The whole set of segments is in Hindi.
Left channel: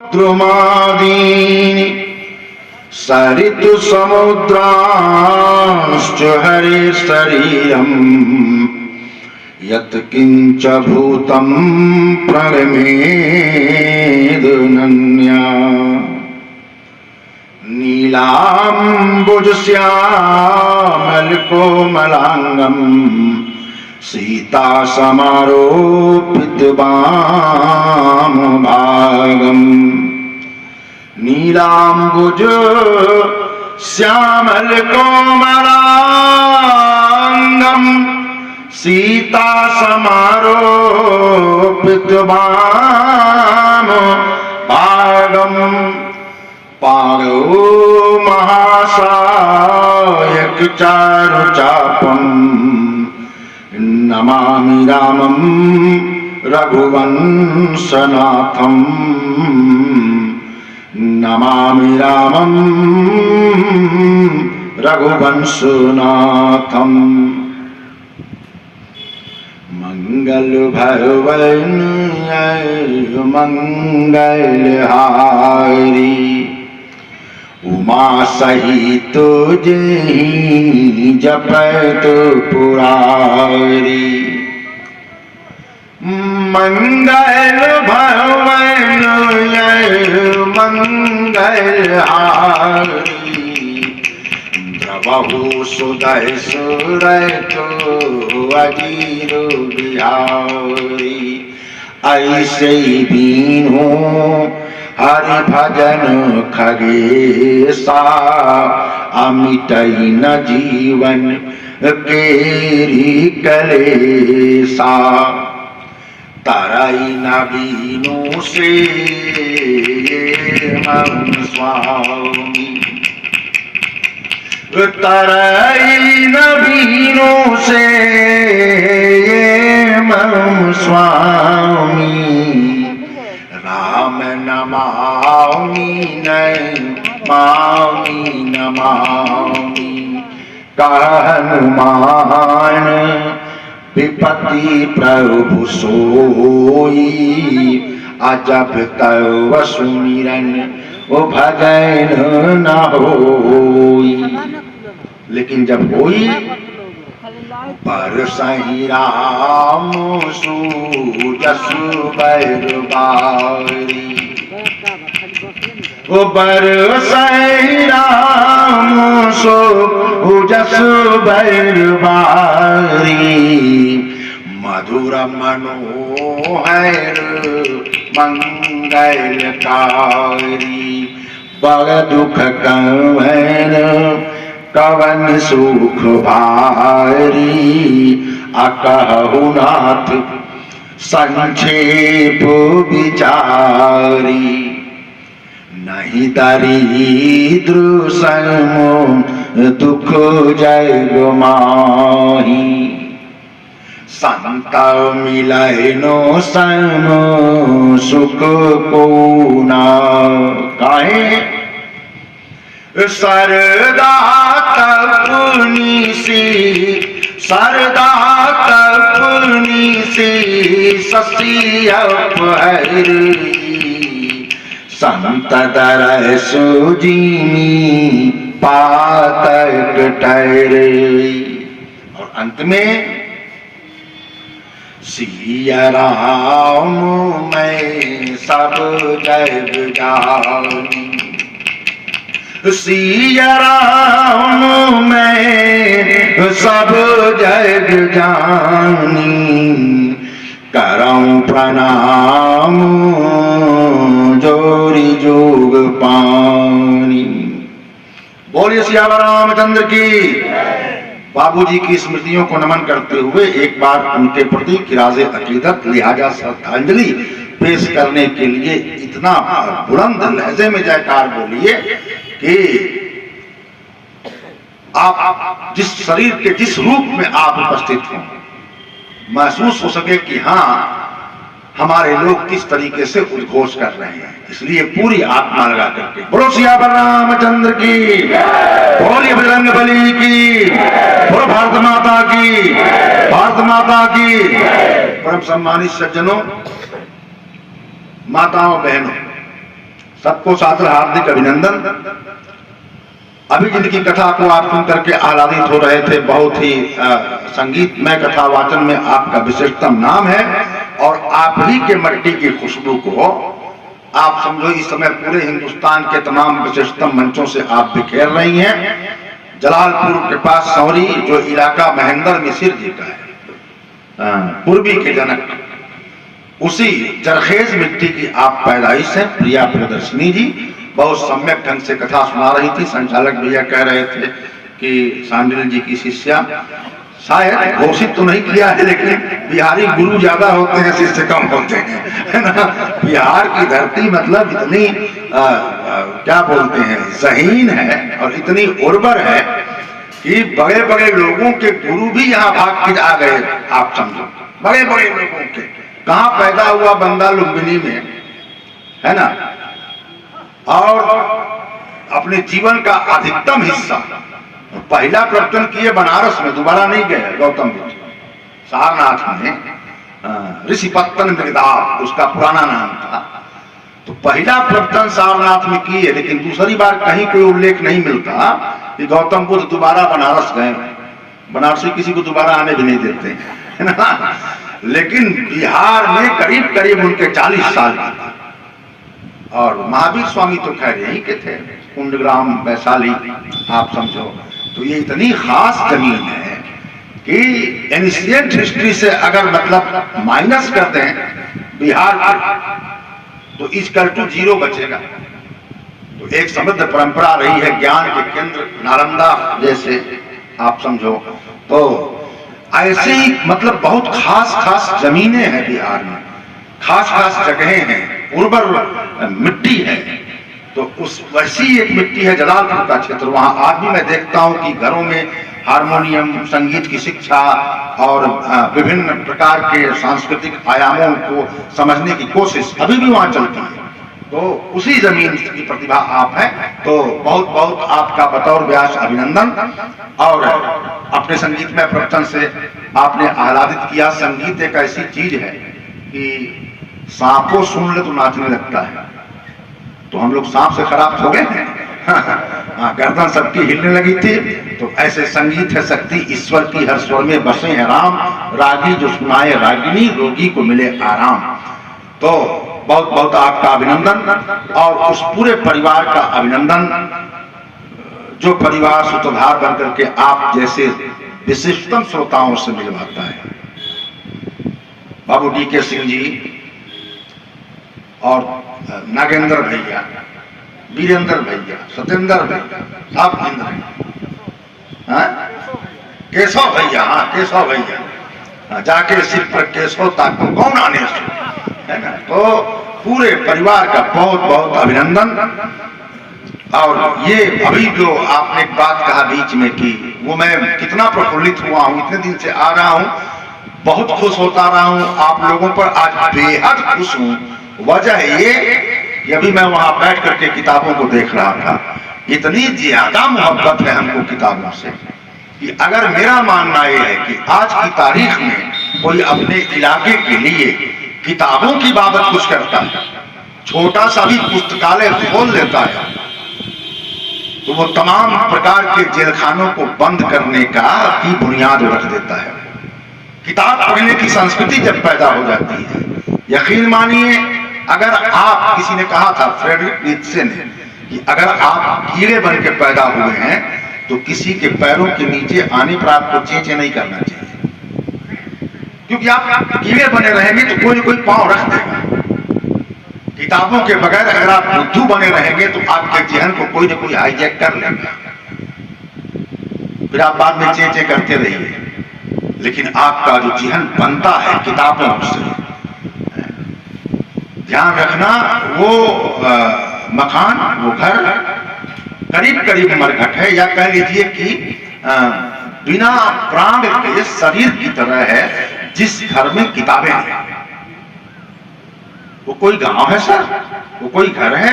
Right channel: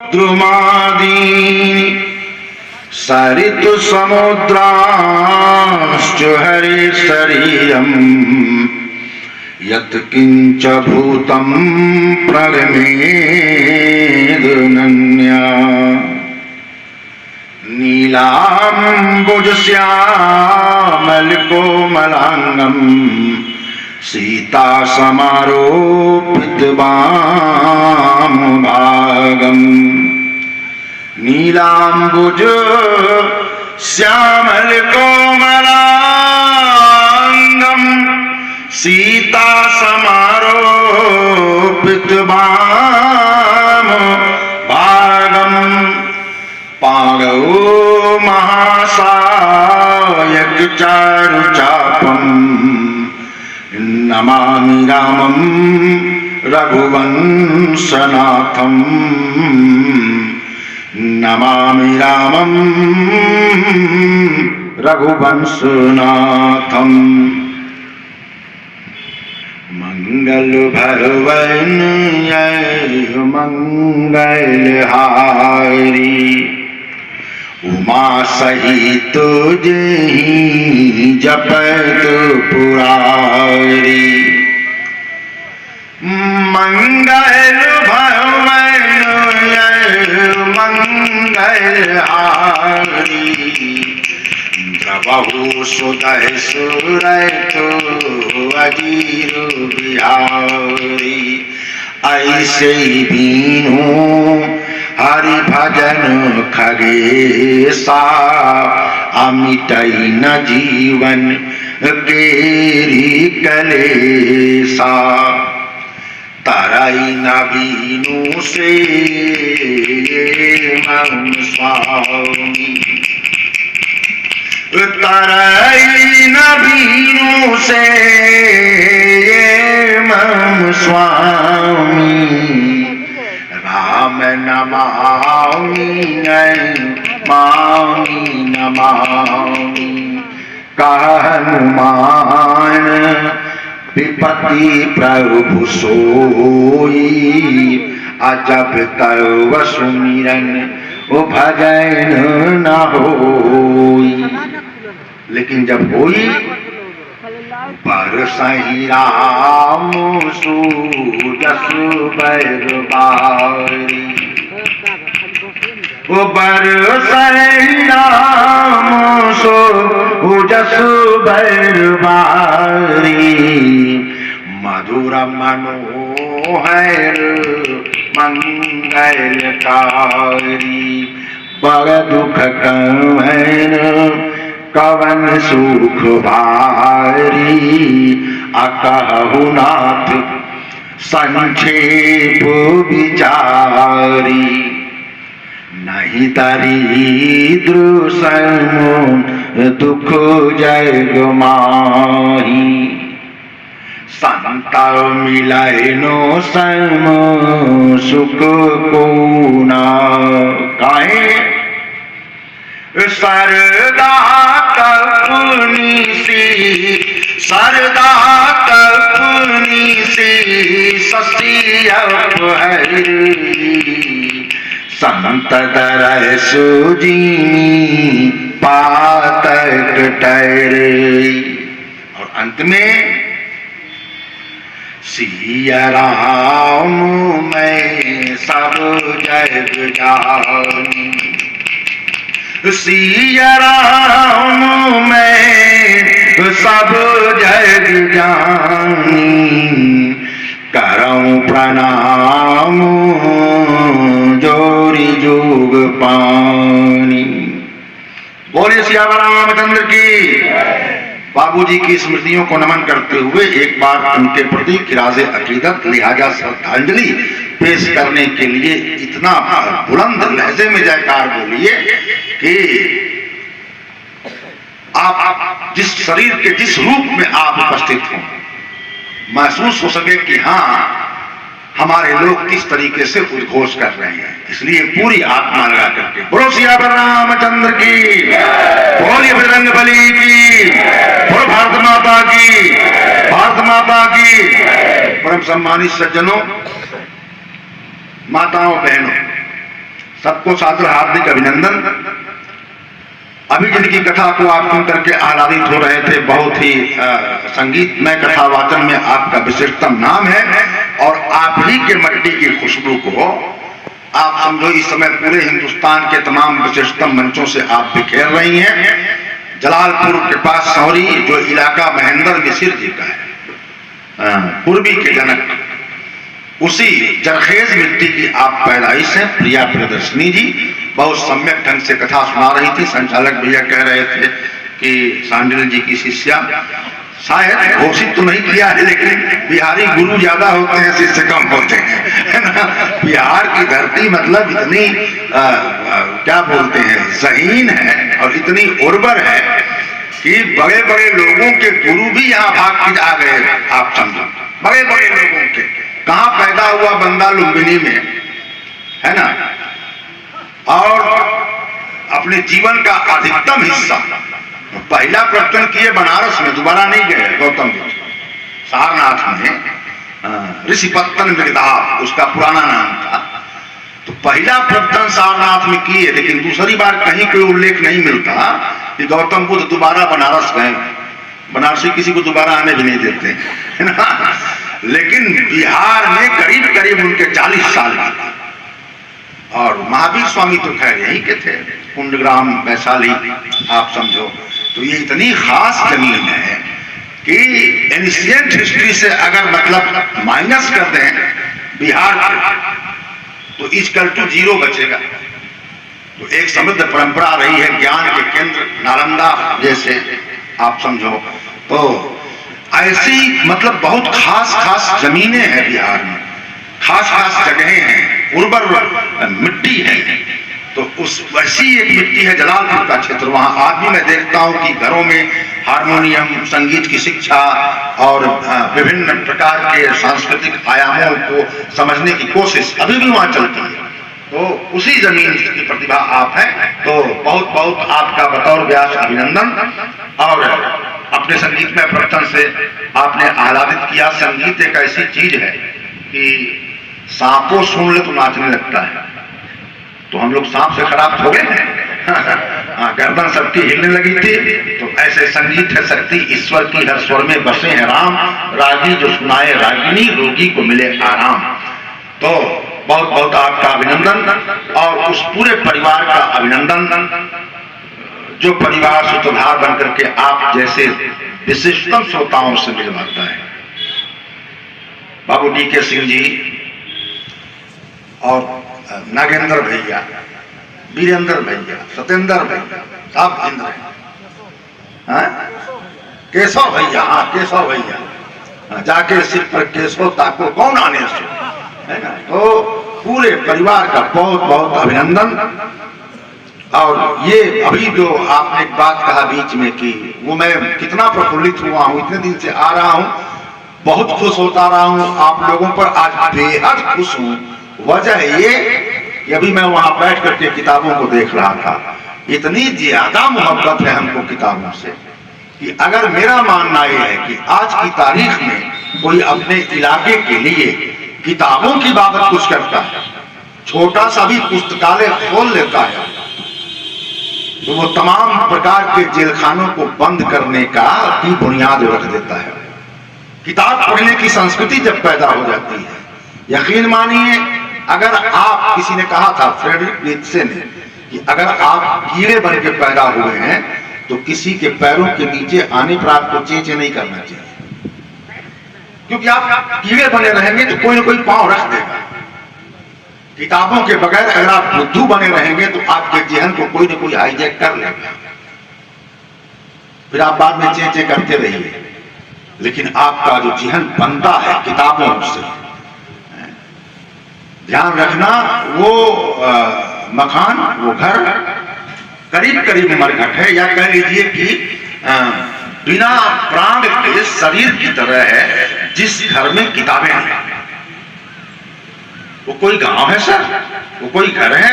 द्रुमादीनि सरितु समुद्राश्च हरे शरीरम् यत्किंच भूतं प्रगमेदनन्या नीलाम्बुजश्यामलकोमलाङ्गम् सीता समारोपितवामभागम् नीलाम्बुज श्यामलकोमलाङ्गम् सीता समारोपितवामभागम् पाणौ महासायक चारुचापम् नमामि रामं रघुवंशनाथम् नमामि रामं रघुवंशनाथम् मंगल भवन मंगलहारी उमा सहित जहि जपत पुरारी मंगल भवन मंगलहारी द्रवहु सुदय सुरत अजीर बिहारी ऐसे बीनू हरि भजन खगेसा अमिटई न जीवन केरी कलेसा तरई न बीनू से मम स्वामी तरई न बीनू से मम स्वामी राम नमामि नमामि नमामि हनुमान विपत्ति प्रभु सोई अजब तव सुमिरन भजन न होई। लेकिन जब होई बरसहि राम सुजसु बैरबारी ओ बरसहि राम सुजसु बैरबारी मधुर मनोहर मंगलकारी बड़ दुख कवन कवन सुख भारी अकहु नाथ संक्षेप विचारी नहीं दरिद्र सम दुख जग माही संत मिलय नो सम सुख को ना काहे सरदा तपनी सी सरदा तपनी सी ससी अपहरी संत दर सुजीनी पातक ठहरे। और अंत में सिया राम मैं सब जग जाऊं सिया राम मैं सब जग जानी करऊं प्रणाम जोरी जोग पानी। बोले सियावर रामचंद्र की। बाबूजी की स्मृतियों को नमन करते हुए एक बार उनके प्रति किराज़े अकीदत लिहाजा श्रद्धांजलि पेश करने के लिए इतना बुलंद लहजे में जयकार बोलिए कि आप जिस शरीर के जिस रूप में आप उपस्थित हों महसूस हो सके कि हाँ हमारे लोग किस तरीके से उद्घोष कर रहे हैं। इसलिए पूरी आत्मा लगा करके बोलो सियावर रामचंद्र की, बोलिए बजरंगबली की, बोलो भारत माता की, भारत माता की। परम सम्मानित सज्जनों, माताओं बहनों, सबको सादर हार्दिक अभिनंदन। अभी जिनकी कथा को आप सुन करके आह्लादित हो रहे थे, बहुत ही संगीतमय कथा वाचन में आपका विशिष्टतम नाम है और आप ही के मट्टी की खुशबू को आप समझो इस समय पूरे हिंदुस्तान के तमाम विशिष्टतम मंचों से आप बिखेर रही हैं। जलालपुर के पास सौरी जो इलाका महेंद्र मिसिर जी का है, पूर्वी के जनक, उसी जरखेज मिट्टी की आप पैदाइश है। प्रिया प्रियदर्शनी जी बहुत सम्यक ढंग से कथा सुना रही थी। संचालक भैया कह रहे थे कि सांडिल जी की शिष्या, शायद घोषित तो नहीं किया है लेकिन बिहारी गुरु ज्यादा होते हैं, शिष्य कम होते हैं, है ना। बिहार की धरती मतलब इतनी क्या बोलते हैं, ज़हीन है और इतनी उर्वर है कि बड़े बड़े लोगों के गुरु भी यहाँ भाग के आ गए। आप समझो, बड़े बड़े लोगों के कहाँ पैदा हुआ, बंदा लुम्बिनी में, है ना। और अपने जीवन का अधिकतम हिस्सा पहला प्रवचन किए बनारस में, दोबारा नहीं गए गौतम बुद्ध। सारनाथ में ऋषिपत्तन मृगदाव उसका पुराना नाम था। तो पहला प्रवचन सारनाथ में किए, लेकिन दूसरी बार कहीं कोई उल्लेख नहीं मिलता कि गौतम बुद्ध दोबारा बनारस गए। बनारसी किसी को दोबारा आने भी नहीं देते, है ना। लेकिन बिहार में करीब करीब उनके 40 साल की थी। और महावीर स्वामी तो खैर यहीं के थे, कुंडग्राम वैशाली, आप समझो। तो ये इतनी खास जमीन है कि एंशिएंट हिस्ट्री से अगर मतलब माइनस कर दें बिहार को तो इक्वल टू 0 बचेगा। तो एक समृद्ध परंपरा रही है, ज्ञान के केंद्र नालंदा जैसे, आप समझो। तो ऐसी मतलब बहुत खास खास जमीनें हैं बिहार में, खास खास जगहें हैं, उर्वर मिट्टी है। तो उस वैसी एक मिट्टी है जलालपुर का क्षेत्र। वहां आज भी मैं देखता हूं कि घरों में हारमोनियम, संगीत की शिक्षा और विभिन्न प्रकार के सांस्कृतिक आयामों को समझने की कोशिश अभी भी वहां चलती है। तो उसी जमीन की प्रतिभा आप हैं। तो बहुत बहुत आपका बतौर व्यास अभिनंदन। और अपने संगीत में प्रवचन से आपने आह्लादित किया। संगीत एक ऐसी चीज है कि सांपों सुन ले तो नाचने लगता है। तो हम लोग सांप से खराब हो गए। गर्दन सबकी हिलने लगी थी। तो ऐसे संगीत है शक्ति ईश्वर की, हर स्वर में बसे हैं राम, रागी जो सुनाए रागिनी, रोगी को मिले आराम। तो बहुत बहुत आपका अभिनंदन और उस पूरे परिवार का अभिनंदन जो परिवार सूत्रधार बनकर के आप जैसे विशिष्टतम श्रोताओं से मिलवाता है। बाबू DK सिंह जी और नागेंद्र भैया, वीरेंद्र भैया, सतेंद्र भैया, साहब इंद्र, केशव भैया, हाँ केशव भैया, जाके सिर पर केशव ताको कौन आने से, है ना। तो पूरे परिवार का बहुत बहुत अभिनंदन। और ये अभी जो आपने एक बात कहा बीच में कि वो मैं कितना प्रफुल्लित हुआ हूँ, इतने दिन से आ रहा हूँ, बहुत खुश होता रहा हूँ आप लोगों पर, आज बेहद खुश हूँ। वजह ये कि अभी मैं वहां बैठ करके किताबों को देख रहा था। इतनी ज्यादा मोहब्बत है हमको किताबों से कि अगर मेरा मानना यह है कि आज की तारीख में कोई अपने इलाके के लिए किताबों की बाबत कुछ करता है, छोटा सा भी पुस्तकालय खोल लेता है, तो वो तमाम प्रकार के जेलखानों को बंद करने का की बुनियाद रख देता है। किताब पढ़ने की संस्कृति जब पैदा हो जाती है, यकीन मानिए, अगर आप, किसी ने कहा था फ्रेडरिक नीत्शे ने कि अगर आप कीड़े बन के पैदा हुए हैं तो किसी के पैरों के नीचे आने पर आपको चेंचे नहीं करना चाहिए, क्योंकि आप कीड़े बने रहेंगे तो कोई ना कोई पांव रख देगा। किताबों के बगैर अगर आप बुद्धू बने रहेंगे तो आपके जहन को कोई ना कोई हाईजैक कर लेगा, फिर आप बाद में चेंचे करते रहिए। लेकिन आपका जो जहन बनता है किताबों से, ध्यान रखना, वो मकान, वो घर करीब करीब मरघट है, या कह लीजिए कि बिना प्राण के शरीर की तरह है जिस घर में किताबें हैं। वो कोई गांव है सर, वो कोई घर है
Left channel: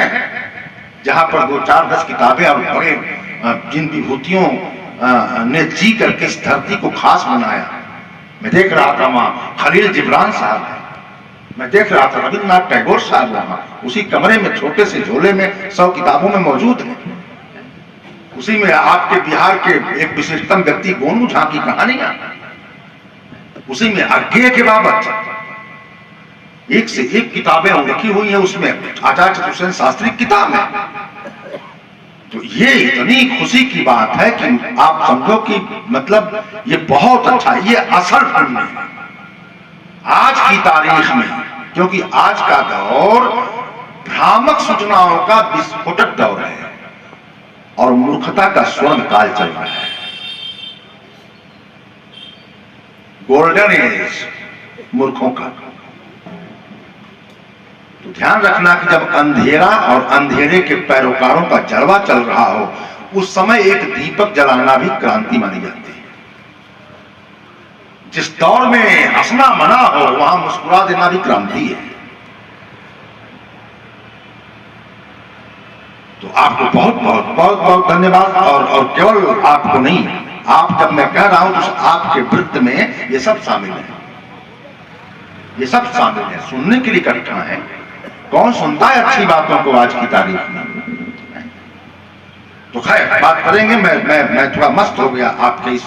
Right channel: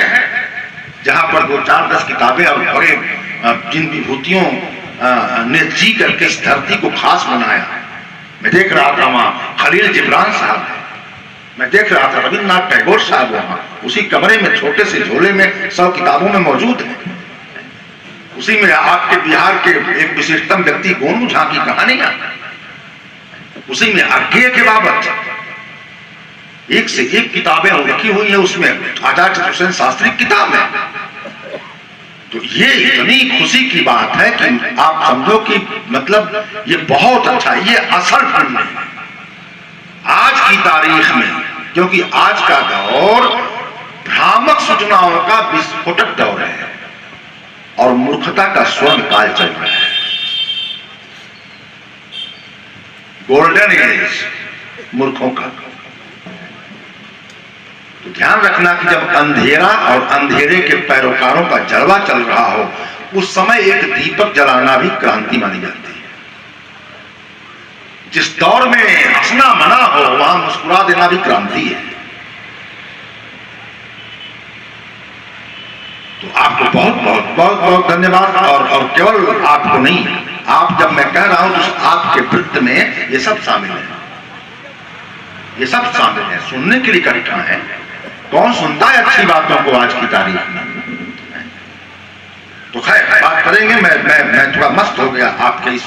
जहां पर 2-4-10 किताबें और बड़े जिन विभूतियों ने जी करके इस धरती को खास बनाया। मैं देख रहा था वहां खलील जिब्रान साहब है, मैं देख रहा था रविन्द्रनाथ टैगोर साहब वहां उसी कमरे में छोटे से झोले में 100 किताबों में मौजूद है। उसी में आपके बिहार के एक विशिष्टतम व्यक्ति गोनू झा की कहानियां, उसी में अर्घ्य के बाबत एक से एक किताबें रखी हुई है। उसमें आचार्य हुसैन शास्त्री की किताब है। तो ये इतनी खुशी की बात है कि आप समझो कि मतलब ये बहुत अच्छा, ये असल फन है आज की तारीख में, क्योंकि आज का दौर भ्रामक सूचनाओं का विस्फोटक दौर है और मूर्खता का स्वर्ण काल चल रहा है। गोल्डन एज मूर्खों का। तो ध्यान रखना कि जब अंधेरा और अंधेरे के पैरोकारों का जलवा चल रहा हो, उस समय एक दीपक जलाना भी क्रांति मानी जाती है। जिस दौर में हंसना मना हो, वहां मुस्कुरा देना भी क्रांति है। तो आपको बहुत बहुत बहुत बहुत धन्यवाद। और केवल आपको नहीं, आप जब मैं कह रहा हूं तो आपके वृत्त में ये सब शामिल है, ये सब शामिल है। सुनने के लिए कठिन है, कौन सुनता है अच्छी बातों को आज की तारीख में। तो खैर बात करेंगे। मैं थोड़ा मस्त हो गया आपके इस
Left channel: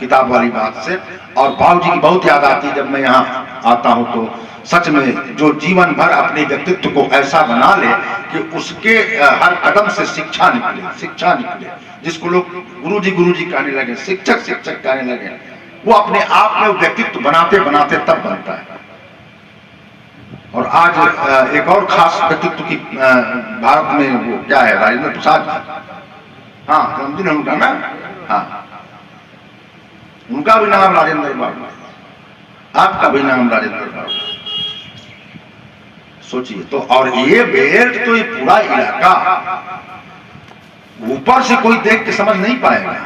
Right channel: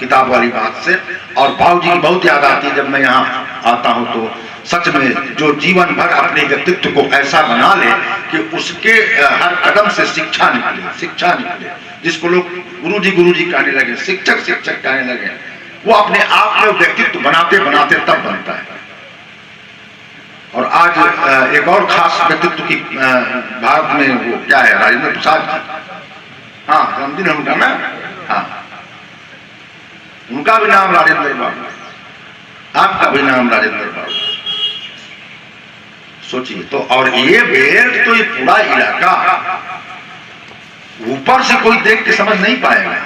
किताब वाली बात से, और भाव जी की बहुत याद आती है जब मैं यहाँ आता हूँ। तो सच में जो जीवन भर अपने व्यक्तित्व को ऐसा बना ले कि उसके हर कदम से शिक्षा निकले, जिसको लोग गुरुजी कहने लगे, शिक्षक कहने लगे, वो अपने आप में व्यक्तित्व बनाते बनाते तब बनता है। और आज एक और खास व्यक्तित्व की भारत में वो क्या है, राजेंद्र प्रसाद। हाँ, जन्मदिन है उनका ना। हाँ, उनका भी नाम राजेंद्र बाबू, आपका भी नाम राजेंद्र बाबू। सोचिए तो। और ये बेल्ट तो ये पूरा इलाका ऊपर से कोई देख के समझ नहीं पाएगा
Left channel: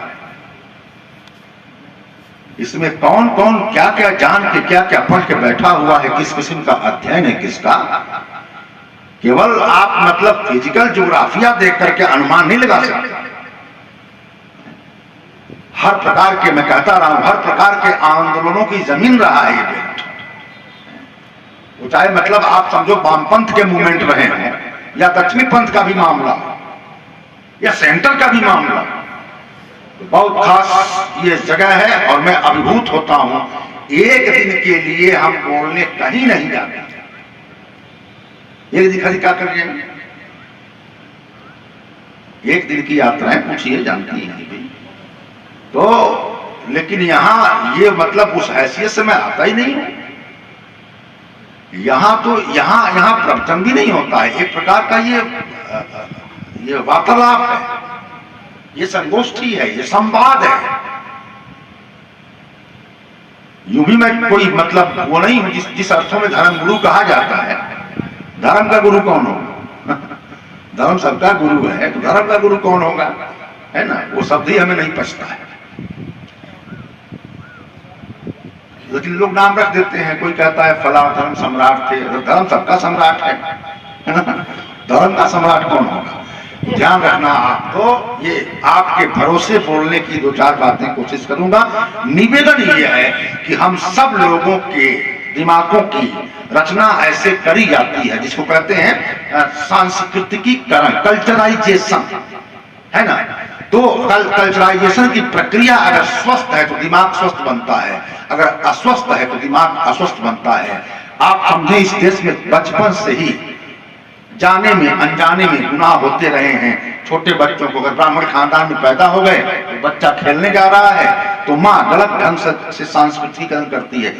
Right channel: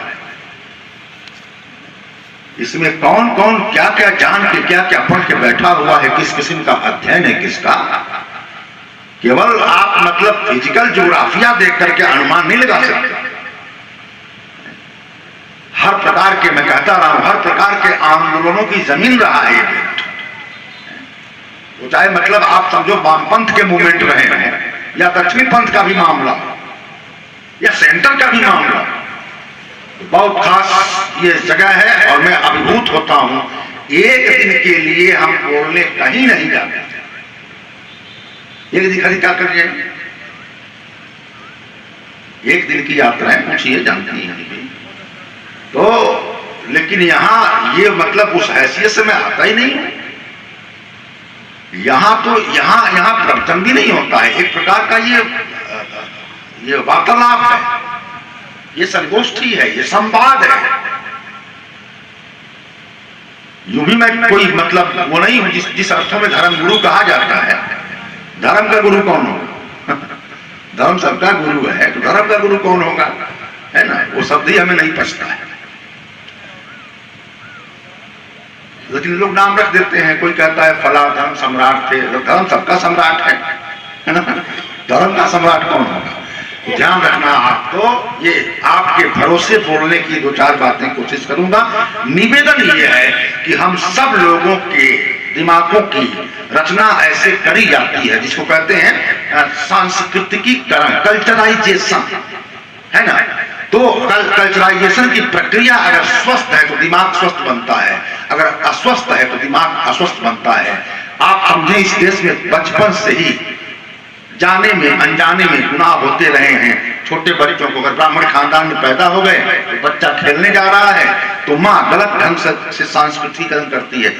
इसमें कौन कौन क्या क्या जान के क्या क्या पढ़ के बैठा हुआ है, किस किस्म का अध्ययन है किसका। केवल आप मतलब फिजिकल ज्योग्राफिया देख करके अनुमान नहीं लगा सकते। हर प्रकार के, मैं कहता रहा हूं, हर प्रकार के आंदोलनों की जमीन रहा है ये बेल्ट। वो चाहे मतलब आप समझो वामपंथ के मूवमेंट रहे हैं, या दक्षिणी पंथ का भी मामला, या सेंटर का भी मामला। बहुत खास ये जगह है और मैं अभिभूत होता हूं। एक दिन के लिए हम बोलने कहीं नहीं जाते, एक दिन खरीद क्या करिए, एक दिन की यात्राएं पूछिए, जानती हैं तो। लेकिन यहां ये मतलब उस हैसियत से मैं आता ही नहीं हूं। यहां तो यहां प्रवचन भी नहीं होता है, एक प्रकार का ये वार्तालाप है, ये संगोष्ठी है, ये संवाद है। यूं भी मैं कोई मतलब वो नहीं हूं जिस अर्थों में धर्म गुरु कहा जाता है। धर्म का गुरु कौन होगा? धर्म सबका गुरु है, तो धर्म का गुरु कौन होगा, है ना। वो शब्द ही हमें नहीं पछता है। लेकिन लोग नाम रख देते हैं, कोई कहता है फला धर्म सम्राट थे। धर्म सबका सम्राट है ना। धर्म का सम्राट कौन होगा? ध्यान रखना आपको। ये आपके भरोसे बोलने की दो चार बातें कोशिश करूंगा। निवेदन ये है कि हम सब लोगों के दिमागों की रचना ऐसे करी जाती है जिसको कहते हैं सांस्कृतिकीकरण, कल्चराइजेशन, है ना। तो कल्चराइजेशन की प्रक्रिया अगर स्वस्थ है तो दिमाग स्वस्थ बनता है, अगर अस्वस्थ है तो दिमाग अस्वस्थ बनता है। आप समझे इस देश में बचपन से ही जाने में अनजाने में गुनाह होते रहे हैं। छोटे बच्चों को अगर ब्राह्मण खानदान में पैदा हो गए तो बच्चा खेलने जा रहा है तो माँ गलत ढंग से सांस्कृतिकरण करती है।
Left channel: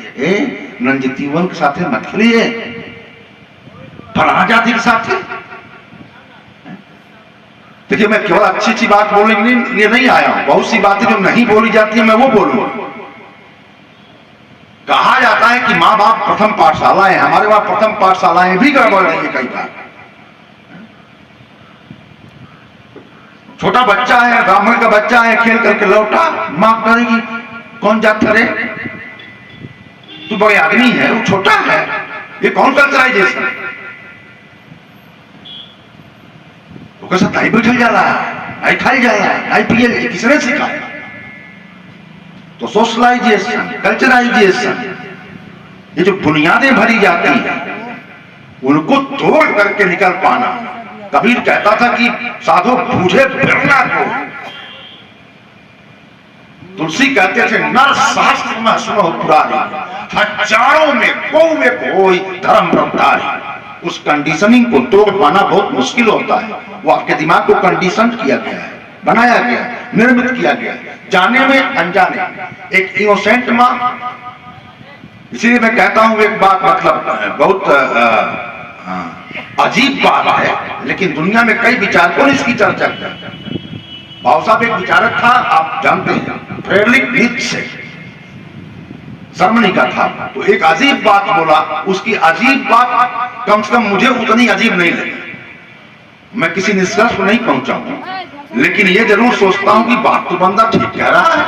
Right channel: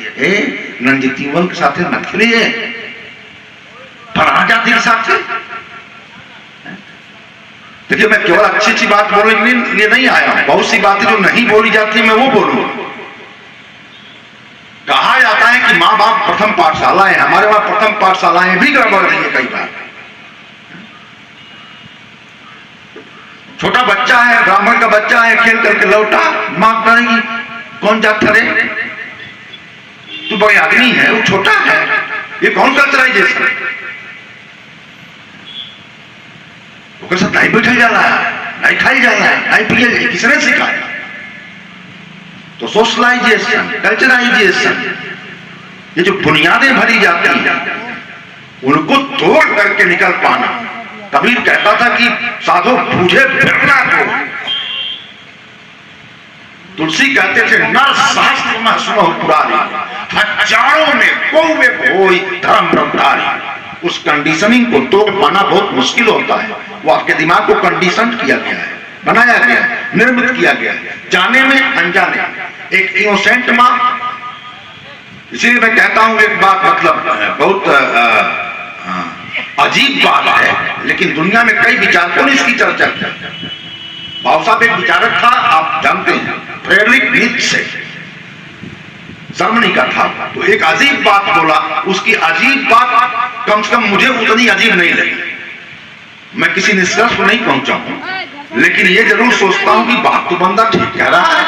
नंदितीवन के साथ मत खेलिए, फलाना जाति के साथ। देखिए मैं केवल अच्छी अच्छी बात बोलने के लिए नहीं आया हूं, बहुत सी बातें जो नहीं बोली जाती है मैं वो बोलूंगा। कहा जाता है कि माँ बाप प्रथम पाठशाला है, हमारे वहां प्रथम पाठशालाएं भी गड़बड़ रही है कई बार। छोटा बच्चा है, ब्राह्मण का बच्चा है, खेल करके लौटा, मां कहेगी कौन जात रे, तू बड़े आदमी है, वो छोटा है, ये कौन कल्चराइजेशन। वो कैसा नहीं बैठा जा रहा है, नहीं खाई जा रहा है, नहीं पिए, किसने सिखाया। तो सोशलाइजेशन, कल्चराइजेशन, ये जो बुनियादें भरी जाती हैं उनको तोड़ करके निकल पाना। कबीर कहता था कि साधो बूझे फिरना को। तुलसी कहते थे नर शास्त्र में सुनो पुरानी, हजारों में कोई धर्म रफ्तारी। उस कंडीशनिंग को तोड़ पाना बहुत मुश्किल होता है। वो आपके दिमाग को कंडीशन किया गया है, बनाया गया है, निर्मित किया गया है, जाने में अनजाने। एक इनोसेंट माँ, इसीलिए मैं कहता हूं एक बात, मतलब बहुत अजीब बात है, लेकिन दुनिया में कई विचारकों ने इसकी चर्चा की। भाव साहब एक विचारक था, आप जानते हैं, फ्रेडरिक नीत्शे, जर्मनी का था। तो एक अजीब बात बोला, उसकी अजीब बात कम से कम मुझे उतनी अजीब नहीं लगी। मैं किसी निष्कर्ष को नहीं पहुंचा हूं, लेकिन ये जरूर सोचता हूं कि बात तो बंदा ठीक कह रहा है।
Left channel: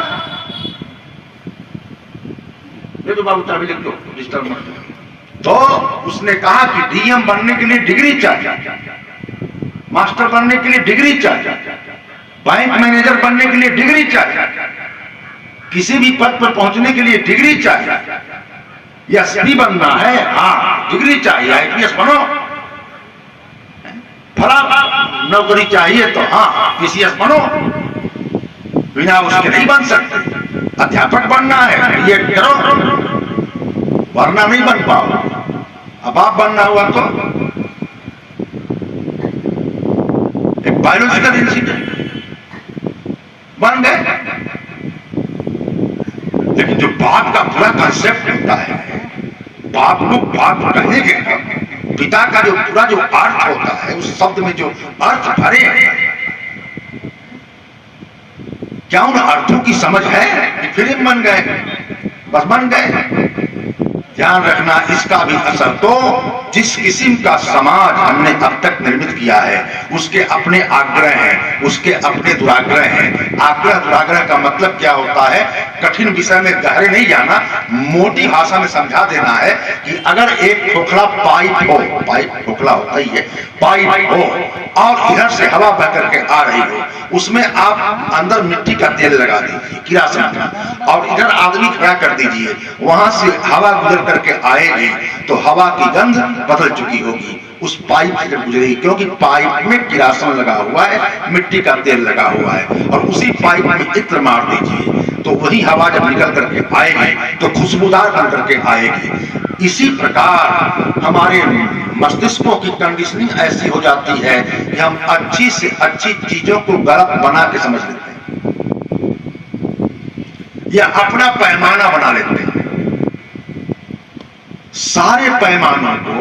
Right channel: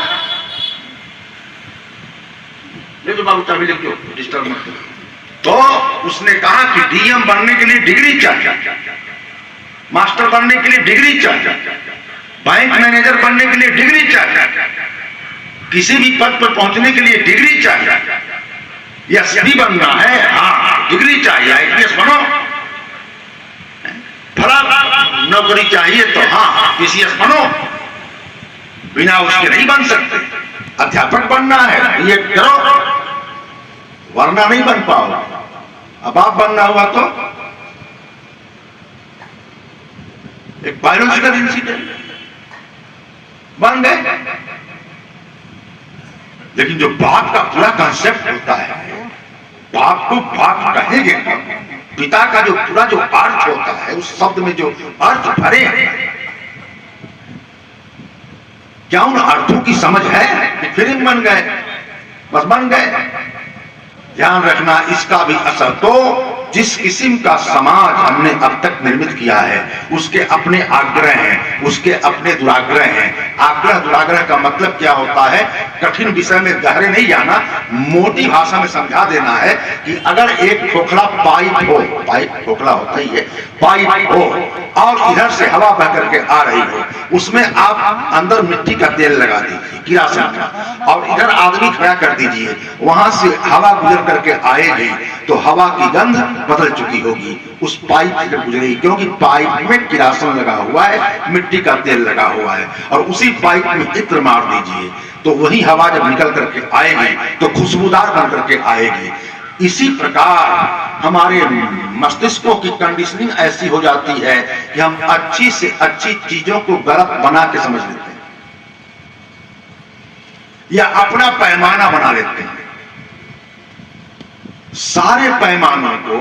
तो बाबू चाबी लिख दो, डिस्टर्ब मत करो। तो उसने कहा कि डीएम बनने के लिए डिग्री चाहिए, मास्टर बनने के लिए डिग्री चाहिए, बैंक मैनेजर बनने के लिए डिग्री चाहिए, किसी भी पद पर पहुंचने के लिए डिग्री चाहिए। एसपी बनना है, हाँ डिग्री चाहिए, आईपीएस बनो। फला नौकरी चाहिए तो हाँ पीसीएस बनो, बिना उसके नहीं बन सकते। अध्यापक बनना है, ये करो, वरना नहीं बन पाओ। अब आप बनना हुआ तो एक बायोलॉजिकल इंजीनियर बन गए। लेकिन जो बाप का पूरा कंसेप्ट होता है, बाप को बाप कहेंगे, पिता का जो पूरा जो अर्थ होता है, उस शब्द में जो अर्थ भरे हैं, क्या उन अर्थों की समझ है कि फिल्म बन गए, बस बन गए। ध्यान रखना, इसका भी असर तो जिस किस्म का समाज हमने अब तक निर्मित किया है, उसके अपने आग्रह हैं, उसके अपने दुराग्रह हैं। आग्रह दुराग्रह का मतलब क्या होता है? कठिन विषय में गहरे नहीं जाना, मोटी भाषा में समझा देना है कि अगर एक खोखला पाइप हो, पाइप खोखला होता ही है, पाइप हो और इधर से हवा बह करके आ रही हो, उसमें आप अंदर मिट्टी का तेल लगा दीजिए, किरासन का, और इधर आदमी खड़ा कर दीजिए, वहां से हवा गुजर करके आएगी तो हवा की गंध बदल चुकी होगी, उस पाइप से गुजरेगी, क्योंकि पाइप में किरासन लगा हुआ है, मिट्टी का तेल लगा हुआ है। और उसी पाइप में इत्र मार दीजिए तो वही हवा जब निकल करके आएगी तो खुशबूदार बन करके आएगी। इसी प्रकार हमारे मस्तिष्कों की कंडीशनिंग ऐसी हो जाती है कि हम अच्छी से अच्छी चीजों को गलत बना के समझ लेते हैं या अपना पैमाना बना लेते हैं। सारे पैमानों को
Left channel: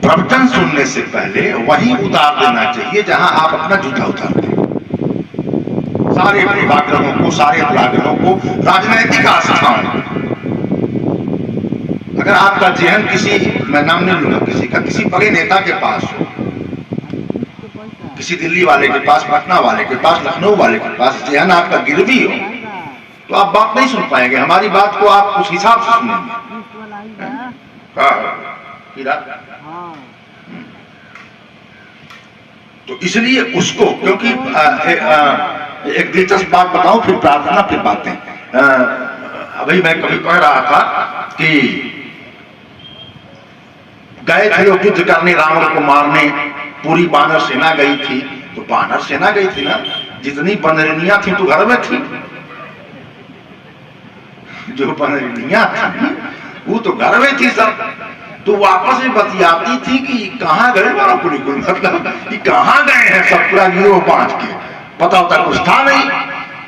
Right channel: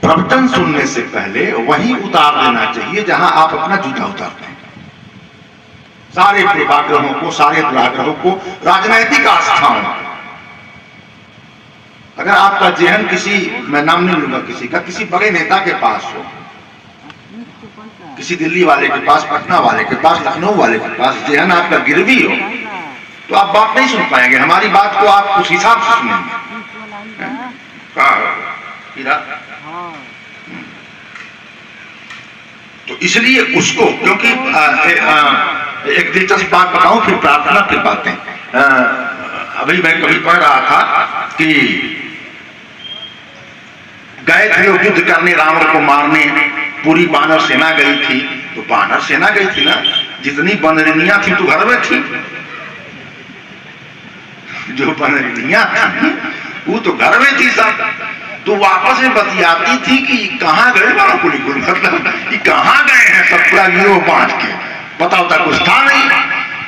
प्रवचन सुनने से पहले वहीं उतार देना चाहिए जहां आप अपना जूता उतारते हैं। सारे पूर्वाग्रहों को, सारे दुराग्रहों को, राजनैतिक आस्थाओं को, अगर आपका जेहन किसी, मैं नाम नहीं लूंगा किसी का, किसी बड़े नेता के पास हो, किसी दिल्ली वाले के पास, पटना वाले के पास, लखनऊ वाले के पास जेहन आपका गिरवी हो, तो आप बात नहीं सुन पाएंगे। हमारी बात को आप उस हिसाब से सुनेंगे। तो इसलिए उसको, क्योंकि एक दिलचस्प बात बताऊं, फिर प्रार्थना, फिर बातें। अभी मैं कभी कह रहा था कि गए थे लोग युद्ध करने, रावण को मारने, पूरी बानर सेना गई थी। तो बानर सेना गई थी ना, जितनी बनरिनियां थी तो घर में थी, जो बनरिनियां थी वो तो घर में थी सब। तो वापस में बतियाती थी कि कहाँ गए वाला पूरी, मतलब कि कहाँ गए हैं सब, पूरा गिरोह बांट के, पता होता कुछ था नहीं।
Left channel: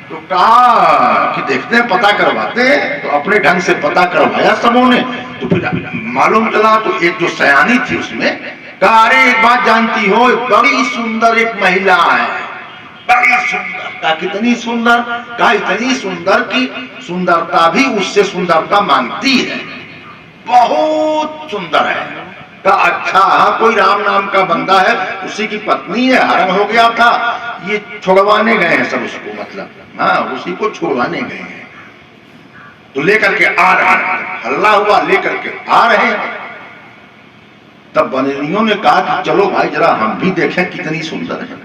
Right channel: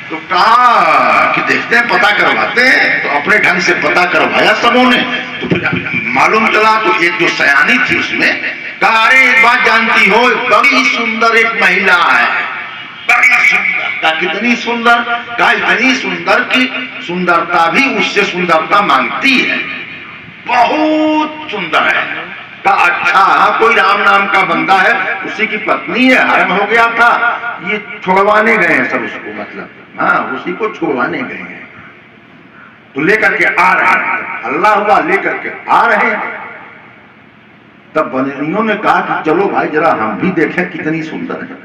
तो कहा कि देखते हैं, पता करवाते हैं। तो अपने ढंग से पता करवाया सबों ने। तो फिर मालूम चला, तो एक जो सयानी थी उसने कहा, अरे एक बात जानती हो, बड़ी सुंदर एक महिला है, बड़ी सुंदर। कहा कितनी सुंदर? कहा इतनी सुंदर कि सुंदरता भी उससे सुंदरता मांगती है, बहुत सुंदर है। कहा अच्छा, कोई राम नाम का बंदा है, उसी की पत्नी है, हरण हो गया था, ये छोड़वाने गए हैं सब उसको, मतलब हाँ उसी को छोड़वाने गए हैं। तो लेकर के आ रहे हैं, हल्ला हुआ, लेकर के आ रहे हैं। तब बनेलियों ने कहा कि चलो भाई जरा हम भी देखें कितनी सुंदर है।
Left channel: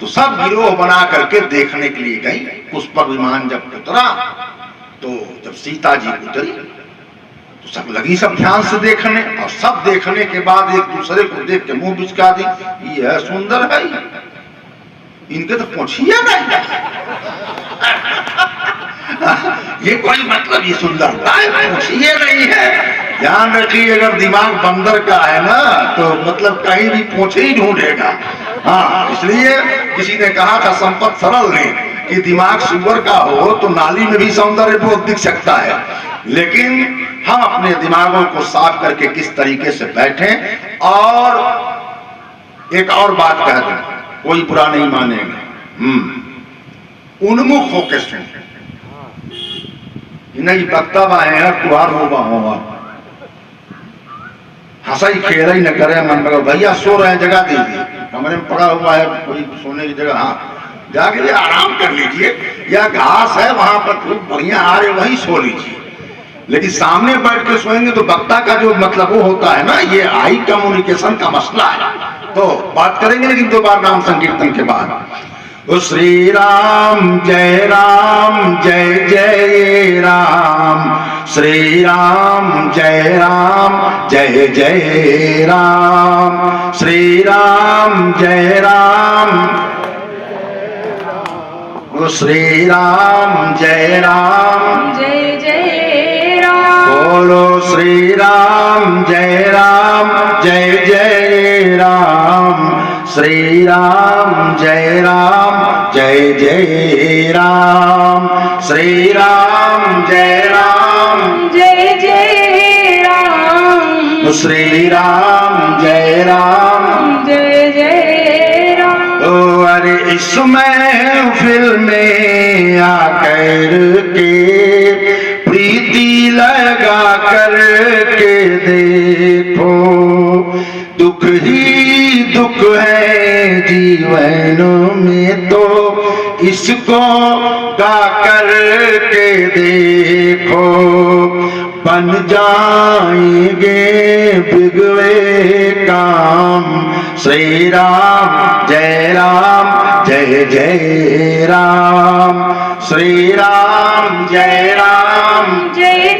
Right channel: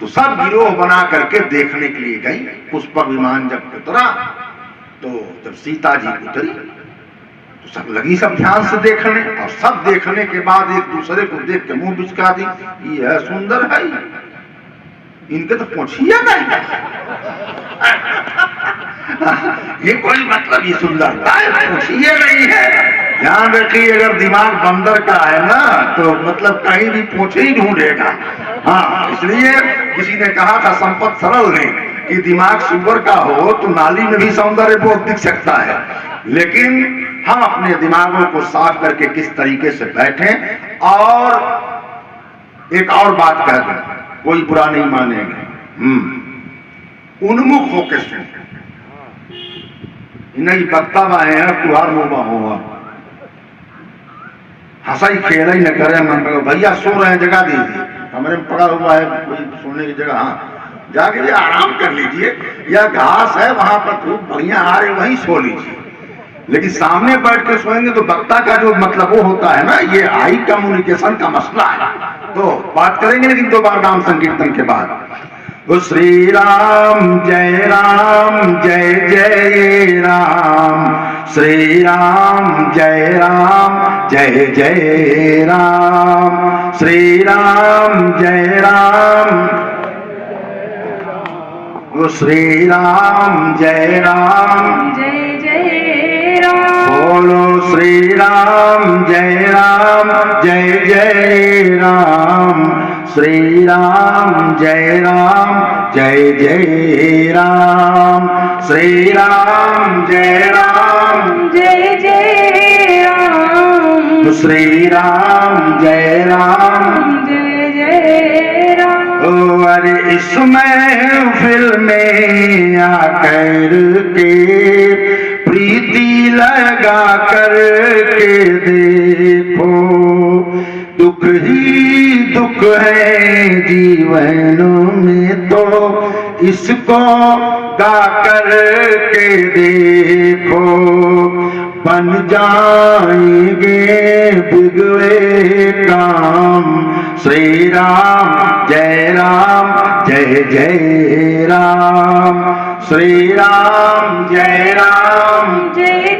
तो सब गिरोह बना करके देखने के लिए गई। पुष्पक विमान जब उतरा, तो जब सीता जी उतरी तो सब लगी सब ध्यान से देखने, और सब देखने के बाद एक दूसरे को देख के मुंह बिचका दी, ये सुंदर है, इनके तो पूछिए नहीं। ये कोई मतलब ये सुंदरता है, पूछिए नहीं है। ध्यान रखिए, अगर दिमाग बंदर का है ना तो मतलब कहीं भी पूछे ही ढूंढेगा। हाँ, इसलिए किसी ने कहा था संपत सरल ने कि दिमाग सुअर का हो तो नाली में भी सौंदर्य बहुत दिख सकता है, लेकिन हम अपने दिमागों को साफ करके किस तरीके से बैठें। और एक और बात कह दूं, कोई बुरा नहीं मानेगा, उन्मुख होके सुन, नहीं बकता बाहे कुहार होगा होगा, हंसा ही खेला ही न करे मन में, भैया सो रहे हैं जगह दीजिए, कमरे में पड़ा हुआ है कोई सोने की जगह, हाँ जाके आराम कर लीजिए, या घास है वहां पर खूब बढ़िया आ रहे वहीं सो लीजिए। लेकिन सामने बैठ के सोएंगे तो वक्ता का जो मतलब वो होता है ना, ये आई कम्युनिकेशन का मसला है। तो बात करेंगे लेकिन दो बार नाम संकीर्तन के बाद। ओ श्री राम जय जय राम, श्री राम जय जय राम, श्री राम जय राम, ओ श्री राम जय जय राम, बोलो श्री राम जय जय राम, श्री राम जय जय राम, श्री राम जय जय राम, श्री राम जय जय राम। ओ अरे इस महफिल में आकर के प्रीति लगा कर के देखो, दुख ही दुख है जीवन में तो इसको गा कर के देखो, बन जाएंगे बिगड़े काम, श्री राम जय जय राम, श्री राम जय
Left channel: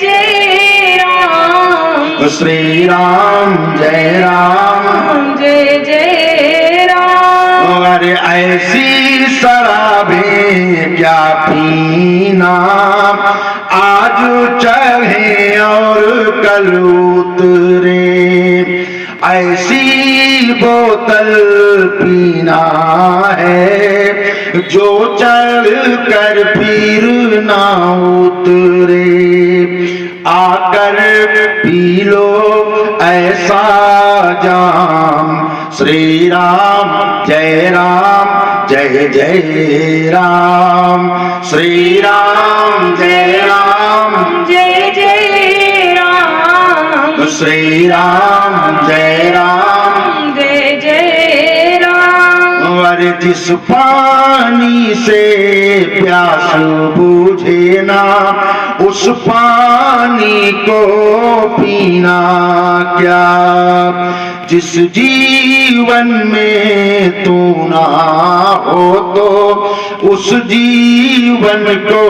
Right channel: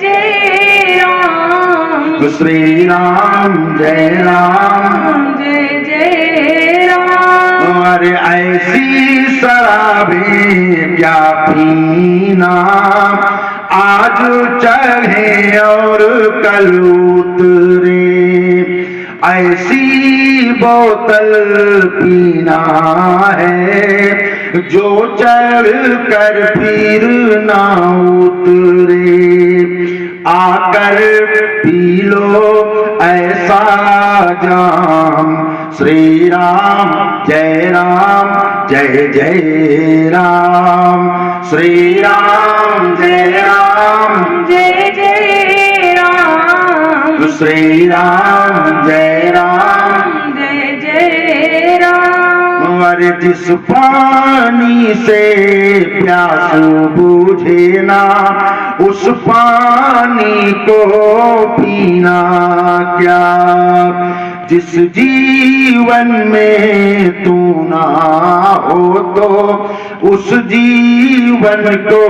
जय राम, श्री राम जय जय राम। अरे ऐसी शराबें क्या पीना, आज चढ़े और कल उतरे, ऐसी बोतल पीना है जो चढ़ कर फिर ना उतरे, आकर पी लो ऐसा जाम, श्री राम जय जय राम, श्री राम जय जय राम, श्री राम जय जय राम। अरे जिस पानी से प्यास बुझे ना, उस पानी को पीना क्या, जिस जीवन में तू ना हो तो उस जीवन को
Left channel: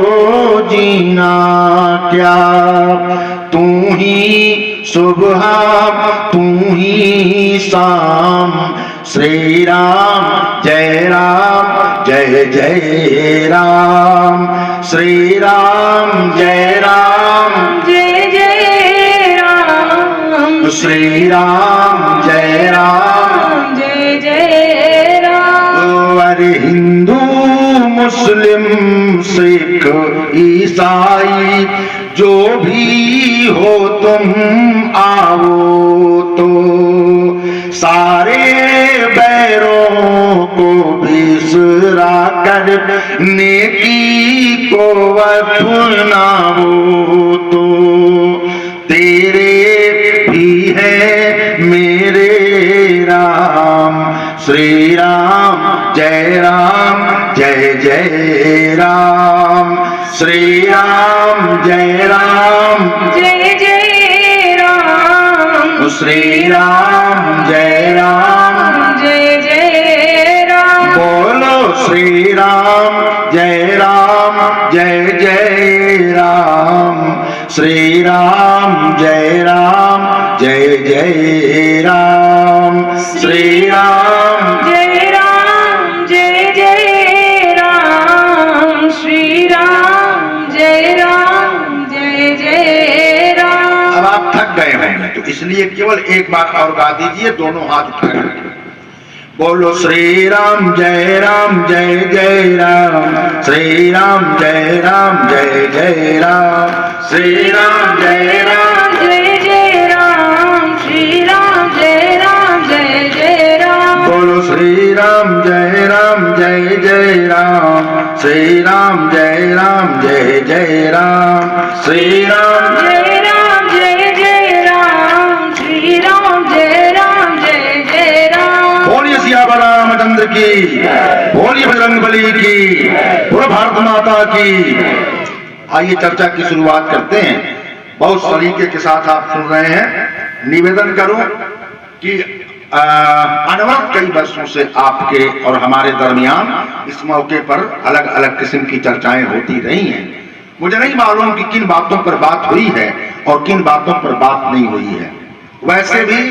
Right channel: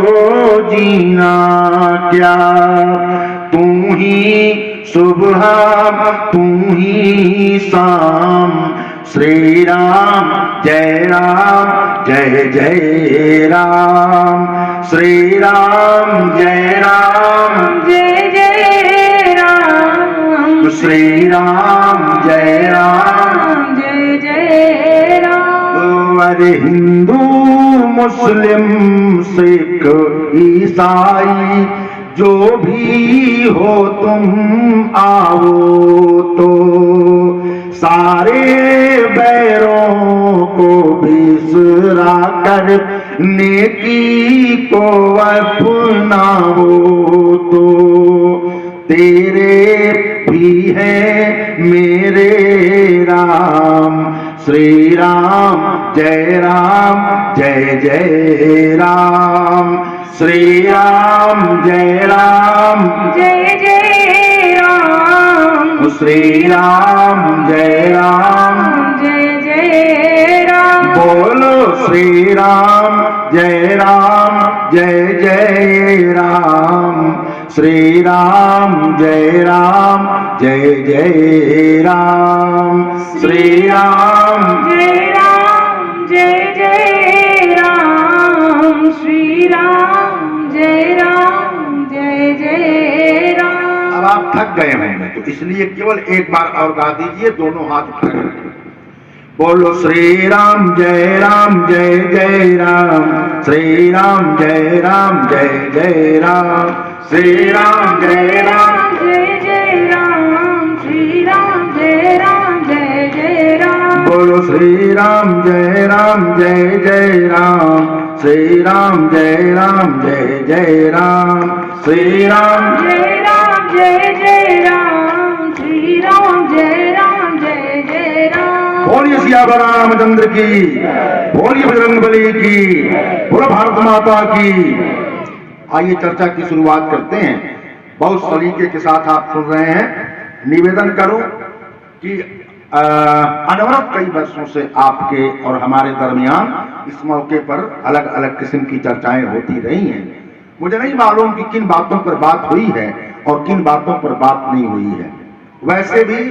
जीना क्या, तू ही सुबह तू ही शाम, श्री राम जय जय राम, श्री राम जय जय राम, श्री राम जय जय राम। अरे हिंदू मुस्लिम सिख ईसाई जो भी हो तुम आओ तो, सारे बैरों को बिसरा कर नेकी को अपनाओ तो, तेरे भी है मेरे राम, श्री राम जय जय राम, श्री राम जय जय राम, श्री राम जय जय राम, बोलो श्री राम जय जय राम, श्री राम जय जय राम, श्री राम जय जय राम, श्री राम जय जय राम। अब आप थक गए होंगे तो इसलिए केवल एक बार और गा दीजिए, दोनों हाथ उठा करके बोलो श्री राम जय जय राम, श्री राम जय जय राम, श्री राम जय जय राम, श्री राम जय जय राम। बोलो श्री राम जय जय राम, श्री राम जय जय राम, श्री राम जय जय राम, श्री राम जय जय राम। बोलिए सियावर रामचंद्र की, बोलिए बजरंगबली की, पूरा भारत माता की। आइए चर्चा की शुरुआत करते हैं। बहुत सलीके के साथ आप सुन रहे हैं। निवेदन करूं कि अनवरत कई वर्षों से आपके और हमारे दरमियान इस मौके पर अलग अलग किस्म की चर्चाएं होती रही हैं। मुझे नहीं मालूम कि किन बातों पर बात हुई है और किन बातों पर बात नहीं हुई है। वैसे भी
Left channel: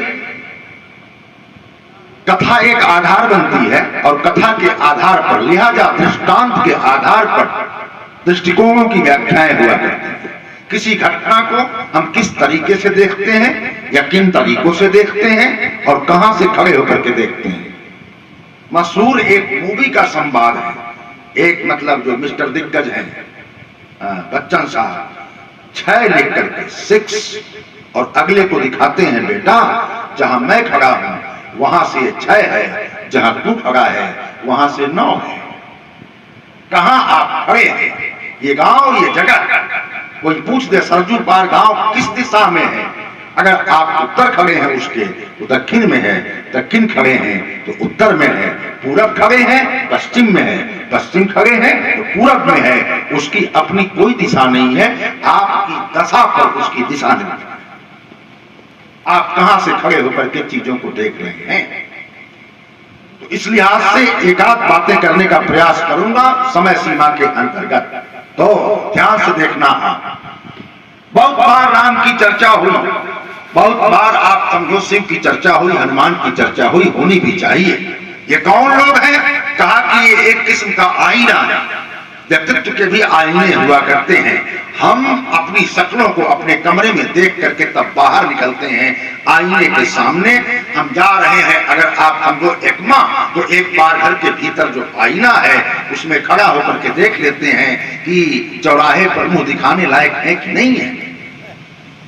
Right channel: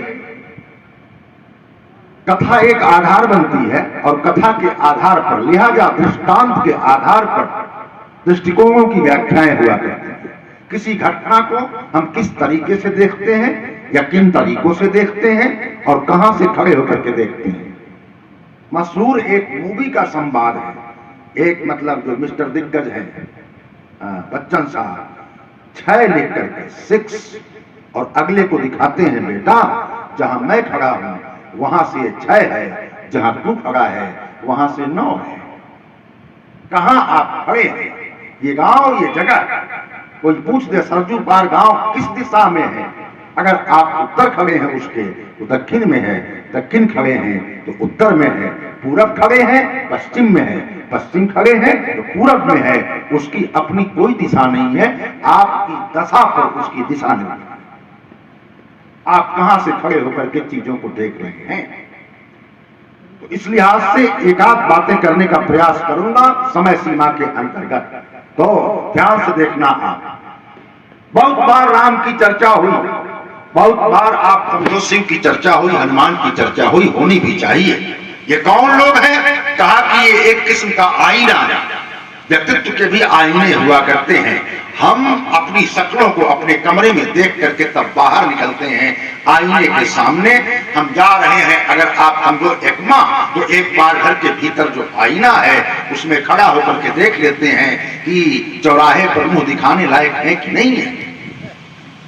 कथा एक आधार बनती है और कथा के आधार पर, लिहाजा दृष्टांत के आधार पर दृष्टिकोणों की व्याख्याएं हुआ करती है। किसी घटना को हम किस तरीके से देखते हैं या किन तरीकों से देखते हैं और कहां से खड़े होकर के देखते हैं। मशहूर एक मूवी का संवाद है। एक मतलब जो मिस्टर दिग्गज हैं बच्चन साहब, 6 लिख करके 6 और अगले को दिखाते हैं, बेटा जहां मैं खड़ा हूं वहां से 6 है, जहां तू खड़ा है वहां से 9 है। कहां आप खड़े हैं? ये गांव, ये जगह, कोई पूछ दे सरजू पार गांव किस दिशा में है? अगर आप उत्तर खड़े हैं उसके तो दक्षिण में है, दक्षिण खड़े हैं तो उत्तर में है, पूरब खड़े हैं पश्चिम में है, पश्चिम खड़े हैं तो पूरब में है। उसकी अपनी कोई दिशा नहीं है, आपकी दशा पर उसकी दिशा नहीं। आप कहां से खड़े होकर के चीजों को देख रहे हैं? तो इस लिहाज से एक आध बातें करने का प्रयास करूंगा समय सीमा के अंतर्गत, तो ध्यान से देखना। आप बहुत बार राम की चर्चा हुई, बहुत बार आप समझो शिव की चर्चा हुई, हनुमान की चर्चा हुई, होनी भी चाहिए। ये कौन लोग हैं? कहा कि ये एक किस्म का आईना है। व्यक्तित्व के भी आईने हुआ करते हैं। हम अपनी शक्लों को अपने कमरे में देख करके तब बाहर निकलते हैं। आईने के सामने हम जा रहे हैं, अगर आप समझो एकमा, तो एक बार घर के भीतर जो आईना है उसमें खड़ा होकर के देख लेते हैं कि चौराहे पर मुंह दिखाने लायक है कि नहीं है,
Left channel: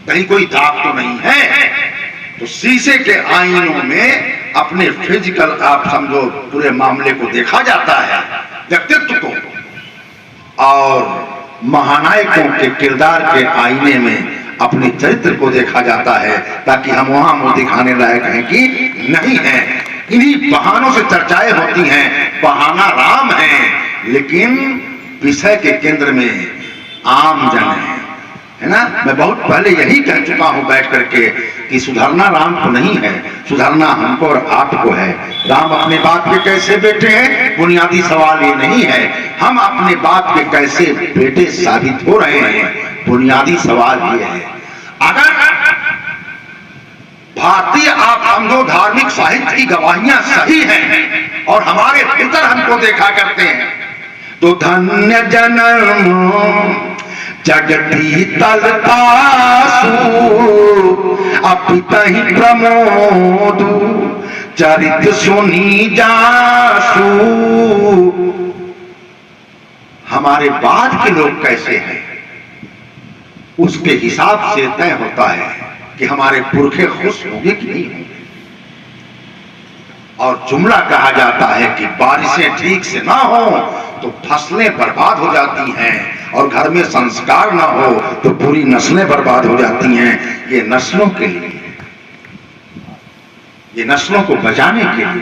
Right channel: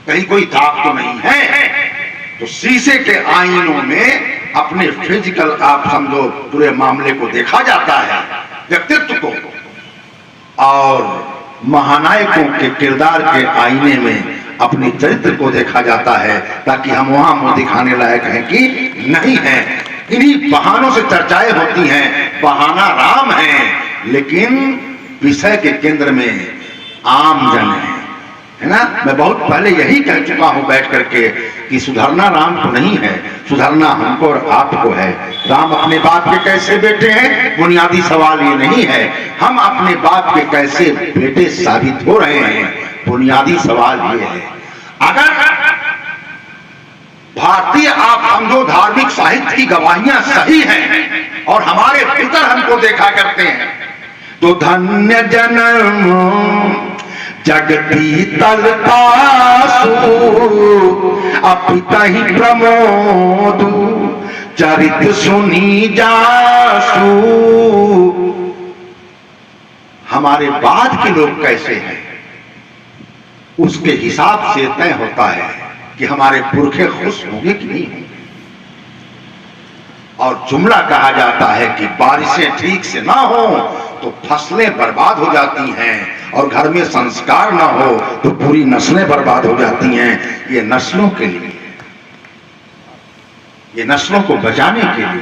कहीं कोई दाग तो नहीं है। तो शीशे के आईनों में अपने फिजिकल आप समझो पूरे मामले को देखा जाता है, व्यक्तित्व को, और महानायकों के किरदार के आईने में अपने चरित्र को देखा जाता है, ताकि हम वहां मुंह दिखाने लायक हैं कि नहीं है। इन्हीं बहानों से चर्चाएं होती हैं। बहाना राम है, लेकिन विषय के केंद्र में आम जन है ना। मैं बहुत पहले यही कह चुका हूं बैठ करके कि सुधरना राम को नहीं है, सुधरना हमको और आपको है। राम अपने बाप के कैसे बेटे हैं, बुनियादी सवाल ये नहीं है। हम अपने बाप के कैसे बेटे साबित हो रहे हैं, बुनियादी सवाल ये है। अगर भारतीय आप समझो धार्मिक साहित्य की गवाहियां सही हैं और हमारे भीतर हमको देखा करते हैं, तो धन्य जन्म जगती तलतासु अपितहि प्रमोदु चरित सुनी जासु। हमारे बाद के लोग कैसे हैं उसके हिसाब से तय होता है कि हमारे पुरखे खुश होंगे कि नहीं होंगे। और जुमला कहा जाता है कि बारिशें ठीक से ना हो तो फसलें बर्बाद हो जाती हैं, और घर में संस्कार ना हो तो पूरी नस्लें बर्बाद हो जाती हैं। ये नस्लों के लिए, ये नस्लों को बचाने के लिए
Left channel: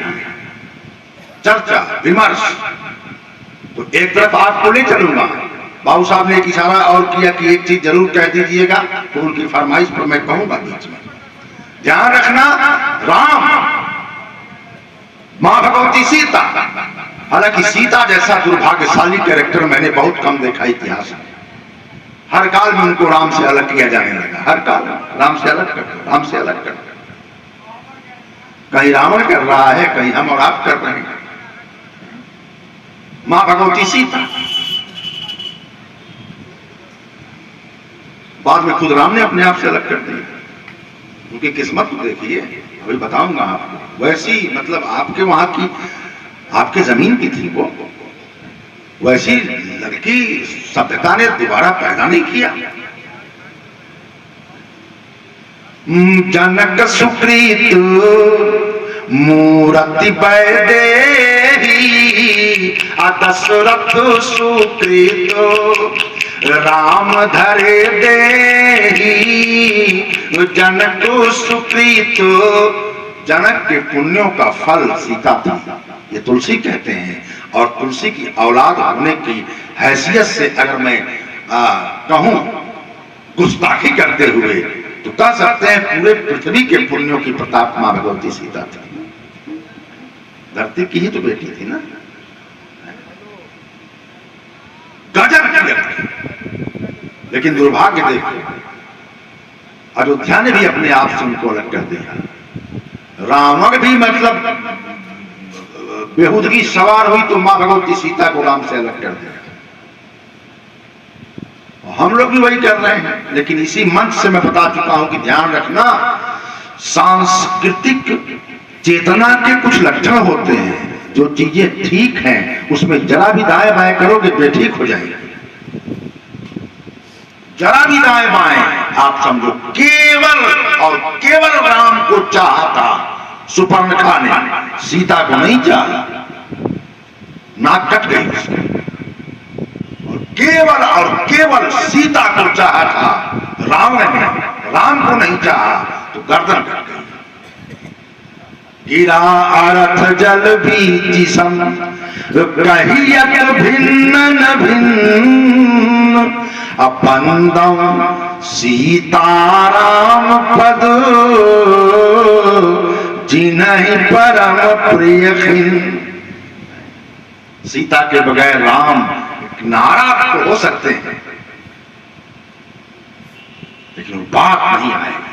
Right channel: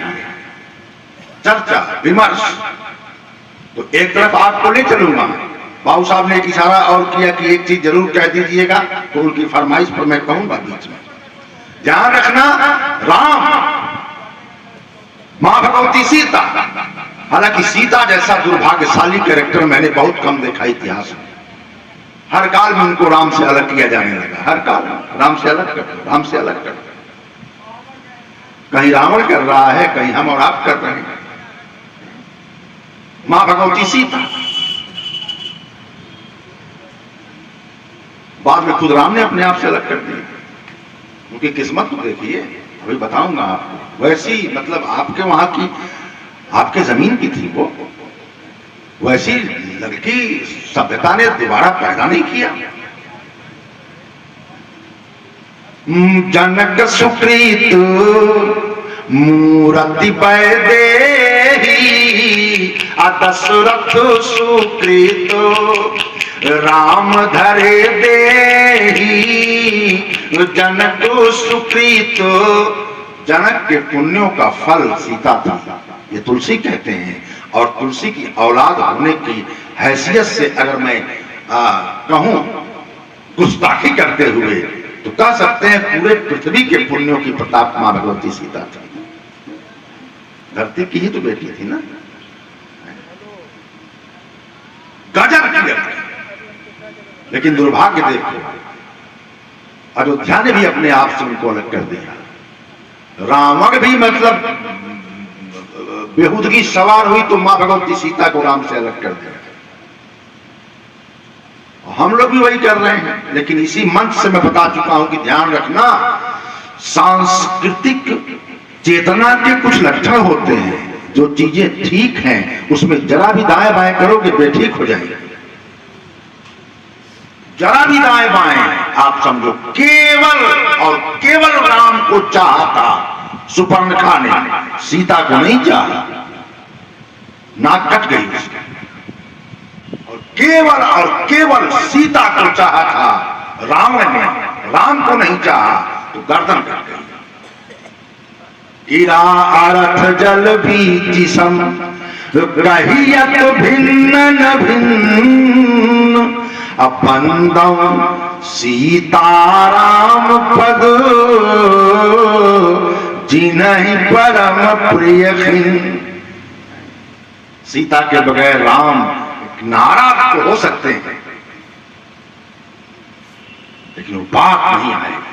चर्चा विमर्श। तो एक तरफ आपको ले चलूंगा, बाबू साहब ने एक इशारा और किया कि एक चीज जरूर कह दीजिएगा, तो उनकी फरमाइश पर मैं कहूंगा बीच में। ध्यान रखना, राम, मां भगवती सीता, हालांकि सीता जैसा दुर्भाग्यशाली कैरेक्टर मैंने बहुत कम देखा इतिहास में। हर काल में उनको राम से अलग किया जाने लगा। हर काल में राम से अलग कर दो, राम से अलग कर दो। कहीं रावण कर रहा है, कहीं हम और आप कर रहे हैं। मां भगवती सीता, बाद में खुद राम ने अपने आप से अलग कर दिया। उनकी किस्मत को देखिए, वही बताऊंगा आपको। वैसी मतलब आपके वहां की, आपके जमीन की थी वो, वैसी लड़की सभ्यता ने दोबारा पैदा नहीं किया। जनक सुकृत मूर्ति बैदेही, दशरथ सुकृत राम धरे देही। जनक सुकृत, जनक के पुण्यों का फल सीता था, ये तुलसी कहते हैं। और तुलसी की औलाद होने की हैसियत से अगर मैं कहूं गुस्ताखी करते हुए, तो कह सकते हैं पूरे पृथ्वी के पुण्यों की प्रताप मां भगवती सीता थी। धरती की ही तो बेटी थी ना, गजब की लड़की। लेकिन दुर्भाग्य देखो, अयोध्या ने भी अपने आप से उनको अलग कर दिया। रावण भी मतलब बेहुदगी सवार हुई तो मां भगवती सीता को राम से अलग कर दिया। हम लोग भी वही कर रहे हैं। लेकिन इसी मंच से मैं बता चुका हूं कि ध्यान रखना, सांस्कृतिक चेतना के कुछ लक्षण होते हैं। जो चीजें ठीक हैं उसमें जरा भी दाएं बाएं करोगे बेठीक हो जाएंगे। जरा भी दाएं बाएं आप समझो, केवल और केवल राम को चाहा था सुपर्णखा ने, सीता को नहीं चाहा। नाक कट गई उसकी। केवल और केवल सीता को चाहा था रावण ने, राम को नहीं चाहा तो गर्दन कट गई। गिरा अर्थ जल बीच सम कहियत भिन्न न भिन्न, अपंदम सीताराम पद जिन्हि परम प्रिय खिन। सीता के बगैर राम नाराज तो हो सकते हैं, लेकिन वो बात नहीं आएगी।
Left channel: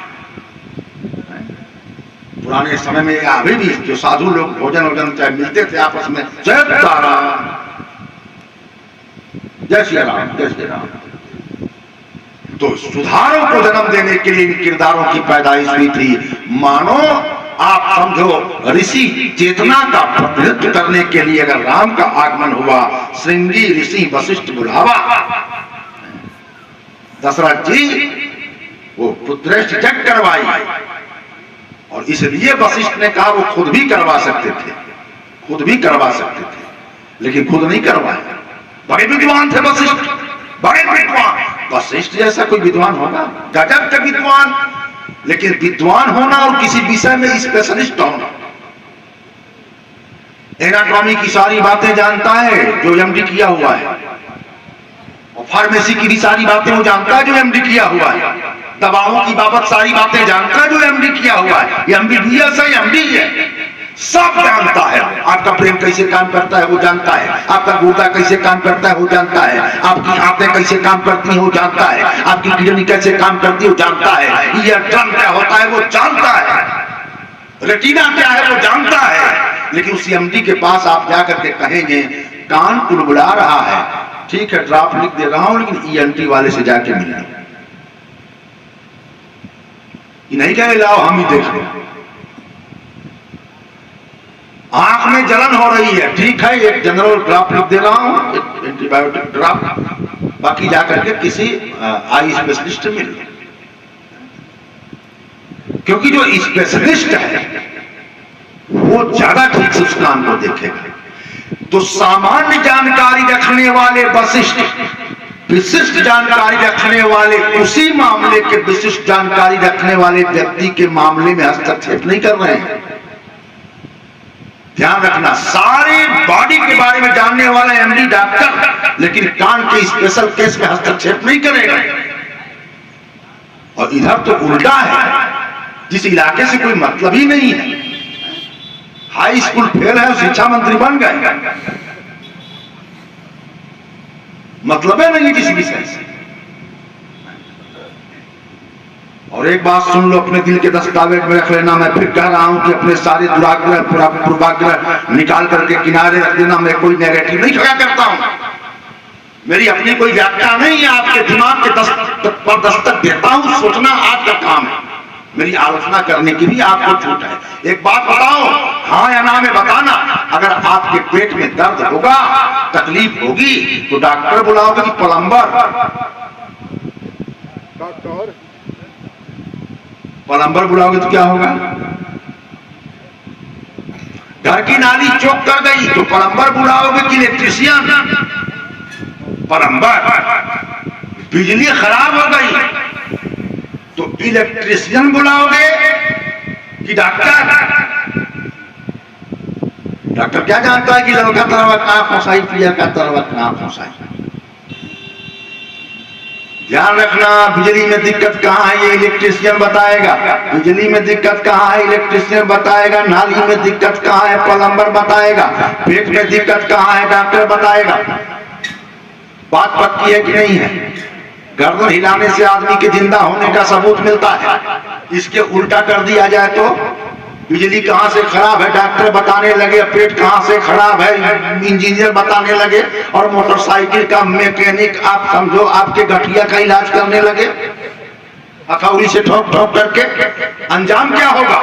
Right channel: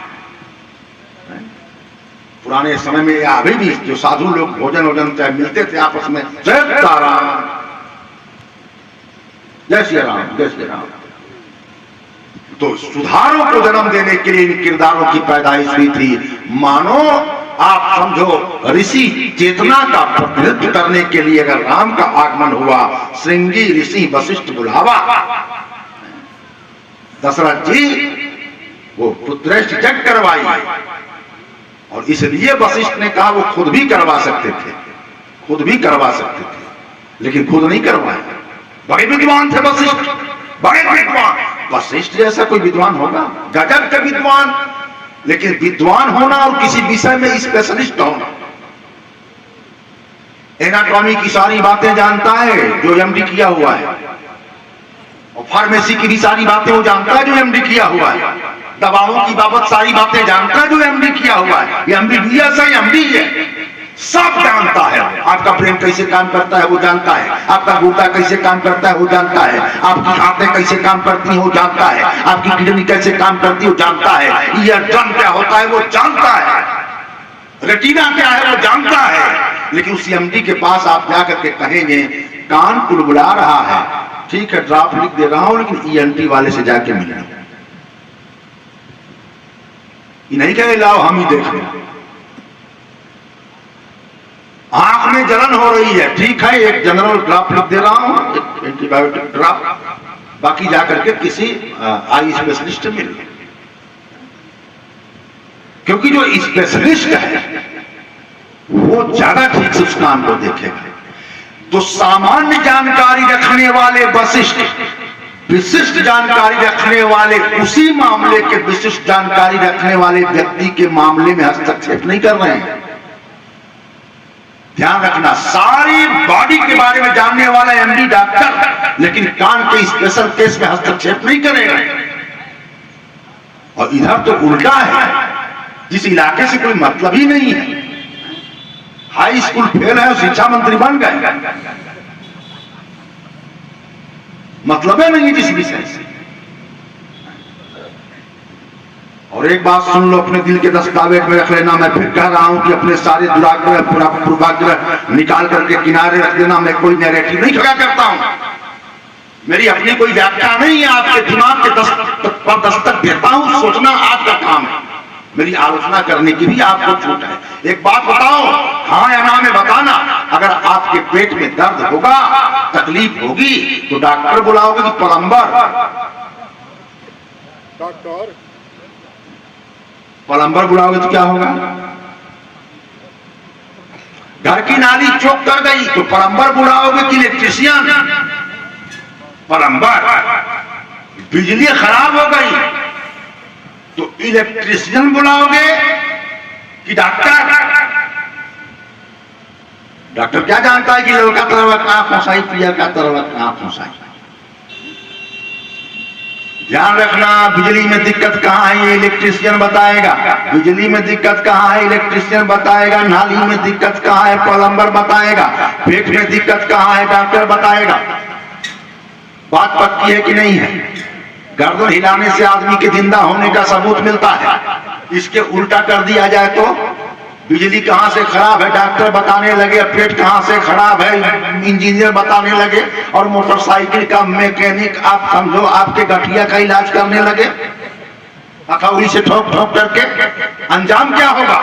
पुराने समय में या अभी भी जो साधु लोग भोजन वोजन चाहे मिलते थे आपस में, जय सीताराम, जय श्री राम, जय श्री राम। तो सुधारों को जन्म देने के लिए इन किरदारों की पैदाइश हुई थी। मानो आप समझो ऋषि चेतना का प्रतिनिधित्व करने के लिए अगर राम का आगमन हुआ, श्रृंगी ऋषि वशिष्ठ बुलावा, दशरथ जी वो पुत्रेष्ठ यज्ञ करवाई। और इसलिए वशिष्ठ ने कहा वो खुद भी करवा सकते थे, खुद भी करवा सकते थे, लेकिन खुद नहीं करवाए। बड़े विद्वान थे वशिष्ठ, बड़े विद्वान। वशिष्ठ जैसा कोई विद्वान होगा? गजब का विद्वान। लेकिन विद्वान होना और किसी विषय में स्पेशलिस्ट होना। एनाटॉमी की सारी बातें जानता है जो एमडी किया हुआ है, और फार्मेसी की भी सारी बातें वो जानता है जो एमडी किया हुआ है, दवाओं की बाबत सारी बातें जानता है जो एमडी किया हुआ है। एमबीबीएस है, एमडी है, सब जानता है। आपका ब्रेन कैसे काम करता है वो जानता है, आपका गुर्दा कैसे काम करता है वो जानता है, आपकी आंखें कैसे काम करती हैं वो जानता है, आपकी किडनी कैसे काम करती है वो जानता है, ईयरड्रम क्या होता है वो जानता है, रेटिना क्या है वो जानता है। लेकिन उस एमडी के पास आप जाकर के कहेंगे कान कुड़बुड़ा रहा है, ठीक है ड्राफ्ट लिख दे रहा हूं, लेकिन ईएनटी वाले से जाके मिलना। ये नहीं कह रहे लाओ हम ही देख लें। आंख में जलन हो रही है, ठीक है एक जनरल ड्राफ्ट लिख दे रहा हूं, एक एंटीबायोटिक ड्राफ्ट, बाकी जाकर के किसी आई स्पेशलिस्ट से मिल। क्योंकि जो स्पेशलिस्ट है वो ज्यादा ठीक से उस काम को देखेगा। तो सामान्य जानकारी रखने वाले वशिष्ठ विशिष्ट जानकारी रखने वाले उसी मामले के विशिष्ट जानकारी रखने वाले व्यक्ति के मामले में हस्तक्षेप नहीं कर रहे हैं। ध्यान रखना, सारी बॉडी के बारे में जानने वाला एमडी डॉक्टर, लेकिन कान के स्पेशल केस में हस्तक्षेप नहीं करेगा। और इधर तो उल्टा है, जिस इलाके से कोई मतलब ही नहीं है, हाई स्कूल फेल है, शिक्षा मंत्री बन गए, मतलब है नहीं जिस विषय से। और एक बात सुन लो, अपने दिल के दस्तावेज में रख लेना। मैं फिर कह रहा हूं कि अपने सारे दुराग्रह पूर्वाग्रह निकाल करके किनारे रख देना। मैं कोई नेगेटिव नहीं खड़ा करता हूं, मेरी अपनी कोई व्याख्या नहीं है। आपके दिमाग के पर दस्तक देता हूं, सोचना आपका काम है, मेरी आलोचना करने की भी आपको छूट है। एक बात बताओ, हाँ या ना में बताना। अगर आपके पेट में दर्द होगा, तकलीफ होगी, तो डॉक्टर बुलाओगे कि प्लम्बर? प्लम्बर बुलाओगे तो क्या होगा? घर की नाली चौक कर गई तो प्लम्बर बुलाओगे कि इलेक्ट्रिशियन? प्लम्बर। बिजली खराब हो गई तो इलेक्ट्रिशियन बुलाओगे कि डॉक्टर? डॉक्टर क्या जानता है कि लड़का तरवा कहां फंसाई, पिया का तरवा कहां फंसाई? ध्यान रखना, बिजली में दिक्कत कहां है ये इलेक्ट्रिशियन बताएगा। बिजली में दिक्कत कहां है इलेक्ट्रिशियन बताएगा। नाली में दिक्कत कहां है प्लम्बर बताएगा। पेट में दिक्कत कहां है डॉक्टर बताएगा। बात पक्की है कि नहीं है? गर्दन हिलाने से आदमी के जिंदा होने का सबूत मिलता है। इसके उल्टा कर दिया जाए तो बिजली कहां से खराब है डॉक्टर बताने लगे, पेट कहां से खराब है इंजीनियर बताने लगे, और मोटरसाइकिल का मैकेनिक आप समझो आपके गठिया का इलाज करने लगे हथौड़ी से ठोक ठोक करके। अंजाम क्या होगा?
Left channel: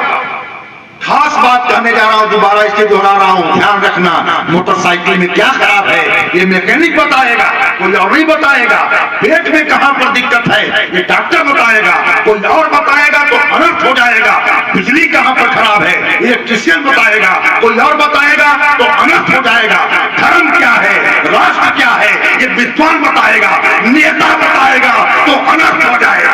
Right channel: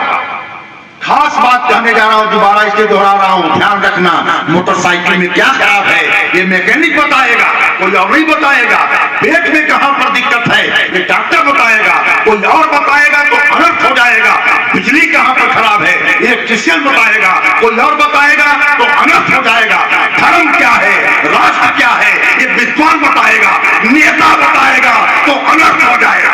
खास बात कहने जा रहा हूं, दोबारा इसके दोहरा रहा हूं, ध्यान रखना। मोटरसाइकिल में क्या खराब है ये मैकेनिक बताएगा, कोई और नहीं बताएगा। पेट में कहां पर दिक्कत है ये डॉक्टर बताएगा, कोई और बताएगा तो अनर्थ हो जाएगा। बिजली कहां पर खराब है इलेक्ट्रिशियन बताएगा, कोई और बताएगा तो अनर्थ हो जाएगा। धर्म क्या है, राष्ट्र क्या है ये विद्वान बताएगा, नेता बताएगा तो अनर्थ हो जाएगा।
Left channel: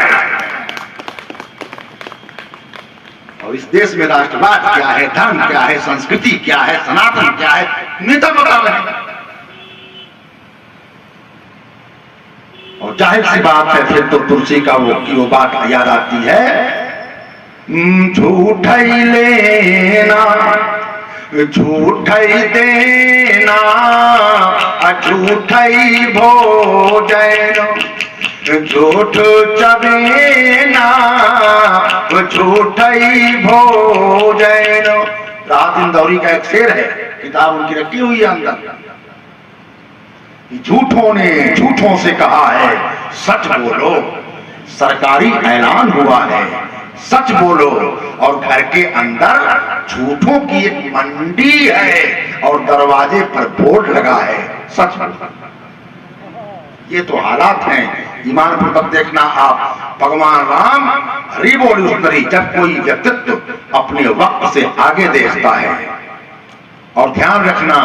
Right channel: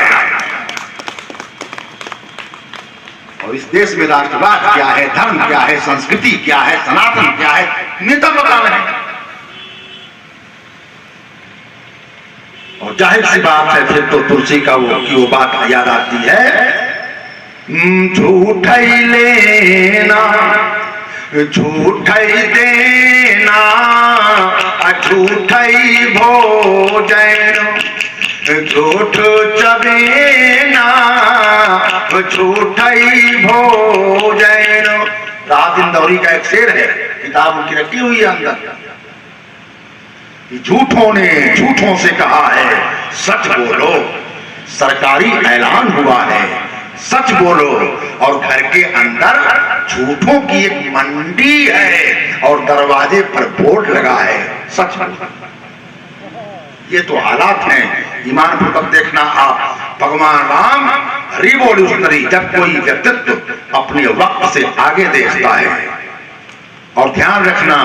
और इस देश में राष्ट्रवाद क्या है, धर्म क्या है, संस्कृति क्या है, सनातन क्या है, नेता बता रहे हैं। और जाहिर सी बात है फिर तो तुलसी का वो बात याद आती है, झूठ ही लेना झूठ ही देना झूठ ही भोजन, झूठ चबेना झूठ ही भोजन। राहत इंदौरी का एक शेर है, किताब उनकी रखी हुई है अंदर। झूठों ने झूठों से कहा है सच बोलो, सरकारी ऐलान हुआ है सच बोलो। और घर के अंदर झूठों की एक मंडी है और दरवाजे पर बोर्ड लगा है सच बोलो। ये तो हालात हैं। ईमान पूर्वक देखना आप, भगवान राम रिवॉल्यूशनरी, जब कोई व्यक्तित्व अपने वक्त से आगे देखता है। और ध्यान रखना,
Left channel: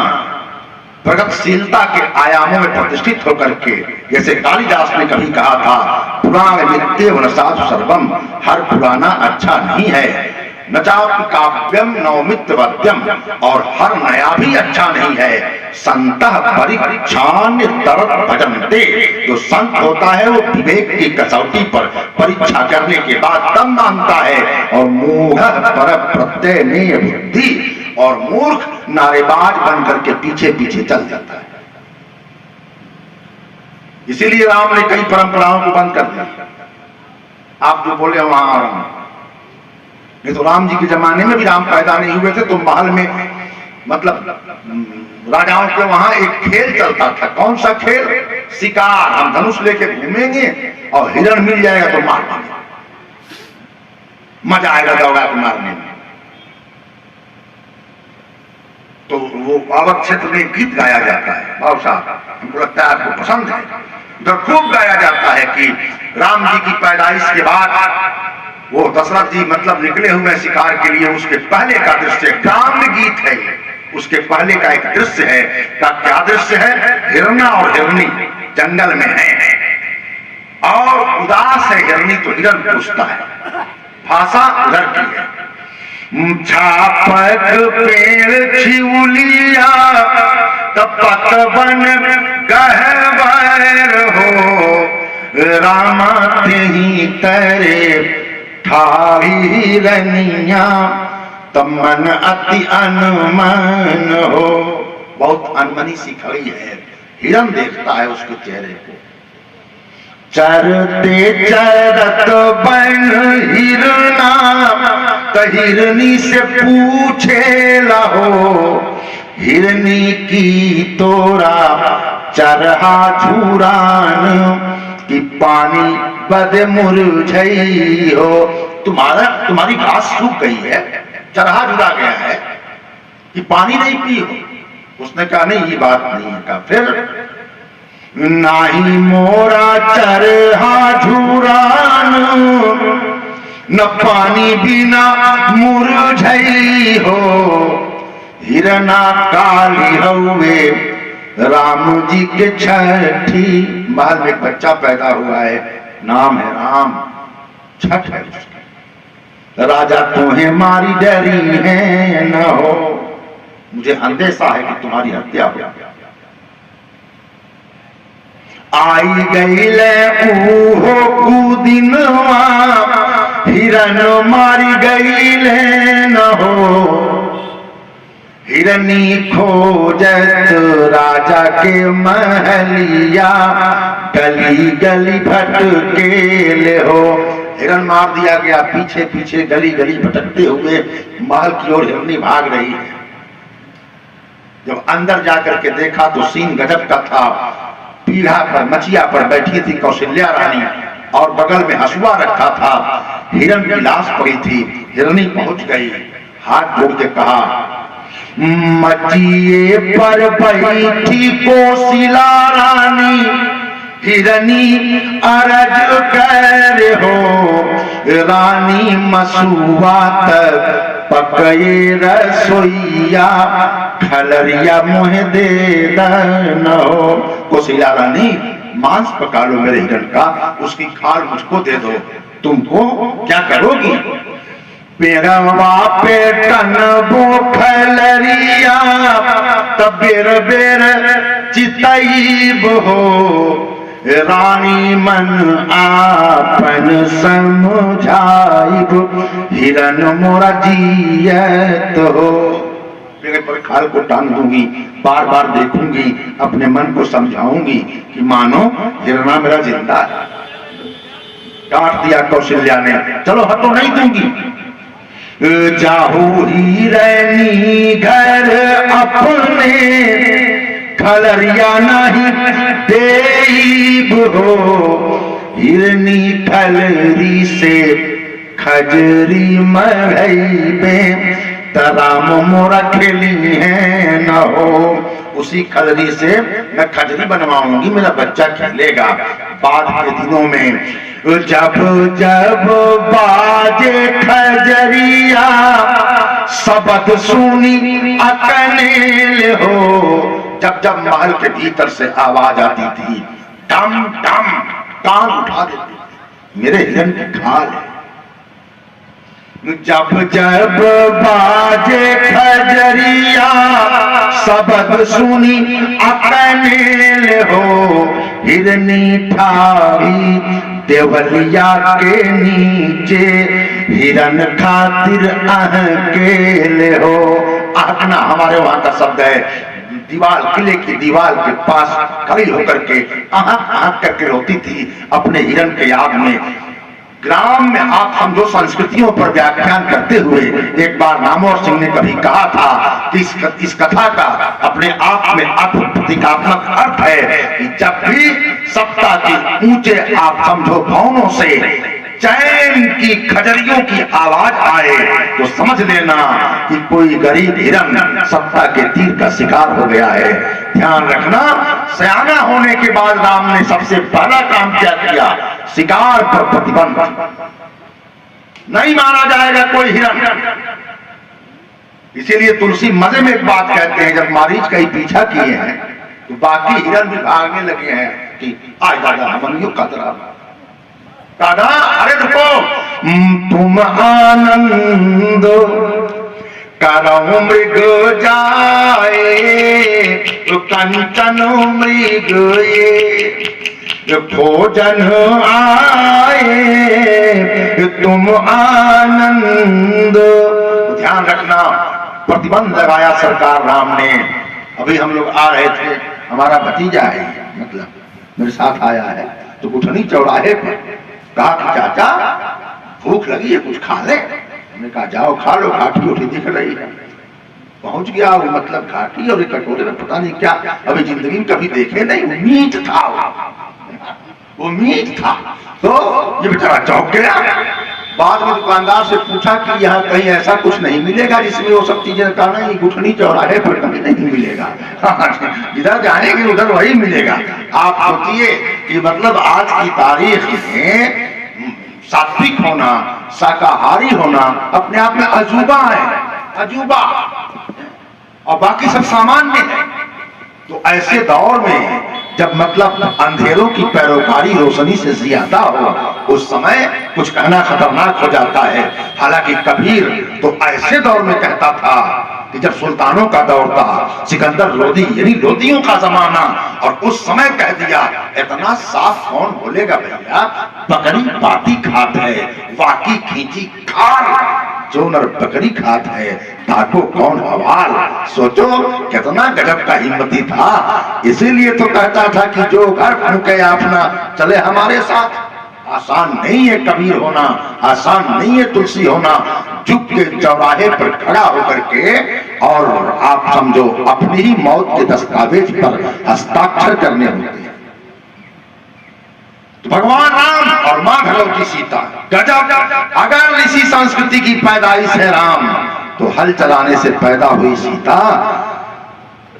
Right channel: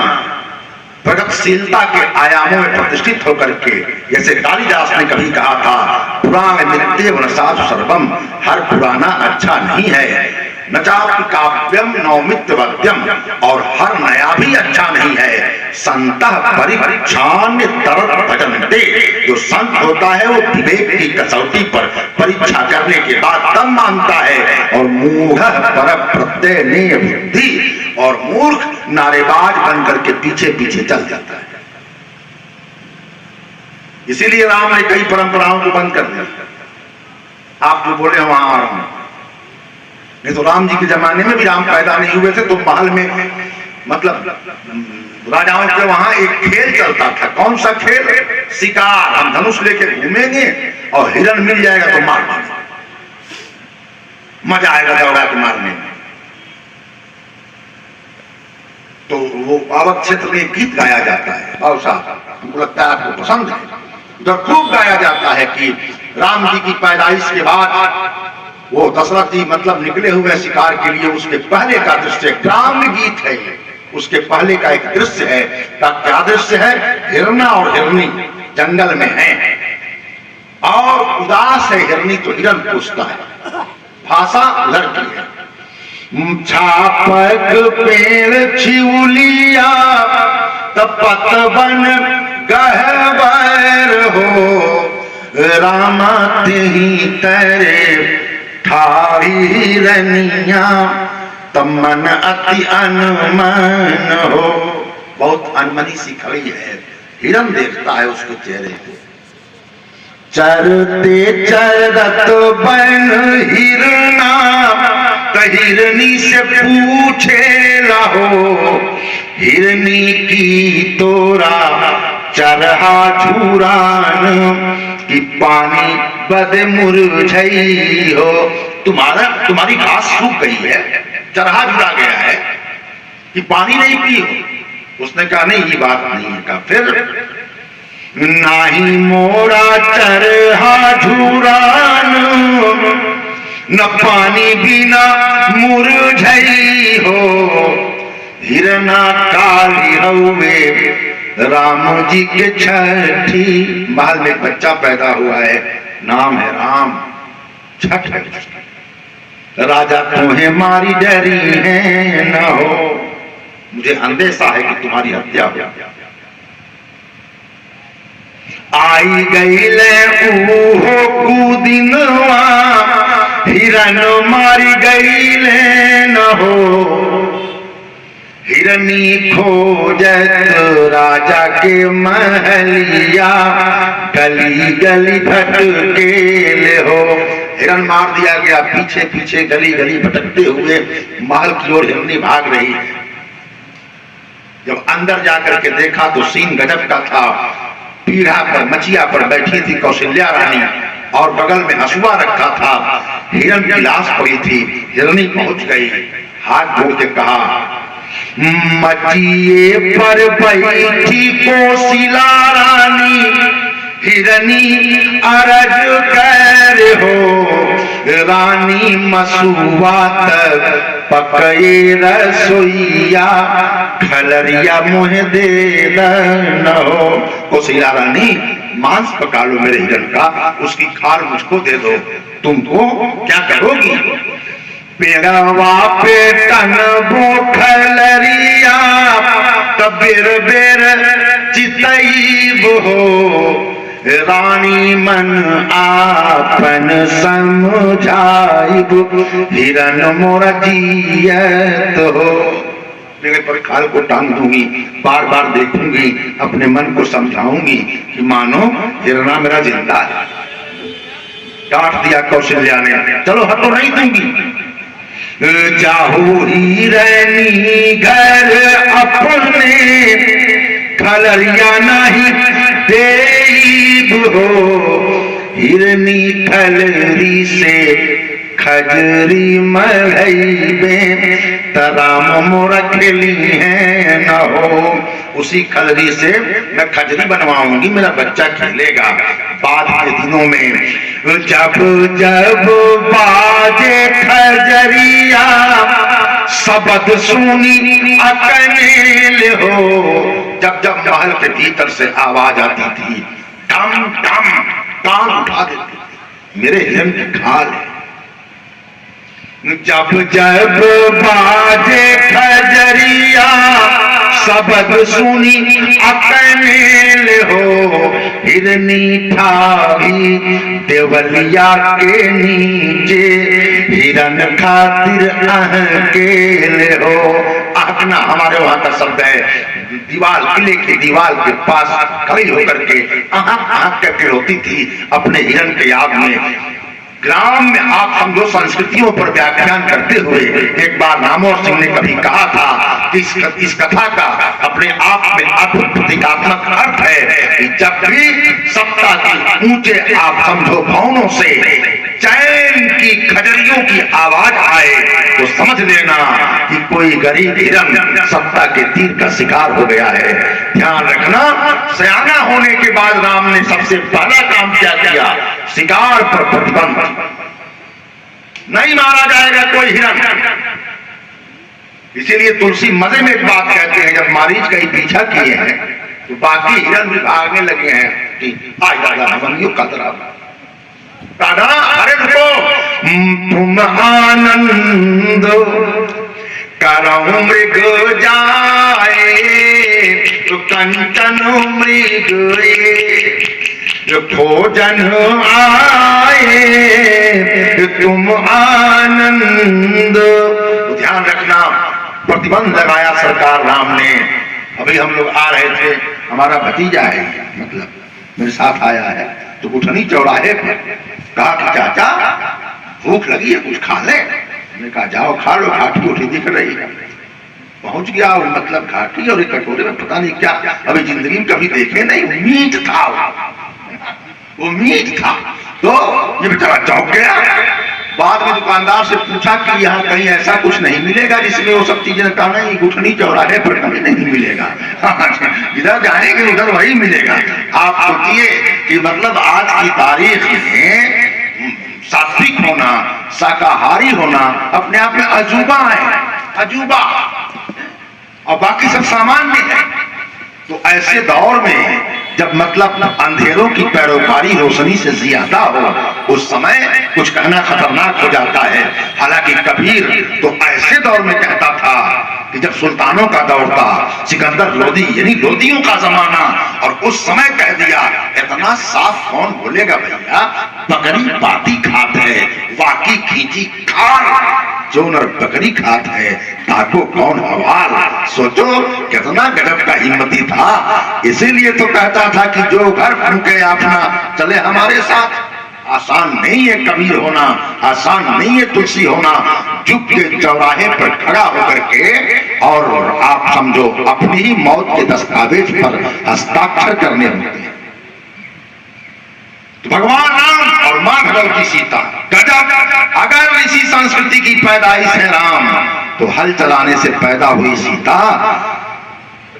प्रगतिशीलता के आयामों में प्रतिष्ठित होकर के, जैसे कालिदास ने कभी कहा था, पुराण नित्यम न साधु सर्वम, हर पुराना अच्छा नहीं है, न चाप काव्यम नौमित्यवद्यम, और हर नया भी अच्छा नहीं है। संतः परीक्षान तरत भजन्ते, जो संत होता है वो विवेक की कसौटी पर परीक्षा करने के बाद तब मानता है। और मूढ़ पर प्रत्यय नेय बुद्धि, और मूर्ख नारेबाज बन करके पीछे पीछे चल जाता है। इसीलिए राम ने कई परंपराओं को बंद कर दिया। आप जो बोले वहां, नहीं तो राम जी के जमाने में भी राम पैदा नहीं हुए थे तो महल में, मतलब राजाओं के वहां एक खेल चलता था। कौन सा खेल? शिकार। हम धनुष लेके घूमेंगे और हिरण मिल जाएगा तो मार देंगे, मजा आएगा दौड़ा के मारने में। तो वो पावक क्षेत्र में गीत गाया जाता है, भाव साहब, हमको लगता है आपको पसंद है। उधर खूब गाया जाता है कि राम जी की पैदाइश के बाद वो दशरथ जी मतलब निकले हुए शिकार के लिए, उसके पहले का दृश्य ग्राम्य गीत है। उसके पहले का एक दृश्य है, का क्या दृश्य है? हिरना और हिरनी जंगल में है और उदास है हिरनी तो हिरन पूछता है, भाषा लड़की है। छापक पेड़ छिउलिया तपतवन गहवर हो, रामा तेही तेरे ठाई रनिया, तमन अति अनमन हो। बहुत अनमनी सी खड़ी है, हिरन देखता है उसके चेहरे को। चरते चरत बन हिरना, हिरनी से पूछे लहो, हिरनी की तोरा चरहा झुरान, कि पानी बद मुरझई हो। तुम्हारी घास सूख गई है, चरहा जुड़ा गया है, कि पानी नहीं पी हो। उसने कहा नहीं, ये बात नहीं है। कहा फिर, नाही मोरा चरहा झुरान, न पानी बिना मुरझई हो, हिरना काली हौवे राम जी के छठी। महल में एक बच्चा पैदा हुआ है, नाम है राम, छठ है। राजा तुम्हें मारी डरी है न हो, मुझे अंदेशा है कि तुम्हारी हत्या हो। आई गई ले ऊहो कुदिनवा, हिरन मारी गई ले न हो, हिरनी खोजत राजा के महलिया, गली गली भटके हो। हिरन मार दिया गया, पीछे पीछे गली गली भटकते हुए महल की ओर हिरनी भाग रही। जब अंदर जाकर के देखा तो सीन गजब का था। पीढ़ा पर, मचिया पर बैठी थी कौशल्या रानी, और बगल में हसुआ रखा था। हिरन की लाश पड़ी थी। हिरनी पहुंच गई, हाथ जोड़ के कहा, मचिए पर बैठी कोशिला रानी, हिरनी अरज कर हो, रानी मसुआ तक पकए रसोईया, खलरिया मुँह दे न हो। कोशिला रानी, मांस पका लो मेरे हिरन का, उसकी खाल मुझको दे दो। तुमको क्या करोगी? पेड़वा पे टनबो खलरिया, बेर बेर चितईब हो, रानी मन आपन समझाइब, हिरन मोरा जियत हो। पर खाल को टांग दूंगी, बार बार देखूंगी, अपने मन को समझाऊंगी कि मानो हिरना मेरा जिंदा है। काट दिया कौशल्या ने, चलो हटो, नहीं दूंगी। जाहू हिरनी घर अपने, खलरिया नहीं देईब हो, हिरनी खलरी से खजरी मढ़ईबे, तराम मोरा खेली है न हो। उसी खलरी से मैं खजरी बनवाऊंगी, मेरा बच्चा खेलेगा। बाद के दिनों में जब जब बाजे खजरिया, शब्द सुनी अकनेल हो। जब जब महल के भीतर से आवाज आती थी, टम टम, कान उठा देती, मेरे हिरन की खाल है। जब जब बाजे खजरिया, शब्द सुनी अकनेल हो, हिरनी ठाई देवलिया के नीचे, हिरन खातिर अहकेल हो। आहकना हमारे वहां का शब्द है। दीवार, किले की दीवार के पास खड़ी होकर के आहक आहक करके रोती थी अपने हिरन के याद में। ग्राम में आप समझो संस्कृतियों पर व्याख्यान करते हुए एक बार नामोर सिंह ने कभी कहा था कि इस कथा का अपने आप में अद्भुत प्रतीकात्मक अर्थ है कि जब भी सत्ता की ऊंचे आप समझो भवनों से चैन की खजरियों की आवाज आए तो समझ लेना कि कोई गरीब हिरन सत्ता के तीर का शिकार हो गया है। ध्यान रखना, सयाना होने के बाद राम ने सबसे पहला काम क्या किया? शिकार पर प्रतिबंध। नहीं मारा जाएगा कोई हिरन। इसीलिए तुलसी मजे में एक बात कहते हैं, जब मारीच का ही पीछा किए हैं तो बाकी हिरन भी भागने लगे हैं कि आज दादा हमनियों का तरह दादा, अरे रुको, तुम आनंद करो मृग जाए, तो कंचन मृग भोजन आए, तुम आनंद। ध्यान रखना, प्रतिबंध लगाया सरकार राम ने। अभी हम लोग आ रहे थे, हमारा भतीजा है, मतलब मेरे साथ आया है, तो गुठनी चौराहे पर कहा कि चाचा भूख लगी है, कुछ खा ले। मैंने कहा जाओ खा लो, घाटी उठी दिख रही है। पहुंच गया वो, मतलब घाटी और एक कटोरे में पता नहीं क्या, अभी जिंदगी में कभी देखे नहीं, मीट था वो मीट था। तो ये बेचारा चौंक गया। बाद में दुकानदार से पूछा कि यहाँ कहीं ऐसा कुछ नहीं मिलेगा जिसमें वो सब चीजें, कहा नहीं गुठनी चौराहे पर कहीं नहीं मिलेगा, इधर जाएंगे उधर वही मिलेगा। आप सोचिए कि मतलब आज की तारीख में सात्विक होना, शाकाहारी होना अपने आप में अजूबा है, अजूबा, और बाकी सब सामान्य है। तो ऐसे दौर में जब मतलब अंधेरों की पैरोकारी रोशनी से ज्यादा हो, उस समय कुछ कहना खतरनाक हो जाता है। हालांकि कबीर तो ऐसे दौर में कहता था कि जब सुल्तानों का दौर था, सिकंदर लोदी यानी लोदियों का जमाना, और उस समय कह दिया इतना साफ कौन बोलेगा भैया, बकरी पाती खात है, वाकी खींची खाल, जो नर बकरी खात है ताको कौन हवाल। सोचो कितना गजब का हिम्मती था। इसीलिए तो कहता था कि जो घर फूके अपना चले हमारे साथ। आसान नहीं है कबीर होना, आसान नहीं है तुलसी होना। झुक के चौराहे पर खड़ा होकर के और आप समझो अपनी ही मौत के दस्तावेज पर हस्ताक्षर करने होते हैं। तो भगवान राम और मां भगवती सीता, गजब। अगर इसी संस्कृति की पैदाइश है राम, तो हल चलाने से पैदा हुई सीता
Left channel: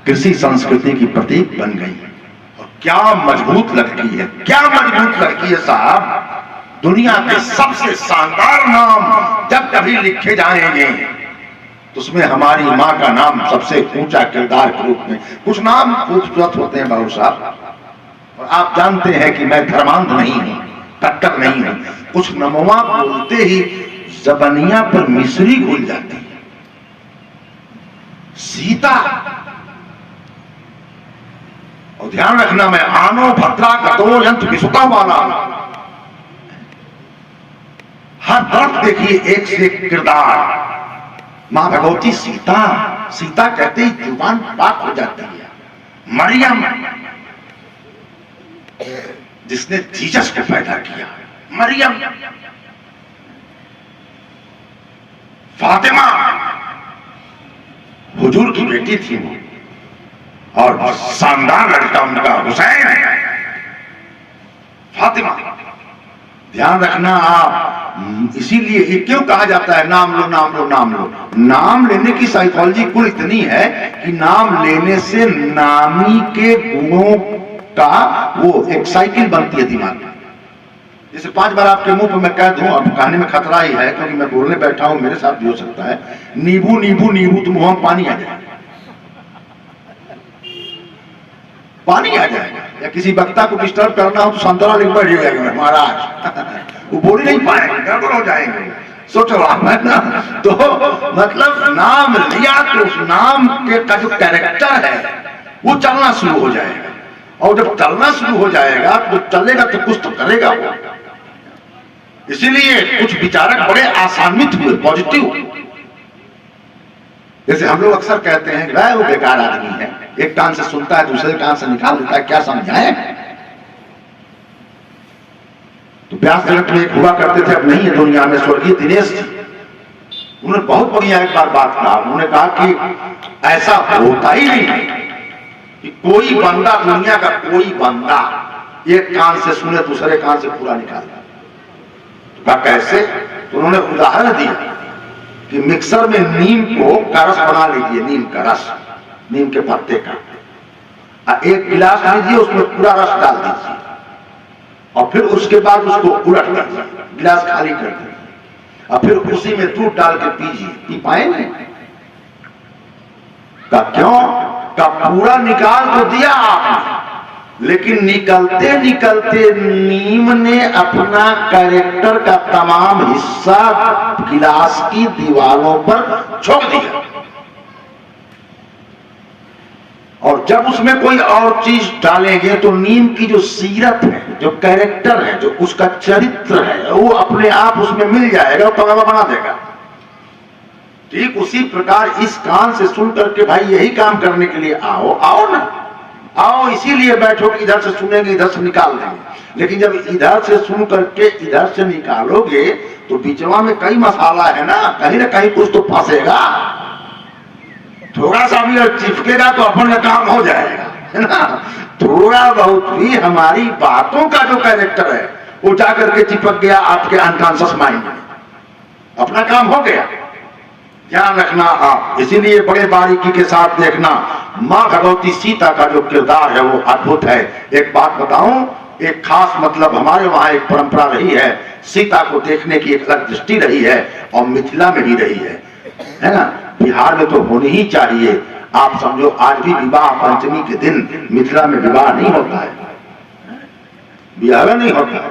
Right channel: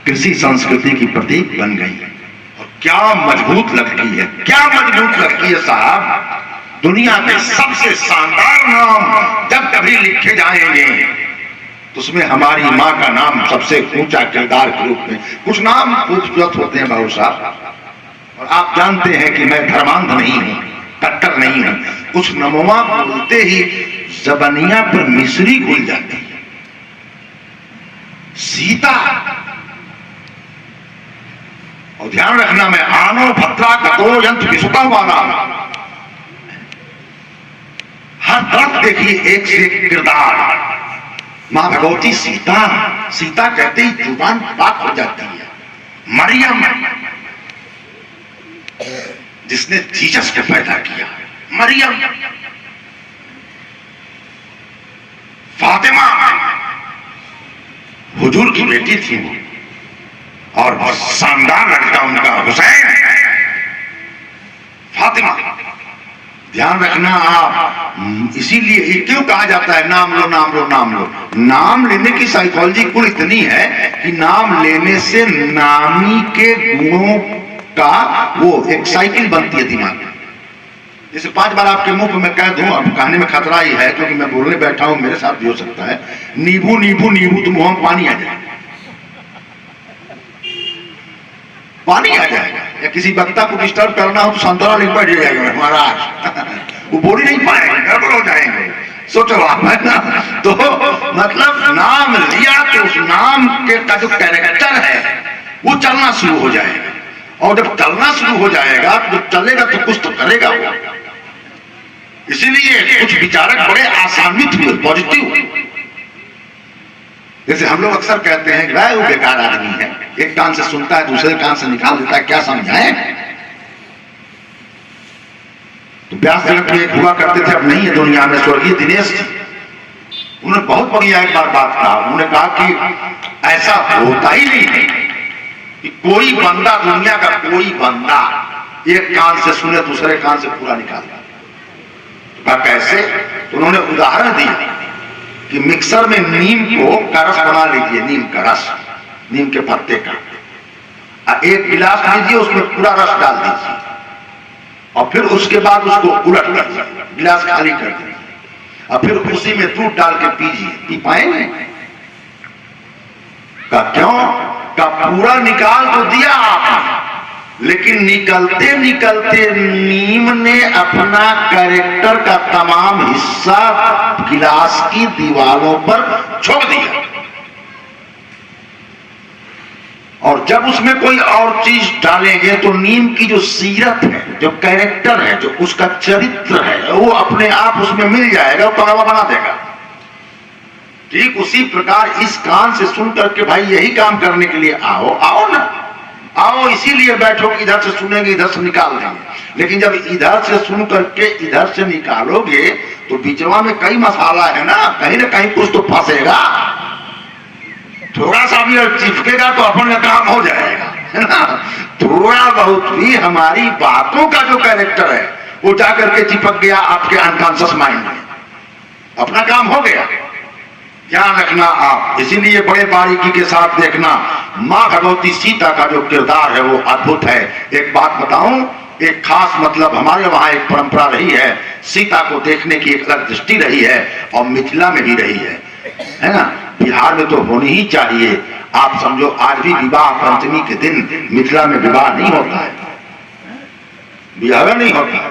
कृषि संस्कृति की प्रतीक बन गई। और क्या मजबूत लगती है, क्या मजबूत लगती है साहब। दुनिया के सबसे शानदार नाम जब कभी लिखे जाएंगे तो उसमें हमारी मां का नाम सबसे ऊंचा किरदार के रूप में। कुछ नाम खूबसूरत होते हैं बाबू साहब, और आप जानते हैं कि मैं धर्मांध नहीं हूं, कट्टर नहीं हूं। उस नमोमा बोलते ही जबनिया पर मिश्री घुल जाती है। सीता, और ध्यान रखना मैं आनो भद्रा कतो यंत्र विसुता वाला, हर तरफ देखिए एक से एक किरदार। मां भगवती सीता, सीता कहते ही जुबान पाक हो जाती है। मरियम जिसने जीसस को पैदा किया, मरियम। फातिमा हुजूर की बेटी थी वो, और बहुत शानदार लड़का उनका हुसैन। फातिमा, ध्यान रखना आप। इसीलिए ये क्यों कहा जाता है नाम लो नाम लो नाम लो। नाम लेने की साइकोलॉजी कुल इतनी है कि नाम लेने से नामी के गुणों का वो एक साइकिल बनती है दिमाग में। जैसे 5 बार आपके मुंह पे मैं कह दूं, अब कहने में खतरा ही है क्योंकि मैं बोलने बैठा हूं, मेरे साथ भी हो सकता है, नींबू नींबू नींबू, तो मुंह में पानी आ जाएगा, पानी आ जाएगा। या किसी वक्ता को डिस्टर्ब करना हो तो संतरा लिख बैठ जाएगा महाराज, वो बोल ही नहीं पाएंगे, गड़बड़ हो जाएंगे। सोचो आप, है ना। तो मतलब नाम लिया तो उस नाम के का जो कैरेक्टर है वो चलना शुरू हो जाएगा, और जब चलना शुरू हो जाएगा, जब चलेगा तो कुछ तो करेगा वो। इसीलिए कुछ विचारक बड़े आसान्वित हुए, पॉजिटिव। जैसे हम लोग अक्सर कहते हैं कि वो बेकार आदमी है, एक कान से सुनता है दूसरे कान से निकाल देता है, क्या समझाए। तो व्यास जगत में एक हुआ करते थे, अब नहीं है दुनिया में, स्वर्गीय दिनेश जी। उन्होंने बहुत बढ़िया एक बार बात कहा। उन्होंने कहा कि ऐसा होता ही नहीं कि कोई बंदा, दुनिया का कोई बंदा एक कान से सुने दूसरे कान से पूरा निकाल दे। कैसे? तो उन्होंने उदाहरण दिया कि मिक्सर में नीम को का रस बना लीजिए, नीम का रस, नीम के पत्ते का, एक गिलास लीजिए, उसमें पूरा रस डाल दीजिए, और फिर उसके बाद उसको उलट लीजिए, गिलास खाली कर दीजिए, और फिर उसी में दूध डाल के पीजिए। पी पाएंगे? का क्यों? का पूरा निकाल तो दिया आपने, लेकिन निकलते निकलते नीम ने अपना कैरेक्टर का तमाम हिस्सा गिलास की दीवारों पर छोड़ दिया। और जब उसमें कोई और चीज डालेंगे तो नीम की जो सीरत है, जो कैरेक्टर है, जो उसका चरित्र है, वो अपने आप उसमें मिल जाएगा, वो कड़वा बना देगा। ठीक उसी प्रकार इस कान से सुन करके भाई यही काम करने के लिए आओ, आओ ना, आओ इसीलिए बैठो कि इधर से सुनेंगे इधर से निकाल देंगे। लेकिन जब इधर से सुन करके इधर से निकालोगे तो बीचवा में कई मसाला है ना कहीं कुछ तो फंसेगा। थोड़ा सा भी अगर चिपकेगा तो अपन का काम हो जाएगा, है ना। थोड़ा बहुत भी हमारी बातों का जो कैरेक्टर है वो जाकर के चिपक गया आपके अनकॉन्शियस माइंड में, अपना काम हो गया। ध्यान रखना आप, इसीलिए बड़े बारीकी के साथ देखना। माँ भगवती सीता का जो किरदार है वो अद्भुत है। एक बात बताऊं, एक खास मतलब हमारे वहां एक परंपरा रही है, सीता को देखने की एक अलग दृष्टि रही है और मिथिला में भी रही है ना। बिहार में तो होनी ही चाहिए। आप समझो आज भी विवाह पंचमी के दिन मिथिला में विवाह नहीं होता है, विवाह नहीं होता है।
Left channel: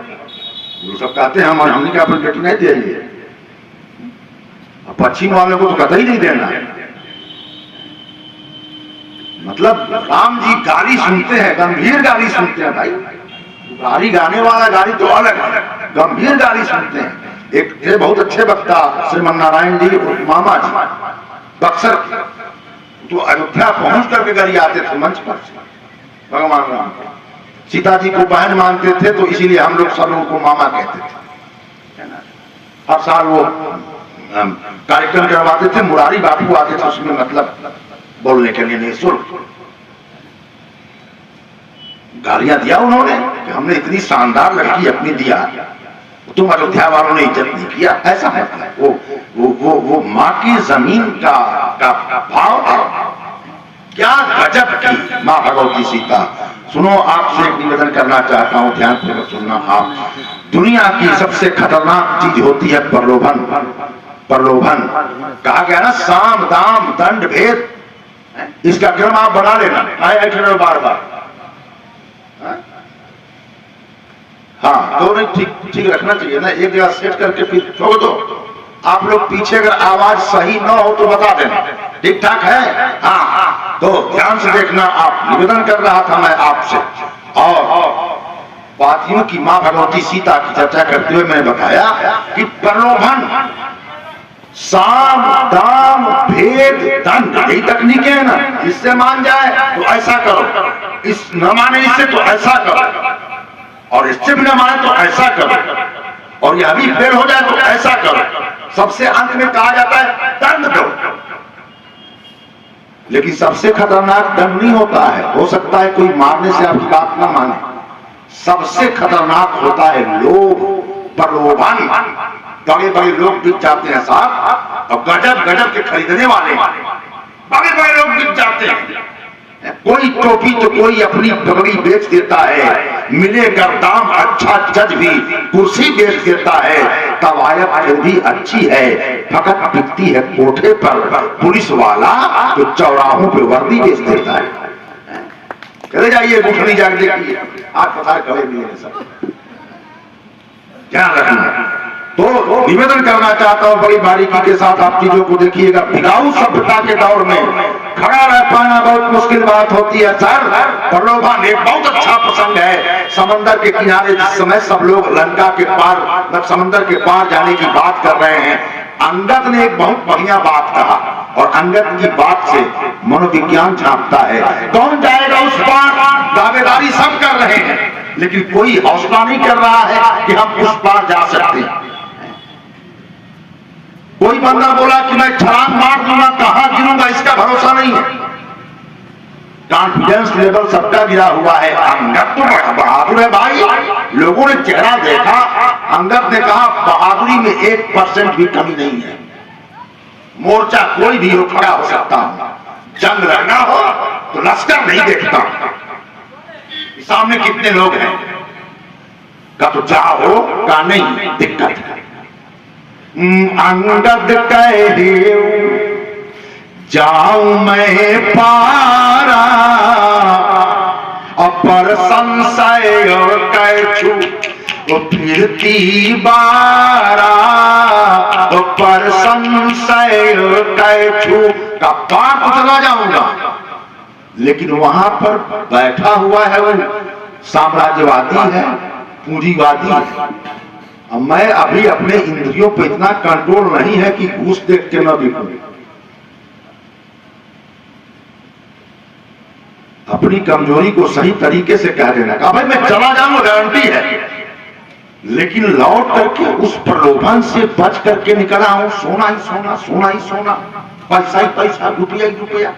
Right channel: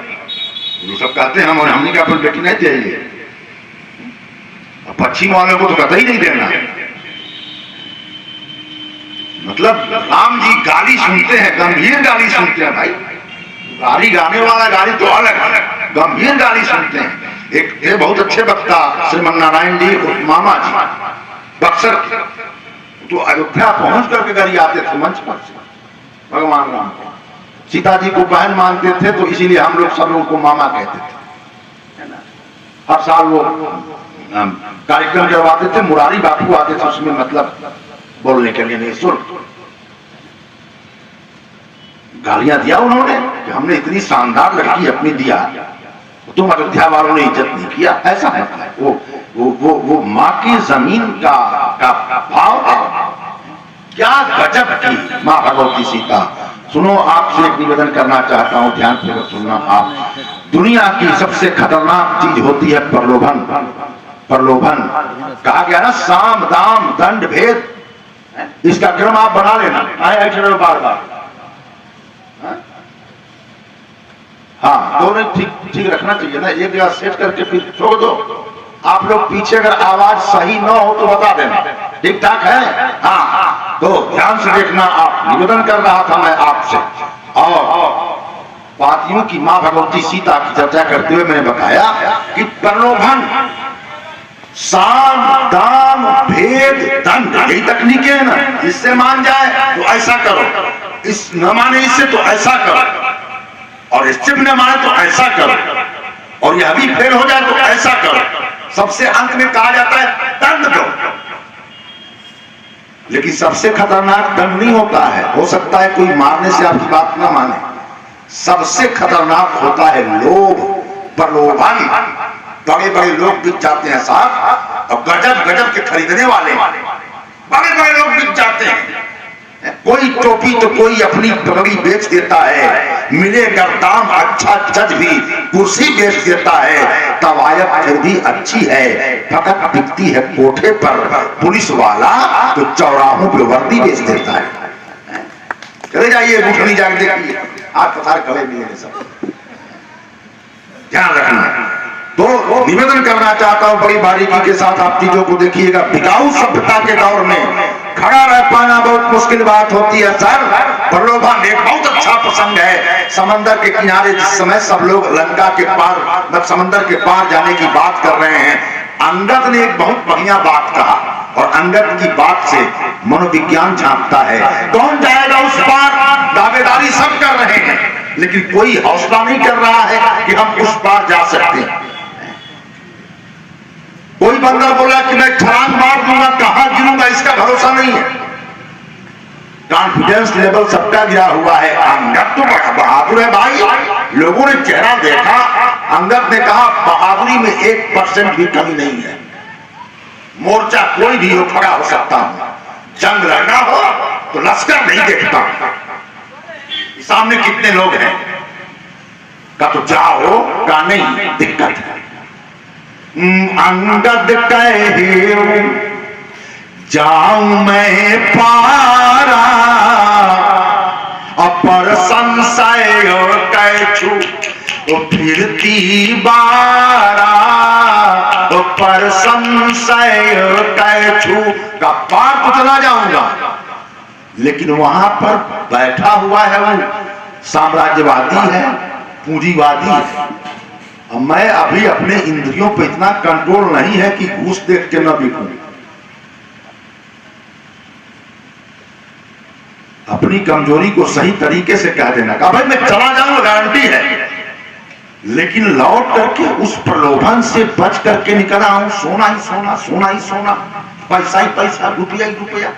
वो सब कहते हैं हमने क्या अपन बेटी नहीं चाहिए, पश्चिम वालों को तो कतई नहीं देना। मतलब राम जी गाली सुनते हैं, गंभीर गाली सुनते हैं भाई। गाली गाने वाला गाली तो अलग है, गंभीर गाली सुनते हैं। एक बहुत अच्छे वक्ता श्रीमन नारायण जी मामा जी बक्सर तो अयोध्या पहुंच करके घर आते थे मंच पर। भगवान राम सीता जी को बहन मानते थे तो इसीलिए हम लोग सब उनको मामा कहते थे। हर साल वो कार्यक्रम करवाते थे, मुरारी बापू आते थे उसमें मतलब बोलने के लिए निःशुल्क। गालियां दिया उन्होंने कि हमने इतनी शानदार लड़की अपनी दिया, तुम अयोध्या वालों ने इज्जत नहीं किया। ऐसा है वो माँ की जमीन का भाव है। क्या गजब की माँ भगवती सीता। सुनो, आपसे एक निवेदन करना चाहता हूँ, ध्यान पूर्वक सुनना आप। दुनिया की सबसे खतरनाक चीज होती है प्रलोभन। प्रलोभन कहा गया ना, साम दाम दंड भेद, इसका क्रम आप बना लेना। आए बार बार हाँ दोनों ठीक रखना चाहिए ना, एक जगह सेट करके फिर छोड़ दो। आप लोग पीछे अगर आवाज सही ना हो तो बता देना, ठीक ठाक है। हाँ तो ध्यान से देखना आप, निवेदन कर रहा था मैं आपसे। और बात यूं कि मां भगवती सीता की चर्चा करते हुए मैंने बताया कि प्रलोभन, साम दाम भेद दंड, यही तकनीकें है ना। इससे मान जाए तो ऐसा करो, इस न माने इससे तो ऐसा करो, और इससे भी न माने तो ऐसा करो, और यह भी फेल हो जाए तो ऐसा करो। सबसे अंत में कहा जाता है दंड दो। लेकिन सबसे खतरनाक दंड नहीं होता है, हो सकता है कोई मारने से आपकी बात ना माने। सबसे खतरनाक होता है लोभ, प्रलोभन। बड़े बड़े लोग बिक जाते हैं साहब, और गजब गजब के खरीदने वाले बड़े बड़े लोग बिक जाते हैं। कोई टोपी तो कोई अपनी पगड़ी बेच देता है, मिलेगा दाम अच्छा जज भी कुर्सी बेच देता है, तवायत फिर भी अच्छी है, फकत बिकती है कोठे पर पुलिस वाला जो चौराहों पे वर्दी बेच देता है। चले जाइए गुठनी जाकर देखिए, आप पथार खड़े मिलेंगे सब। ध्यान रखना। तो निवेदन करना चाहता हूं बड़ी बारीकी के साथ आप चीजों को देखिएगा। बिकाऊ सभ्यता के दौर में खड़ा रह पाना बहुत मुश्किल बात होती है सर। प्रलोभन एक बहुत अच्छा प्रसंग है। समंदर के किनारे जिस समय सब लोग लंका के पार मतलब समंदर के पार जाने की बात कर रहे हैं, अंगद ने एक बहुत बढ़िया बात कहा, और अंगद की बात से मनोविज्ञान झांकता है। कौन जाएगा उस पार? दावेदारी सब कर रहे हैं, लेकिन कोई हौसला नहीं कर रहा है कि हम उस पार जा सकते हैं। कोई बंदा बोला कि मैं छलांग मार दूंगा, कहां गिरूंगा इसका भरोसा नहीं है। कॉन्फिडेंस लेवल सबका गिरा हुआ है। अंगद तो बहादुर है भाई, लोगों ने चेहरा देखा, अंगद ने कहा बहादुरी में 1% भी कमी नहीं है। मोर्चा कोई भी हो खड़ा हो सकता हूं, जंग लड़ना हो तो लश्कर नहीं देखता, सामने कितने लोग हैं का तो जाओ का नहीं दिक्कत है। अंगद कहे जाऊं मैं पारा, अपर संशय कैछु तो फिरती बारा, तो पर संशय कैछु का पार तो चला जाऊंगा, लेकिन वहां पर बैठा हुआ है वो साम्राज्यवादी है, पूंजीवादी है। मैं अभी अपने इंद्रियों पर इतना कंट्रोल नहीं है कि घूस देख के न बिकूं। अपनी कमजोरी को सही तरीके से कह देना, कहा भाई मैं चला जाऊंगा गारंटी है, लेकिन लौट करके उस प्रलोभन से बच करके निकला हूं, सोना ही सोना, सोना ही सोना, पैसा ही पैसा, रुपया ही रुपया।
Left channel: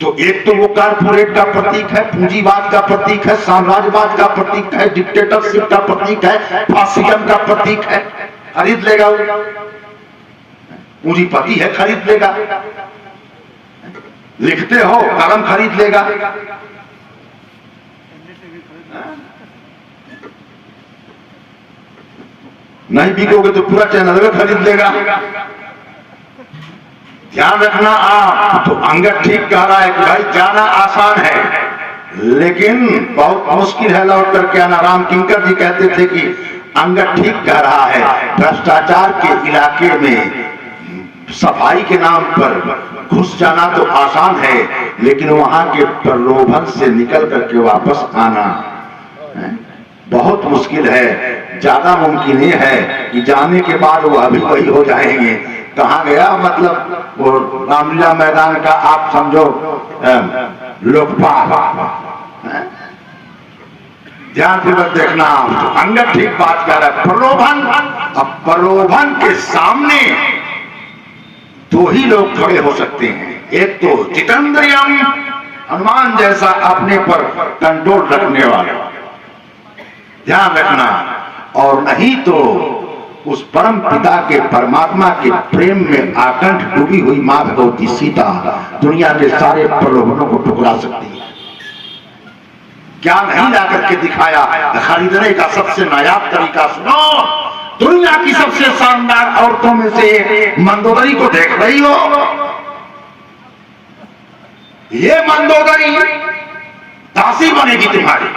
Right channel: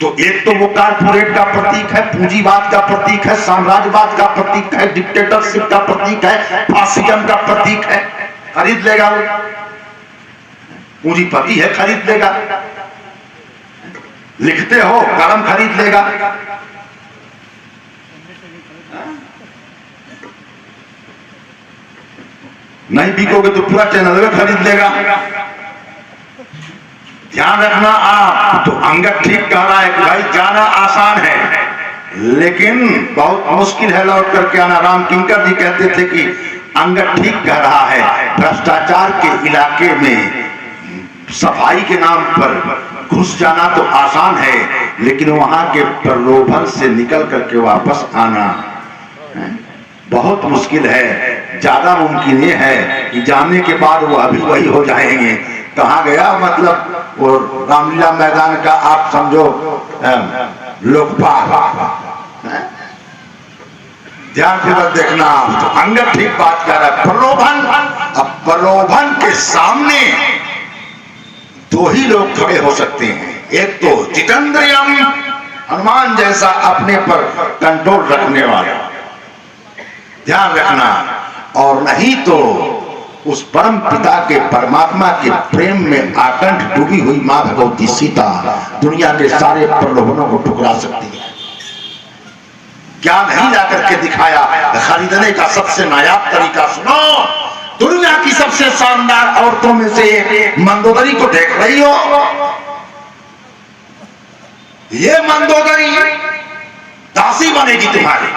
तो एक तो वो कारपोरेट का प्रतीक है, पूंजीवाद का प्रतीक है, साम्राज्यवाद का प्रतीक है, डिक्टेटरशिप का प्रतीक है, फासिज्म का प्रतीक है। खरीद लेगा वो, पूंजीपति है, खरीद लेगा। लिखते हो, कलम खरीद लेगा। नहीं बिकोगे तो पूरा चैनल खरीद लेगा। ध्यान रखना आप। तो अंगद ठीक कह रहा है कि भाई जाना आसान है लेकिन बहुत मुश्किल है लौट करके आना। राम किंकर जी कहते थे कि अंगद ठीक कह रहा है, भ्रष्टाचार के इलाके में सफाई के नाम पर घुस जाना तो आसान है, लेकिन वहां के प्रलोभन से निकल करके वापस आना बहुत मुश्किल है। ज्यादा मुमकिन ये है कि जाने के बाद वो अभी वही हो जाएंगे। कहाँ गया, मतलब वो रामलीला मैदान का आप समझो लोकपाल। ध्यान पूर्वक देखना आप। तो अंगद ठीक बात कर रहा है। प्रलोभन, अब प्रलोभन के सामने दो ही लोग खड़े हो सकते हैं, एक तो जितेंद्रियम, हनुमान जैसा अपने पर कंट्रोल रखने वाला, ध्यान रखना, और नहीं तो उस परम पिता के परमात्मा के प्रेम में आकंठ डूबी हुई मां भगवती सीता दुनिया के सारे प्रलोभनों को ठुकरा सकती है। क्या नहीं ला करके दिखाया। खरीदने का सबसे नायाब तरीका सुनो। दुनिया की सबसे शानदार औरतों में से एक मंदोदरी को देख रही हो, ये मंदोदरी दासी बनेगी तुम्हारी,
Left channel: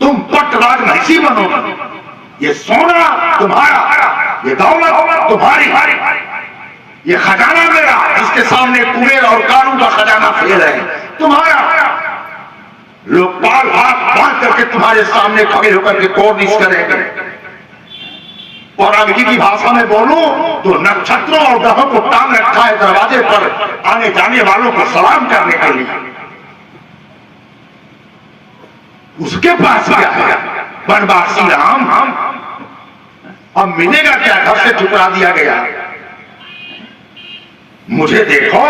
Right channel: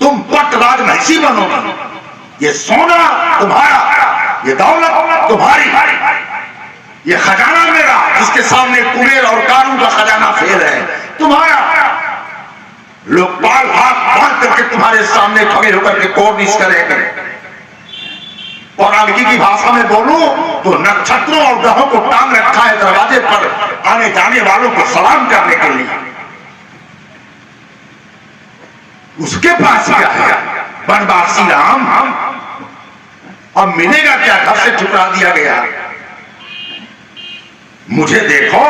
तुम पट राज महिषी बनोगी, ये सोना तुम्हारा, ये दौलत तुम्हारी, ये खजाना मेरा, जिसके सामने कुबेर और कानून का खजाना फेल है तुम्हारा। लोकपाल हाथ बांध करके तुम्हारे सामने खड़े होकर के कोर्निश करेंगे। पौराणिकी की भाषा में बोलूं तो नक्षत्रों और ग्रहों को टांग रखा है दरवाजे पर आने जाने वालों को सलाम करने के लिए। उसके पास क्या है? वनवासी राम। अब मिलेगा क्या? घर से ठुकरा दिया गया। मुझे देखो।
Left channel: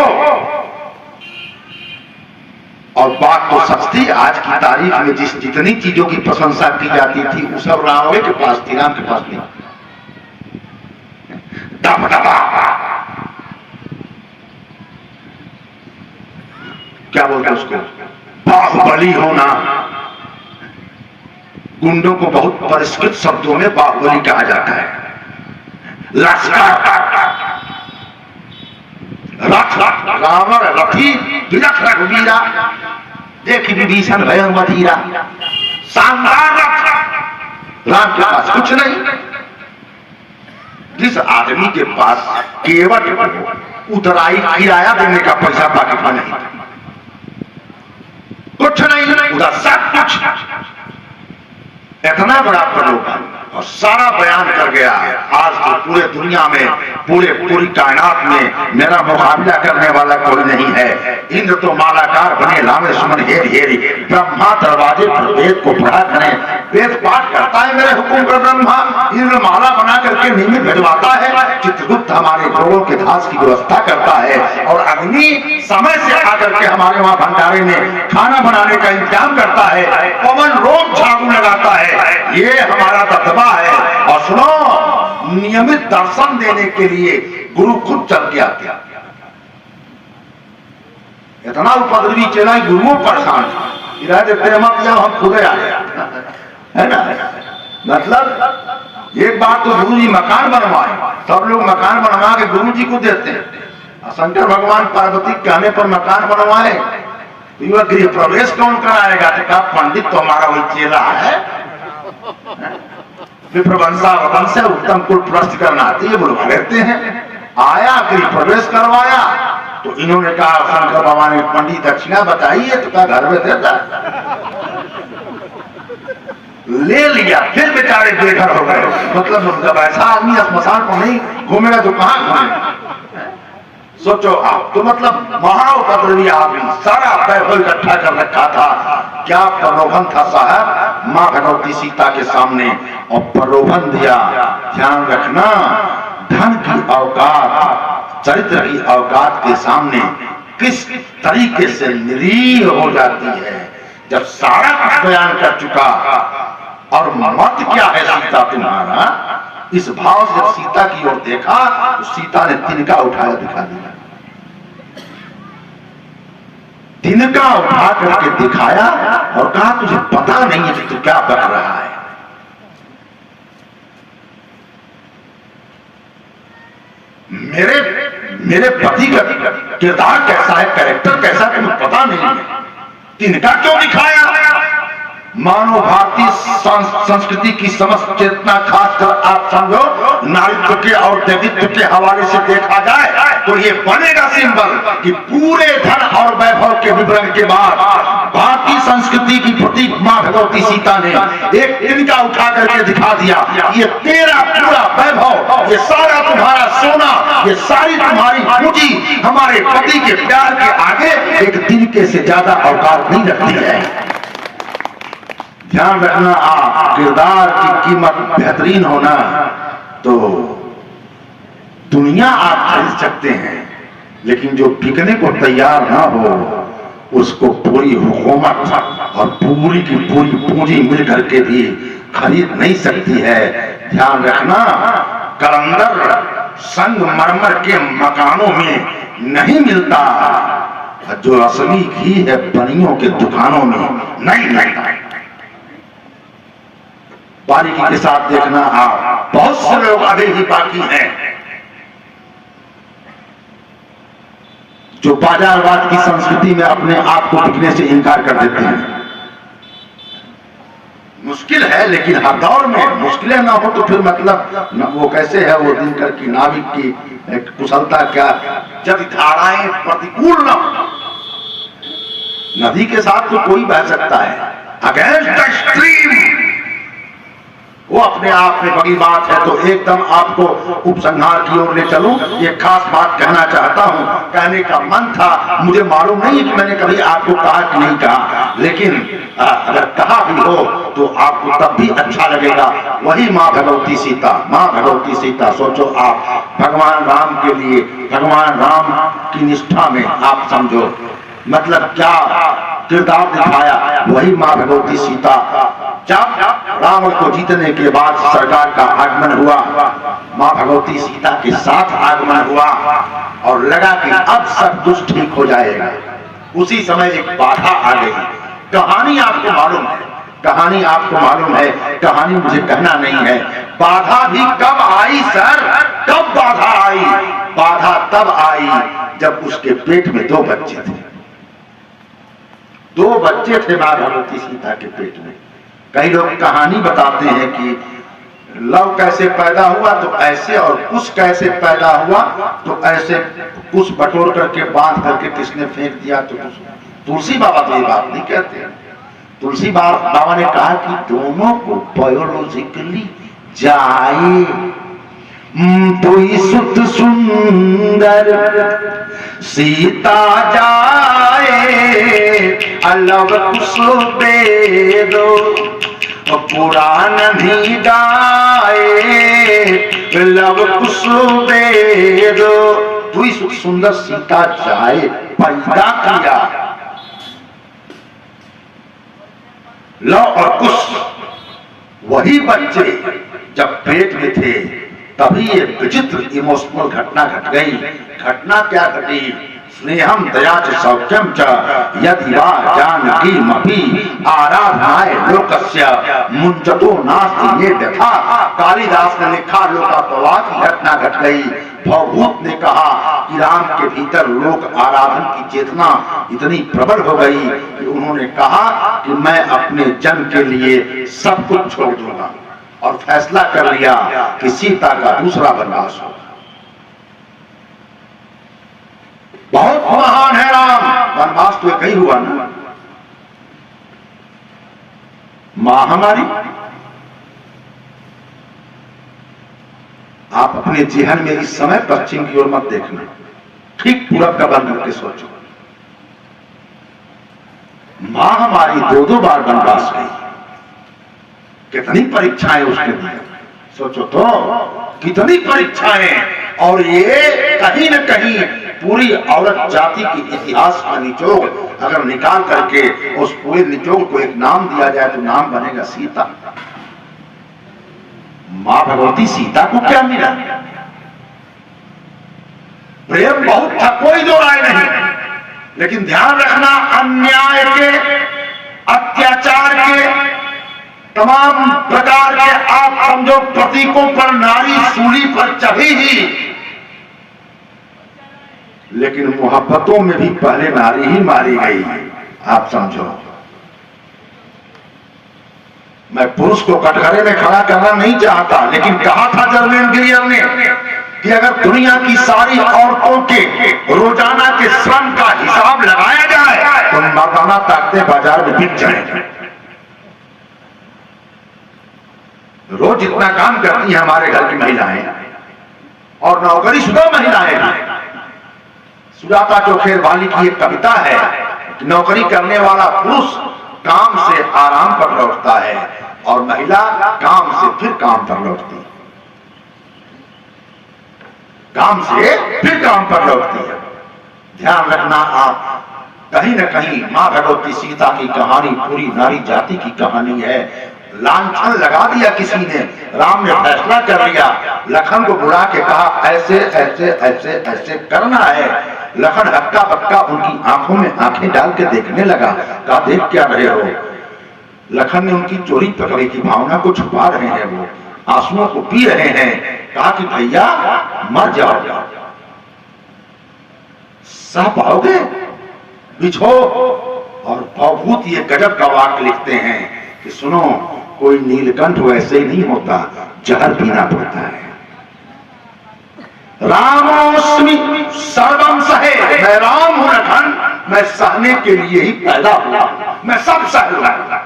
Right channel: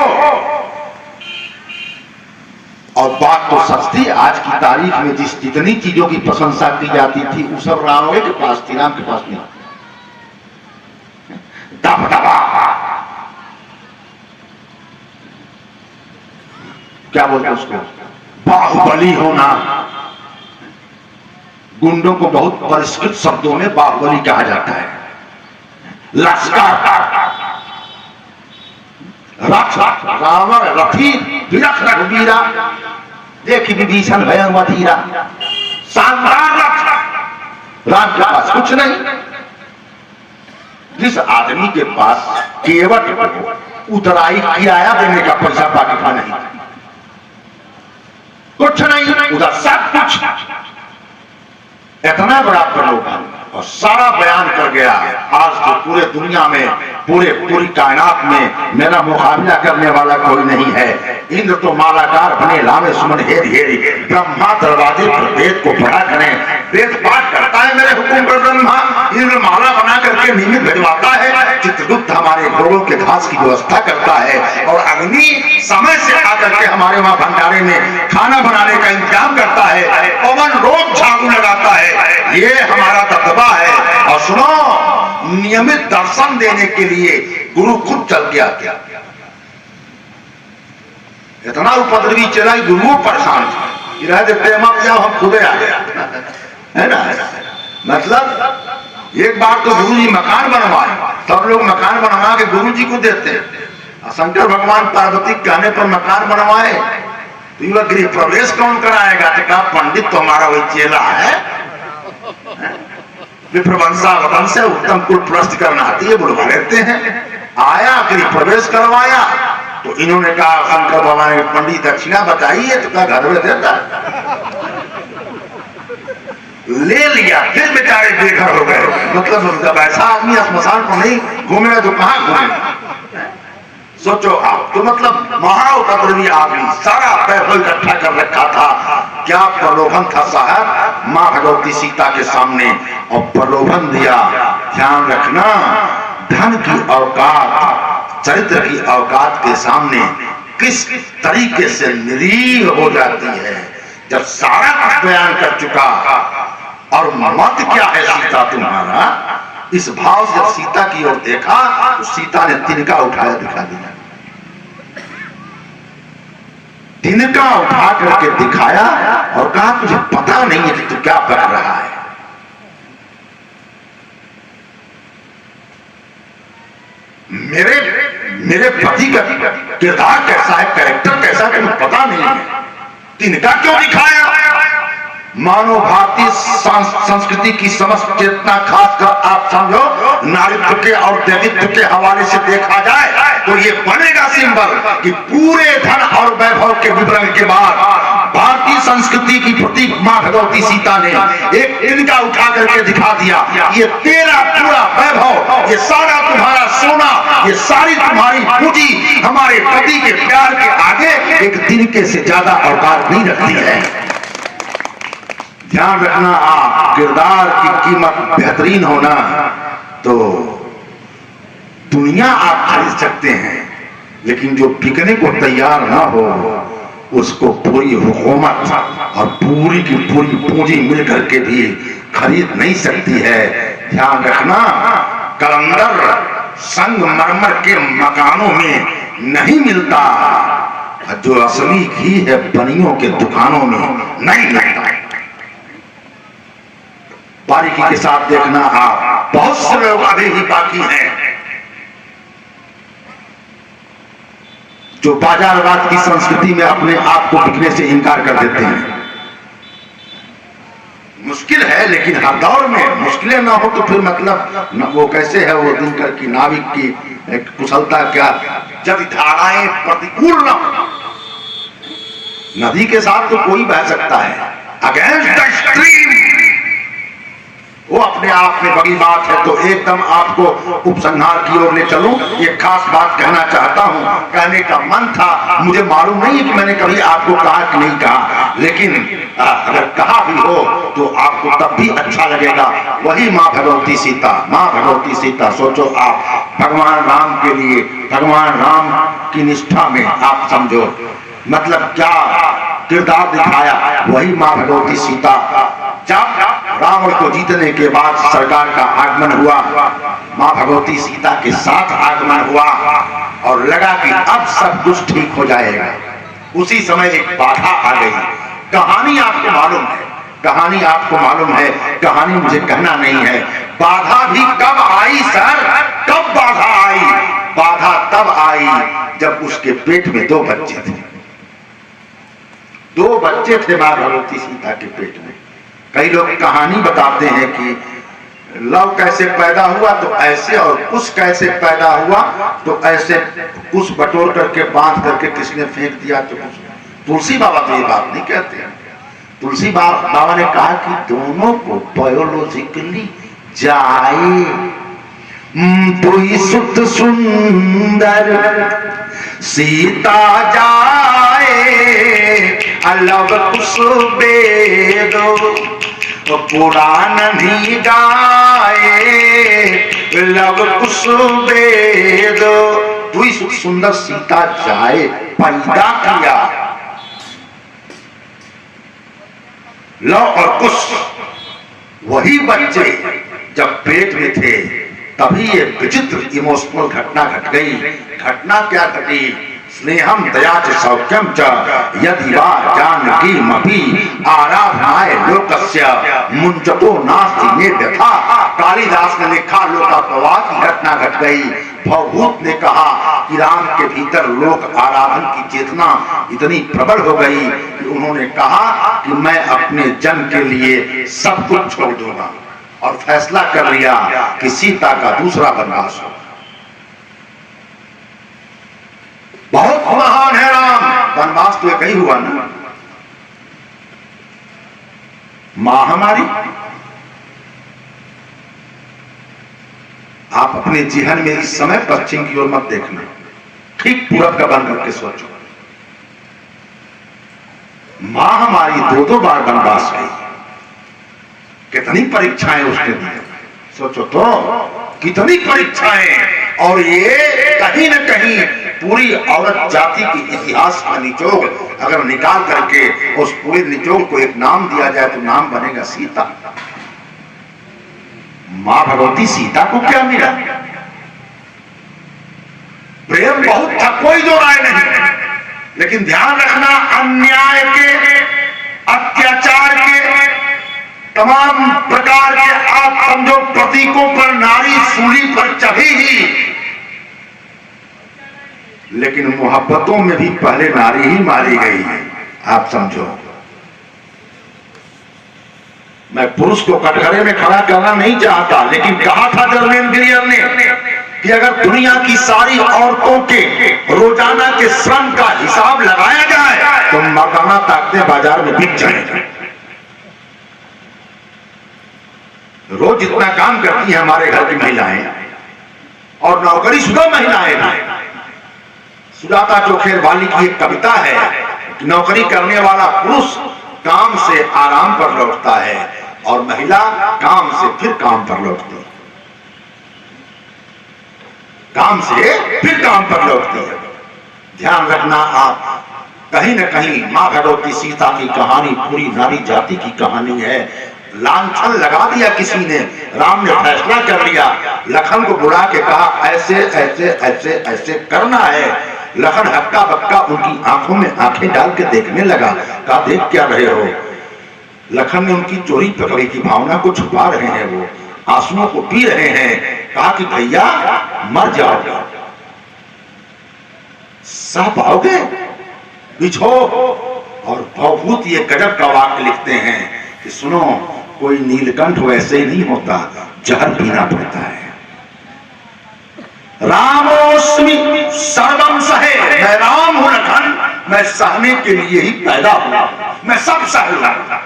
और बात तो सच थी। आज की तारीख में जितनी चीजों की प्रशंसा की जाती थी वो सब रावण के पास थी, राम के पास नहीं। क्या बोलते उसको? बाहुबली होना। गुंडों को बहुत परिष्कृत शब्दों में बाहुबली कहा जाता है। रावण रथी विरथ रघुवीरा, देखी विभीषण भय मधीरा। शानदार रथ राम के पास कुछ नहीं। जिस आदमी के पास केवल उतराई किराया देने का पैसा पाकिटा नहीं, कुछ नहीं, उधर सब कुछ, इतना बड़ा प्रलोभन और सारा बयान कर गया। आज तो पूरे दुनिया में, पूरी कायनात में मेरा मुकाबला करने वाला कोई नहीं है। इंद्र तो मालाकार बने लामे सुमन हेर हेरी, ब्रह्मा दरवाजे पर वेद को पढ़ा करें, वेद पाठ करता है मेरे हुक्म पर ब्रह्मा, इंद्र माला बना करके नियमित भिजवाता है, चित्रगुप्त हमारे लोगों के घास की व्यवस्था करता है, और अग्नि समय से आकर के हमारे वहां भंडारे में खाना बनाने का इंतजाम करता है, पवन रोज झाड़ू लगाता है। ये हमारा दबदबा है। और सुनो, नियमित दर्शन देने के लिए गुरु खुद चल के आते। इतना उपद्रवी चला, गुरु परेशान था, तेरे मत जाओ, हम खुदे आ गया, है ना। मतलब एक बार तो गुरु जी मकान बनवाए, सब लोग मकान बनवा के गुरु जी को देते हैं। शंकर भगवान पार्वती कहने पर मकान बनवाए, तो युवा गृह प्रवेश कौन कराएगा? तो कहा पंडित तो हमारा वही चेला है, विप्रवंश उत्तम कुल प्रस्त करना आती है, बोलो कहते हैं। आया गृह प्रवेश करवाया तो इन्होंने कहा शंकर भगवान पंडित दक्षिणा बताइए, तो क्या घर में देता, ले लिया। फिर बेचारे बेघर हो गए। मतलब जब ऐसा आदमी स्मशान को नहीं घूमेगा तो कहां घूमेगा? सोचो आप, तो मतलब महाउपद्रवी आदमी, सारा वैभव इकट्ठा कर रखा था। क्या प्रलोभन था साहब मां भगवती सीता के सामने, और प्रलोभन दिया। ध्यान रखना, धन की औकात, चरित्र की औकात के सामने किस तरीके से निरीह हो जाती है। जब सारा कुछ बयान कर चुका, और मत क्या है सीता तुम्हारा, इस भाव से जब सीता की ओर देखा तो सीता ने तिनका उठाया दिखा दिया। तिनका उठा करके दिखाया और कहा तुझे पता नहीं है कि तू क्या बक रहा है। मेरे पति का किरदार कैसा है, कैरेक्टर कैसा है, तुम्हें पता नहीं है। तिनका क्यों दिखाया? मानव भारतीय संस्कृति की समस्त चेतना, खासकर आप समझो नारीत्व के और दैवित्व के हवाले से देखा जाए तो ये बनेगा सिंबल कि पूरे धन और वैभव के विवरण के बाद भारतीय संस्कृति की प्रतीक मां भगवती सीता ने एक तिनका उठा करके दिखा दिया। ये तेरा पूरा वैभव, ये सारा तुम्हारा सोना, ये सारी तुम्हारी पूंजी हमारे पति के प्यार के आगे एक तिनके से ज्यादा औकात नहीं रखती है। ध्यान रखना, आप किरदार की कीमत बेहतरीन होना तो दुनिया आप खरीद सकते हैं, लेकिन जो बिकने को तैयार ना हो उसको पूरी हुकूमत और पूरी की पूरी पूंजी मिलकर के भी खरीद नहीं सकती है। ध्यान रखना, कलंदर संगमरमर के मकानों में नहीं मिलता, जो असली घी है बनियों के दुकानों में नहीं मिलता। बारीकी के साथ देखना, आप बहुत से लोग अभी भी बाकी हैं जो बाजारवाद की संस्कृति में अपने आप को बिकने से इनकार कर देते हैं। मुश्किल है, लेकिन हर दौर में मुश्किलें ना हो तो फिर मतलब न, वो कैसे है वो दिनकर की नाविक की कुशलता क्या, जब धाराएं प्रतिकूल न हो। नदी के साथ तो कोई बह सकता है, अगेंस्ट द स्ट्रीम वो अपने आप में बड़ी बात है। तो एकदम आपको उपसंहार की ओर ले चलूं, एक खास बात कहना चाहता हूं, कहने का मन था, मुझे मालूम नहीं है कि मैंने कभी आपको कहा कि नहीं कहा, लेकिन अगर कहा भी हो तो आपको तब भी अच्छा लगेगा। वही मां भगवती सीता, मां भगवती सीता, सोचो आप भगवान राम के लिए, भगवान राम की निष्ठा में आप समझो मतलब क्या किरदार दिखाया। वही मां भगवती सीता, जब रावण को जीतने के बाद सरकार का आगमन हुआ, मां भगवती सीता के साथ आगमन हुआ और लगा कि अब सब कुछ ठीक हो जाएगा। उसी समय एक बाधा आ गई। कहानी आपको मालूम है, कहानी आपको मालूम है, कहानी मुझे कहना नहीं है। बाधा भी कब आई सर, कब बाधा आई? बाधा तब आई जब उसके पेट में 2 बच्चे थे। 2 बच्चे थे मां भगवती सीता के पेट में। कई लोग कहानी बताते हैं कि लव कैसे पैदा हुआ तो ऐसे, और कुश कैसे पैदा हुआ तो ऐसे, कुश बटोर करके बांध करके किसने फेंक दिया तो कुछ। तुलसी बाबा तो ये बात नहीं कहते हैं। तुलसी बाबा ने कहा कि दोनों को बायोलॉजिकली जाए, दुई सुत सुंदर सीता जाए, अलव कुश बेदो पुराण भी गाए, लव कुश बेदो। दुई सुत सुंदर सीता जाए, पैदा किया लव और कुश। वही बच्चे जब पेट में थे तभी ये विचित्र इमोशनल घटना घट गई। घटना क्या घटी? स्नेहम दया च सौख्यम च यदि वा जानकीमपि आराधनाय लोकस्य मुंचतो नास्ति मे व्यथा। कालिदास ने लिखा लोकापवाद की घटना घट गई। भवभूत ने कहा कि राम के भीतर लोक आराधन की चेतना इतनी प्रबल हो गई कि उन्होंने कहा कि मैं अपने जन के लिए सब कुछ छोड़ दूंगा, और फैसला कर लिया कि सीता का दूसरा वनवास होगा। बहुत महान है राम, वनवास तो एक ही हुआ ना। मां हमारी, आप अपने जेहन में इस समय पश्चिम की ओर मत देखना, ठीक पूरब का बन करके सोचो, मां हमारी 2-2 बार वनवास गई, कितनी परीक्षाएं उसने दी, सोचो तो कितनी परीक्षाएं। और ये कहीं न कहीं पूरी औरत जाति के इतिहास का निचोड़ अगर निकाल करके उस पूरे निचोड़ को एक नाम दिया जाए तो नाम बनेगा सीता। मां भगवती सीता को क्या मिला? प्रेम बहुत था, कोई दो राय नहीं, लेकिन ध्यान रखना अन्याय के, अत्याचार के, तमाम प्रकार के आप समझो प्रतीकों पर नारी सूली पर चढ़ी ही, लेकिन मोहब्बतों में भी पहले नारी ही मारी गई है। आप समझो, मैं पुरुष को कटघरे में खड़ा करना नहीं चाहता, लेकिन कहा था जर्मेन ग्रियर ने कि अगर दुनिया की सारी औरतों के रोजाना के श्रम का हिसाब लगाया जाए तो मर्दाना ताकतें बाजार में बिक जाएंगी। रोज इतना काम करती हैं हमारे घर की महिलाएं और नौकरीशुदा महिलाएं भी। सुजाता चोखेर वाली की एक कविता है, नौकरी करने वाला पुरुष काम से आराम पर लौटता है और महिला काम से फिर काम पर लौटती है, काम से फिर काम पर लौटती है। ध्यान रखना आप, कहीं न कहीं मां भगवती सीता की कहानी पूरी नारी जाति की कहानी है। लांछन लगा दिया किसी ने, राम ने फैसला कर लिया, लखन को बुला के कहा ऐसे ऐसे ऐसे ऐसे करना है। लखन हक्का बक्का उनकी आंखों में आंखें डाल के देखने लगा, कहा देख क्या रहे हो? लखन ने उनकी चोरी पकड़ी थी, भावना को छुपा रहे हैं, वो आंसुओं को पी रहे हैं। कहा कि भैया मर जाओगे, सह पाओगे, बिछो। और भवभूत ये गजब का वाक्य लिखते हैं कि सुनो, कोई नीलकंठ वैसे ही नहीं होता, जहर पीना पड़ता है। रामोस्मि सर्वम सहे, मैं राम हूं लखन, मैं सहने के लिए ही पैदा हुआ, मैं सब सहूंगा।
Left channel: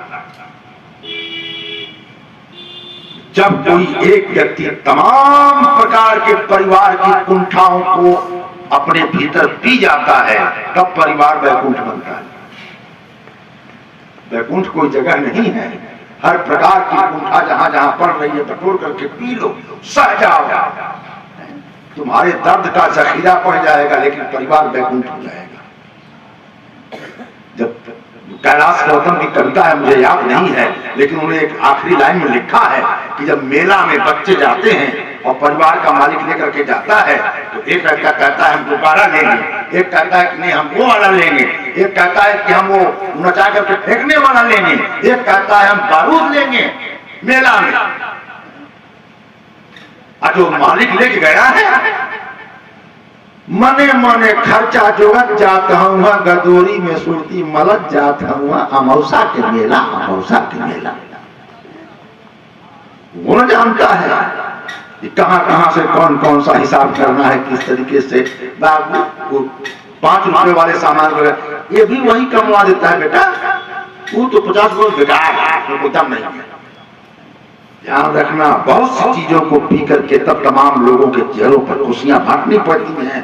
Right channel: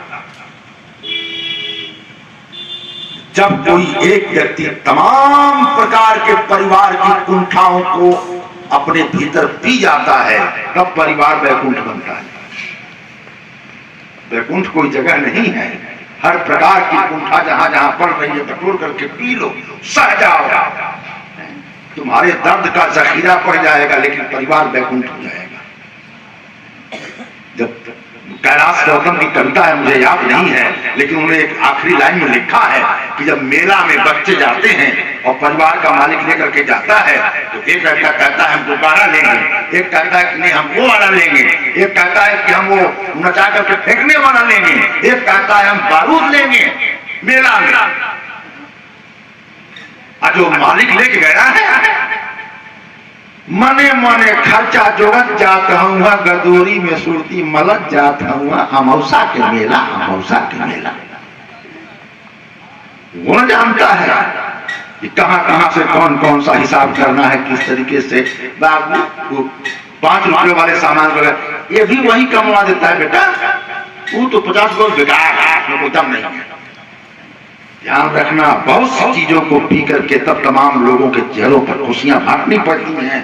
जब कोई एक व्यक्ति तमाम प्रकार के परिवार की कुंठाओं को अपने भीतर पी जाता है, तब परिवार वैकुंठ बनता है। वैकुंठ कोई जगह नहीं है, हर प्रकार की कुंठा जहां जहां पड़ रही है बटोर करके पी लो, सह जाओ, तुम्हारे दर्द का जखीरा पड़ जाएगा, लेकिन परिवार वैकुंठ हो जाएगा। जब कैलाश गौतम की कविता है, मुझे याद नहीं है, लेकिन उन्होंने एक आखिरी लाइन में लिखा है कि जब मेला में बच्चे जाते हैं और परिवार का मालिक लेकर के जाता है, तो एक लड़का कहता है हम दोबारा लेंगे, एक कहता है कि नहीं हम वो वाला लेंगे, एक कहता है कि हम वो नचा करके फेंकने वाला लेंगे, एक कहता है हम बारूद लेंगे मेला में। जो मालिक लेके गया है, मने मने खर्चा जोड़त जात हुआ, गदोरी में सुरती मलत जात हुआ, अमौसा के मेला, अमौसा के मेला। वो जानता है कि कहां कहां से कौन कौन सा हिसाब करना है, किस तरीके से। बाबू 5 रुपए वाले सामान वगैरह ये भी वही कमवा देता है बेटा, वो तो 50 रुपए बेकार है, वो दम नहीं है। ध्यान रखना, बहुत सी चीजों को पी करके तब तमाम लोगों के चेहरों पर खुशियां बांटनी पड़ती हैं।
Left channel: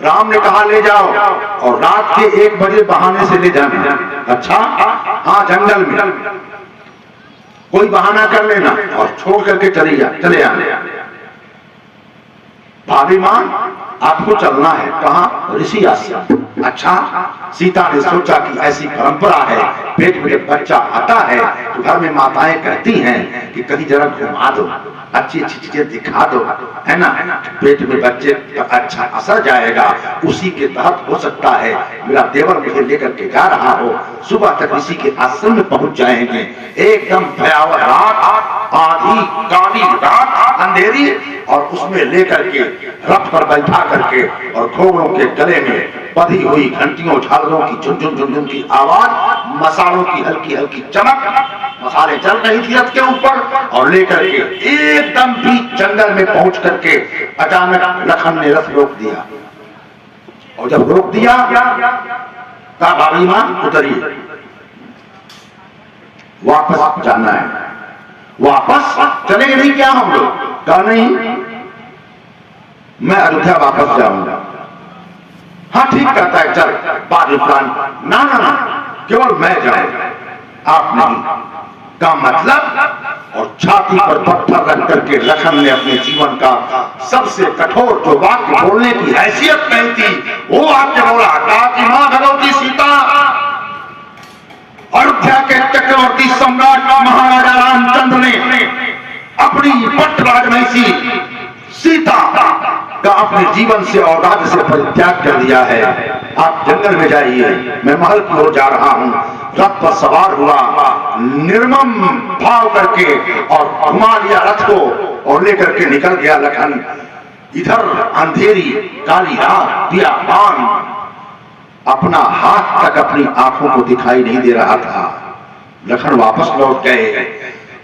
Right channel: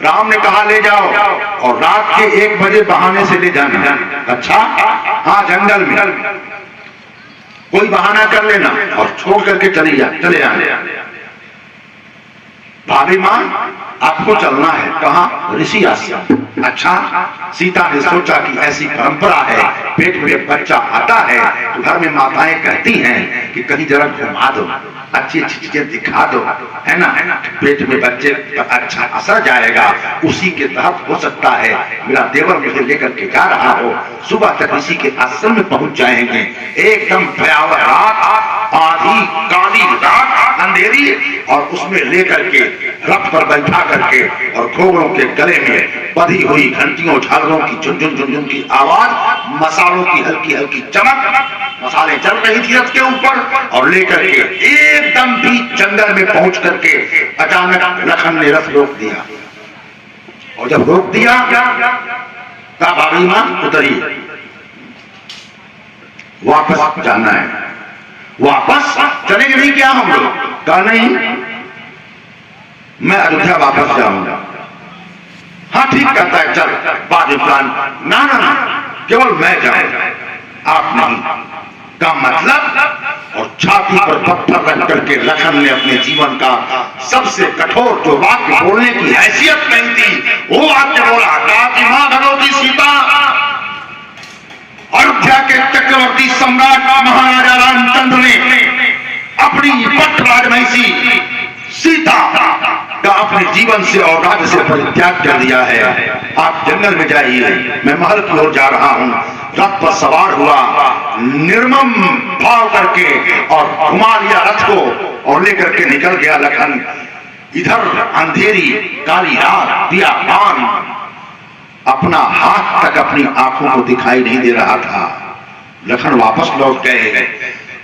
राम ने कहा ले जाओ, और रात के 1 बजे बहाने से ले जाना। अच्छा हाँ, जंगल में कोई बहाना कर लेना और छोड़ करके चले आना। भाभी मां आपको चलना है, कहा ऋषि आश्रम। अच्छा, सीता ने सोचा कि ऐसी परंपरा है, पेट में बच्चा आता है तो घर में माताएं कहती हैं कि कहीं जरा घुमा दो, अच्छी अच्छी चीजें दिखा दो, है ना, पेट में बच्चे पर अच्छा असर जाएगा। उसी के तहत हो सकता है मेरा देवर मुझे लेकर के जा रहा हो, सुबह तक ऋषि के आश्रम में पहुंच जाएंगे। एकदम भयावह रात, आधी काली रात, अंधेरी, और उसमें लेकर के रथ पर बैठा करके और घोड़ों के गले में बधी हुई घंटियों झालरों की झुनझुन झुनझुन की आवाज, मसालों की हल्की हल्की चमक, मसाले चल रही थी रथ के ऊपर, और लेकर के एकदम बीच जंगल में पहुंच करके अचानक लखन ने रथ रोक दिया। और जब रोक दिया, कहा भाभी मां उतरिए, वापस जाना है। वापस चलेंगे नहीं क्या हम लोग? कहा नहीं, मैं अयोध्या वापस जाऊंगा। हाँ ठीक कहता है, चल बाद में प्लान। ना ना ना, केवल मैं जाऊं, आप नहीं का मतलब। और छाती पर पत्थर रख करके लखन ने अपने जीवन का सबसे कठोर जो वाक्य बोलने की हैसियत नहीं थी, वो वाक्य बोला। कहा कि मां भगवती सीता, अयोध्या के चक्रवर्ती सम्राट महाराजा रामचंद्र ने अपनी पट राजमहिषी सीता का अपने जीवन से और राज्य से परित्याग कर दिया है। आप जंगल में जाइए, मैं महल की ओर जा रहा हूं। रथ पर सवार हुआ, निर्मम भाव करके और घुमा लिया रथ को और लेकर के निकल गया लखन। इधर अंधेरी काली रात, दिया पान, अपना हाथ तक अपनी आंखों को दिखाई नहीं दे रहा था। लखन वापस लौट गए,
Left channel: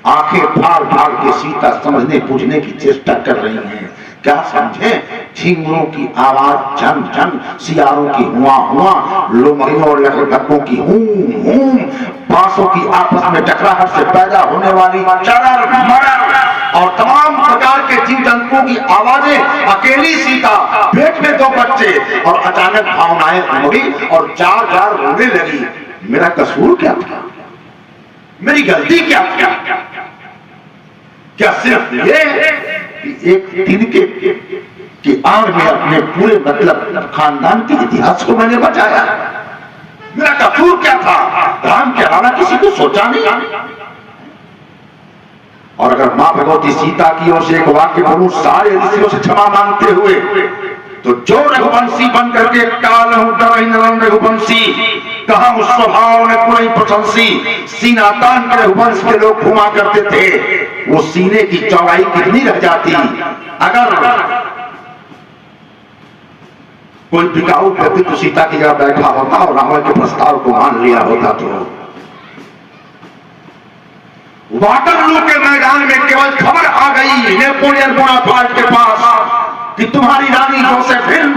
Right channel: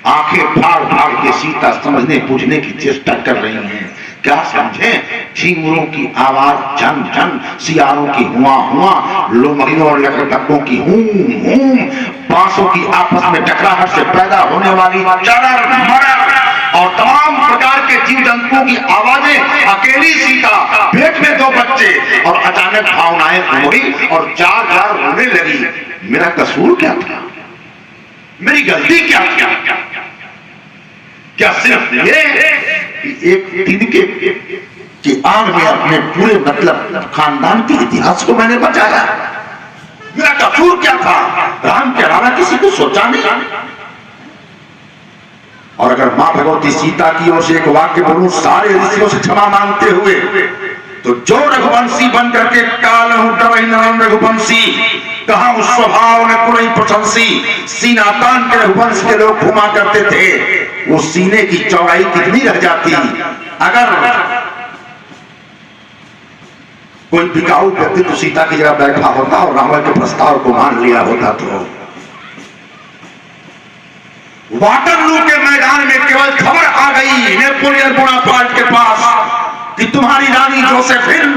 आंखें फाड़ फाड़ के सीता समझने पूछने की चेष्टा कर रही हैं। क्या समझे? झिंगुरों की आवाज झन झन, सियारों की हुआ हुआ, लोमड़ियों और लकड़बग्घों की हूम हूम, बांसों की आपस में टकराहट से पैदा होने वाली चरर मरर और तमाम प्रकार के जीव जंतुओं की आवाजें। अकेली सीता, पेट में 2 बच्चे, और अचानक भावनाएं उमड़ी और जार जार रोने लगी। मेरा कसूर क्या था? मेरी गलती क्या थी? क्या सिर्फ ये एक दिन के आग में अपने पूरे मतलब खानदान के इतिहास को मैंने बचाया? मेरा कसूर क्या था? राम के अलावा किसी को सोचा नहीं। और अगर मां भगवती सीता की ओर से एक वाक्य बोलूं सारे ऋषियों से क्षमा मांगते हुए, तो जो रघुवंशी बन करके काल रघुवंशी कहा उस स्वभाव में कोई प्रशंसी, सीना तान के रघुवंश के लोग घुमा करते थे। वो सीने की चौड़ाई कितनी रह जाती अगर कोई बिकाऊ व्यक्ति तो सीता की जगह बैठा होता और रावण के प्रस्ताव को मान लिया होता। तो वाटरलू के मैदान में केवल खबर आ गई नेपोलियन बोनापार्ट के पास कि तुम्हारी रानी जोसेफिन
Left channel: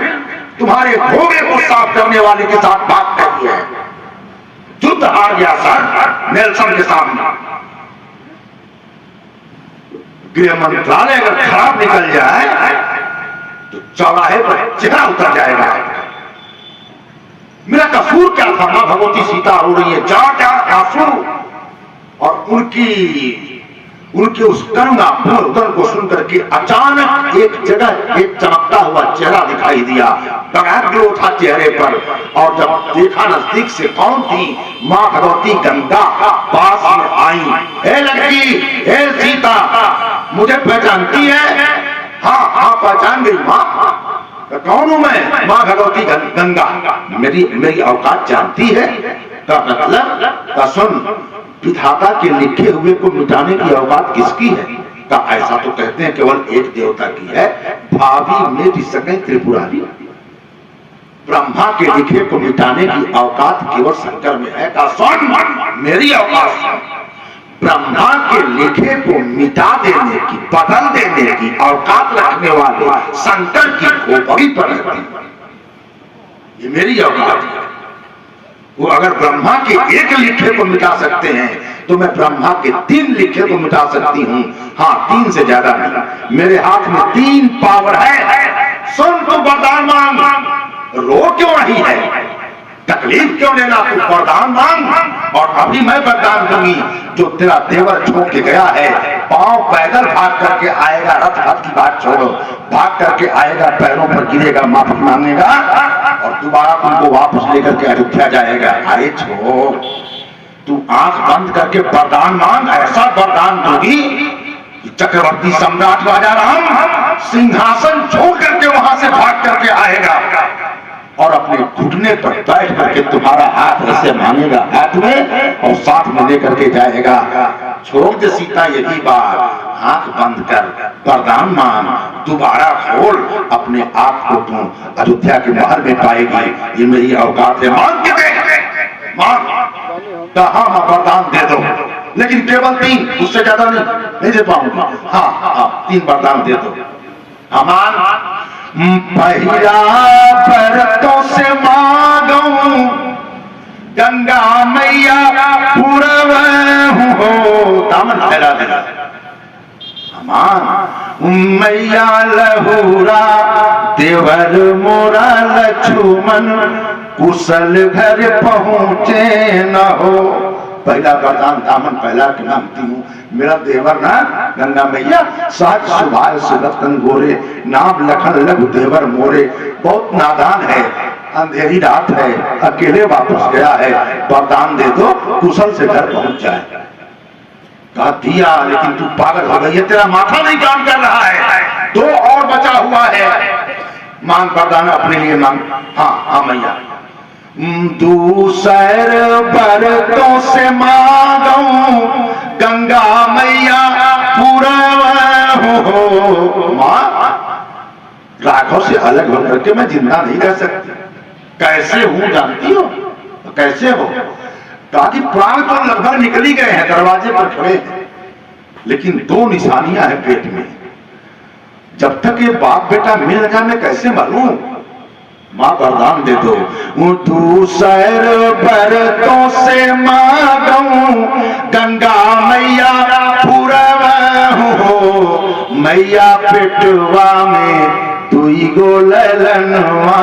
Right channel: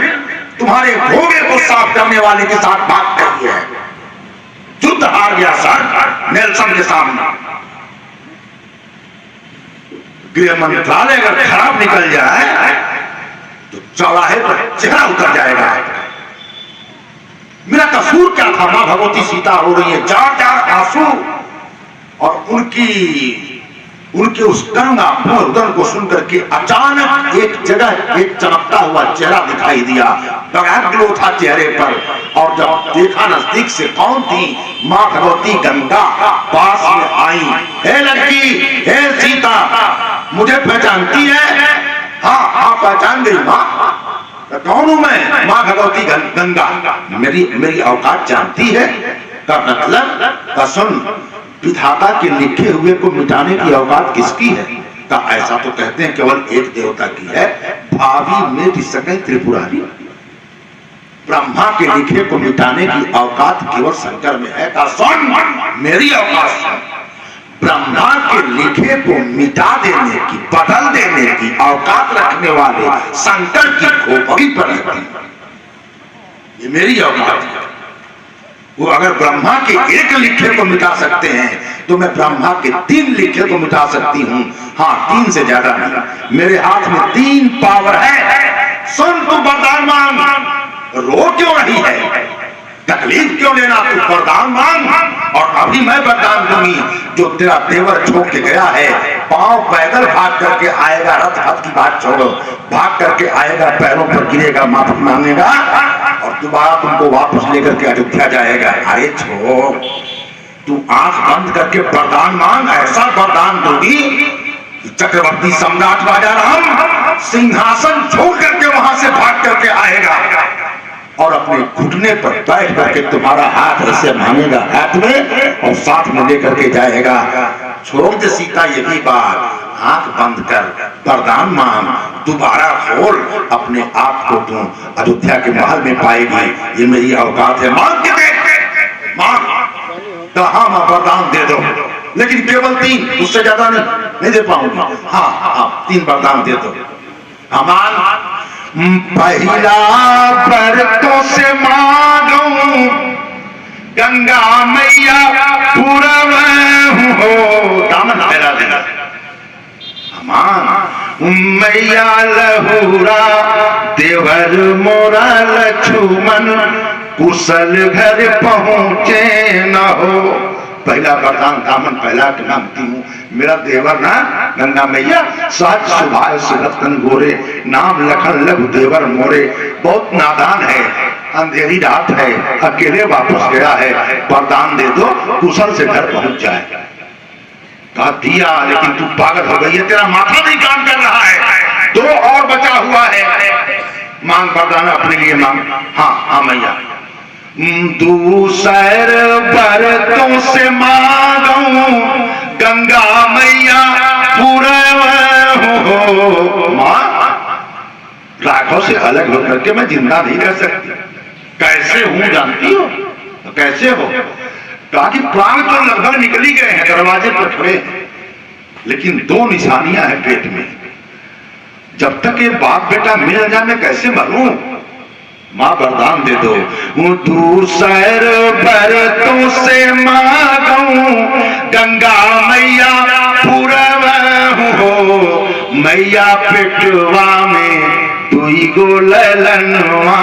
तुम्हारे भोगे को साफ करने वाले के साथ बात करी है। युद्ध हार गया सर नेल्सन के सामने। गृह मंत्रालय अगर खराब निकल जाए तो चौराहे पर चेहरा उतर जाएगा। मेरा कसूर क्या था? मां भगवती सीता रो रही है, जार जार आंसू, और उनके उस गंगा भून को सुनकर के अचानक एक जगह एक चमकता हुआ चेहरा दिखाई दिया। बड़ा ग्लो था चेहरे पर, और जब देखा नजदीक से कौन थी? मां भगवती गंगा पास में आई। हे लड़की, हे सीता, मुझे पहचानती है? हाँ हाँ पहचान गई मां। कौन हूं मैं? मां भगवती गंगा। मेरी औकात जानती है? का मतलब का सुन, विधाता के लिखे हुए को मिटाने की औकात किसकी है? का ऐसा तो कहते हैं केवल एक देवता की है, भावी मिट सके त्रिपुरारी। ब्रह्मा के लिखे को मिटाने की औकात केवल शंकर में है। का सुन, मेरी औकात ब्रह्मा के लिखे को मिटा देने की, बदल देने की औकात रखने वाले शंकर की खोपड़ी पर रहती है। ये मेरी औकात है। वो अगर ब्रह्मा के एक लिखे को मिटा सकते हैं तो मैं ब्रह्मा के 3 लिखे को मिटा सकती हूँ। हाँ, 3 से ज्यादा नहीं। मेरे हाथ में 3 पावर है। सुन, तू वरदान मांग। रो क्यों रही है? तकलीफ क्यों लेना? तू वरदान मांग और अभी मैं वरदान दूंगी। जो तेरा देवर छोड़ के गया है, पांव पैदल भाग करके आएगा, रथ पथ की बात छोड़ो, भाग करके आएगा, पैरों पर गिरेगा, माफी मांगेगा और दोबारा तुमको वापस लेकर के अयोध्या जाएगा। अरे छोड़, तू आंख बंद करके वरदान मांग। ऐसा वरदान दूंगी कि चक्रवर्ती सम्राट राजा राम सिंहासन छोड़ करके वहां से भाग करके आएगा और अपने घुटने पर बैठ करके तुम्हारा हाथ ऐसे मांगेगा हाथ में और साथ में लेकर के जाएगा। छोड़ दे सीता ये भी बात, आंख बंद कर, वरदान मांग, दोबारा खोल, अपने आप को तू अयोध्या के महल में पाएगी। ये मेरी औकात है। मांग के देख, मांग। हाँ, मैं वरदान दे दो, लेकिन केवल 3, उससे ज्यादा नहीं दे पाऊंगा। हाँ, 3 वरदान दे दो। अमान पहला बरतों से मांगूं गंगा मैया पूरब हो, दामन फैला देगा। अमान मैया लहुरा देवर मोरा लक्ष्मण कुशल घर पहुँचे न हो। पहला वरदान दामन पहला के मांगती हूँ, मेरा देवर ना गंगा मैया सात सुभाष सुरतन गोरे, नाम लखन लघु देवर मोरे। बहुत नादान है, अंधेरी रात है, अकेले वापस गया है, वरदान दे दो कुशल से घर पहुंच जाए। कहा दिया, लेकिन तू पागल हो गई है, तेरा माथा नहीं काम कर रहा है, दो और बचा हुआ है। मांग वरदान अपने लिए मांग। हाँ मैया, दूसर बरतों से मांगूं गंगा मैया पूरा हो। मां, राघव से अलग होकर के मैं जिंदा नहीं रह सकती। कैसे हूं जानती हो? कैसे हो? कहा कि प्राण तो लगभग निकल ही गए हैं, दरवाजे पर खड़े हैं, लेकिन दो निशानियां हैं पेट में। जब तक ये बाप बेटा मिल न जाए मैं कैसे मरूं? मां वरदान दे दो। दूसर बरतों से मांगूं गंगा मैया पूरब हो। मैया पेटवा में दुई गो ललनवा,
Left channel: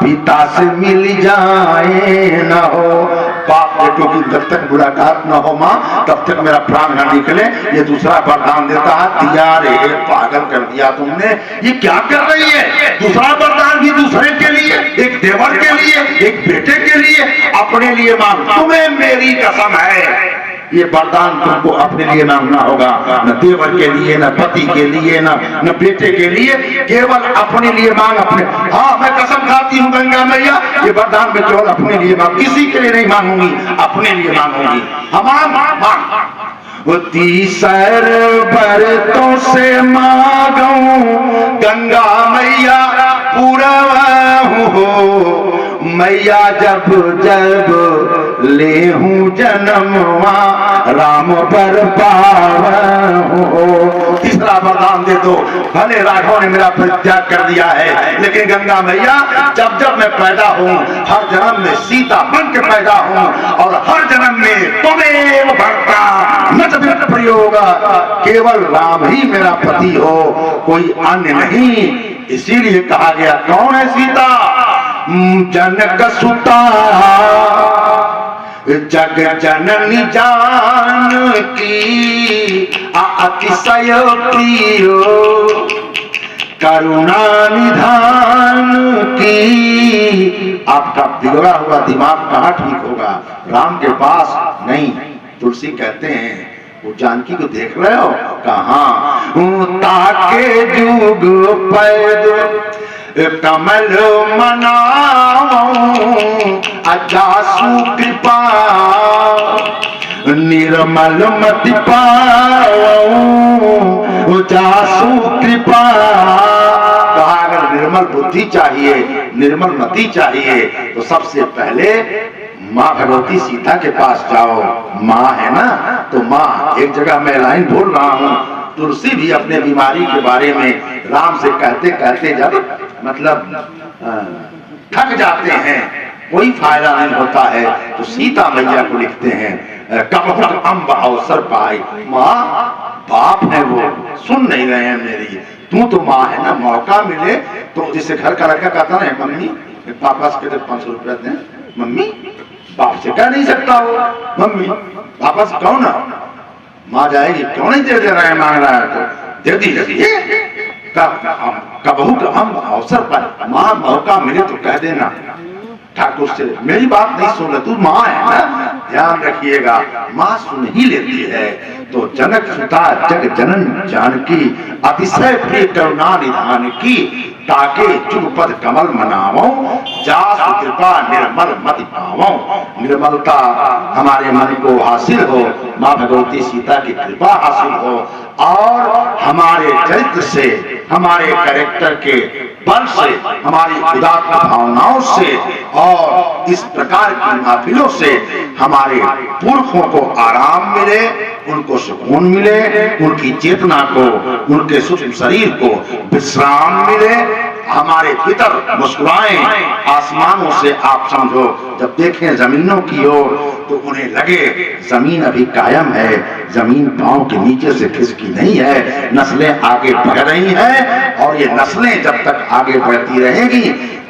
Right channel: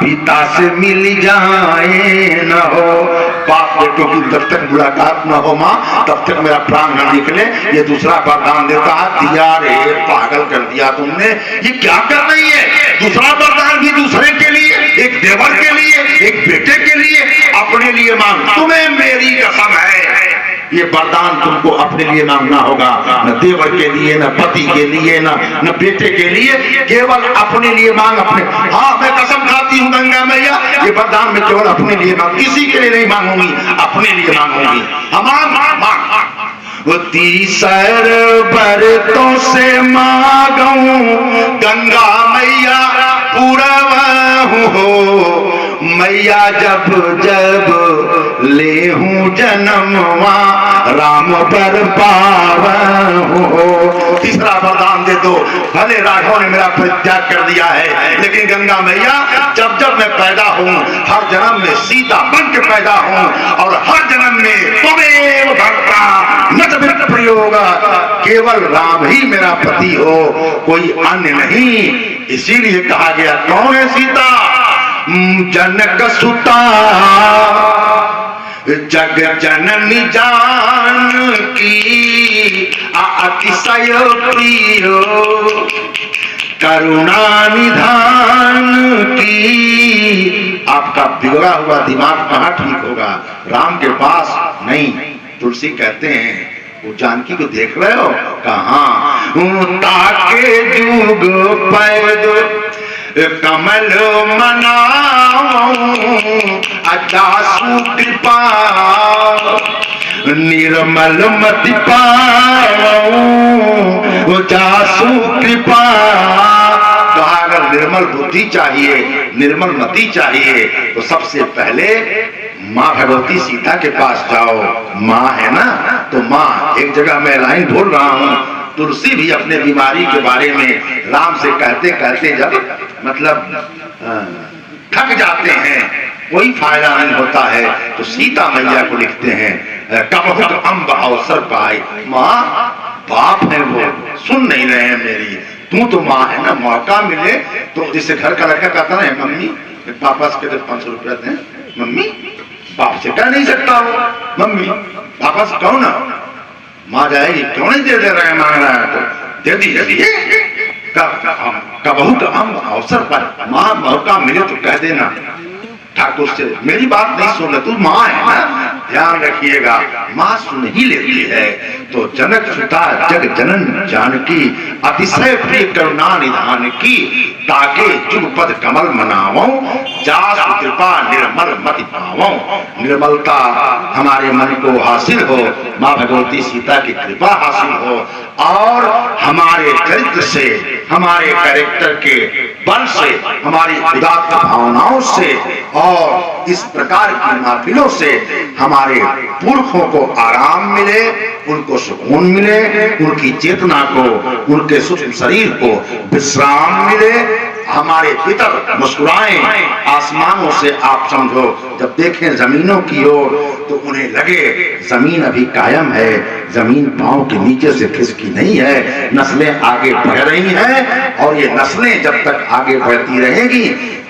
पिता से मिल जाए न हो। बाप बेटों की जब तक मुलाकात न हो माँ, तब तक मेरा प्राण न निकले। ये दूसरा वरदान देता है। दिया रे, पागल कर दिया तुमने, ये क्या कर रही है? दूसरा वरदान भी दूसरे के लिए, एक देवर के लिए, एक बेटे के लिए, अपने लिए मांग। तुम्हें मेरी कसम है, ये वरदान तुमको अपने लिए मांगना होगा, न देवर के लिए, न पति के लिए, न बेटे के लिए, केवल अपने लिए मांग। अपने, हाँ मैं कसम खाती हूँ गंगा मैया, ये वरदान मैं केवल अपने लिए मांग, किसी के लिए नहीं मांगूंगी, अपने लिए मांगूंगी। वो तीसर बरतों से मांगूं गंगा मैया पूरब हो। मैया जब जब ले हूँ जन्मवा, राम पर पावन हो। तीसरा वरदान दे दो। भले राघव ने मेरा परित्याग कर दिया है, लेकिन गंगा मैया जब जब मैं पैदा हूँ, हर जन्म में सीता बन के पैदा हूँ, और हर जन्म में त्वमेव भर्ता न च विरक्त प्रयोग, केवल राम ही मेरा पति हो, कोई अन्य नहीं। इसीलिए कहा गया, कौन है सीता? जनक सुता जग जननी जानकी, अतिशय प्रियो करुणा निधान की। आपका बिगड़ा हुआ दिमाग कहाँ ठीक होगा? राम के पास नहीं। तुलसी कहते हैं, वो जानकी को देख रहे हो? कहाँ? ताके जुग पैदो कमल मनाऊं, अजासु कृपा निर्मल मति पाऊं, जासु कृपा। कहा अगर निर्मल बुद्धि चाहिए, निर्मल मति चाहिए, तो सबसे पहले माँ भगवती सीता के पास जाओ। माँ है ना, तो माँ। एक जगह मैं लाइन बोल रहा हूँ, तुलसी भी अपने बीमारी के बारे में राम से कहते कहते जब मतलब थक जाते हैं, कोई फायदा नहीं होता है, तो सीता मैया को लिखते हैं, कबहुत अम्ब अवसर पाए। माँ बाप है वो, सुन नहीं रहे हैं मेरी, तू तो माँ है ना, मौका मिले तो। जिससे घर का लड़का कहता है, मम्मी पापा के तो 500 रुपया दें, मम्मी बाप से कह नहीं सकता वो, मम्मी पापा से कहो ना। माँ जाएगी, क्यों नहीं दे रहे हैं, मांग रहा है तो दे दीजिए। बहुत हम अवसर पर माँ मौका मिले तो कह देना ठाकुर से, मेरी बात नहीं सुन, तू माँ है ना, ध्यान रखिएगा। माँ सुन ही लेती है। तो जनक सुता जग जनन जानकी, अतिशय प्रिय करुणा निधान की। ताके जुग पद कमल मनावो, जासु कृपा निर्मल मति पावो। निर्मलता हमारे मन को हासिल हो, माँ भगवती सीता की कृपा हासिल हो, और हमारे चरित्र से, हमारे कैरेक्टर के बल से, हमारी उदात्त भावनाओं से, और इस प्रकार की महफिलों से हमारे पुरखों को आराम मिले, उनको सुकून मिले, उनकी चेतना को, उनके सूक्ष्म शरीर को विश्राम मिले। हमारे भीतर मुस्कुराएं। आसमानों से आप समझो, जब देखें जमीनों की ओर तो उन्हें लगे जमीन अभी कायम है, जमीन पांव के नीचे से खिसकी नहीं है, नस्लें आगे बढ़ रही हैं और ये नस्लें जब तक आगे बढ़ती रहेंगी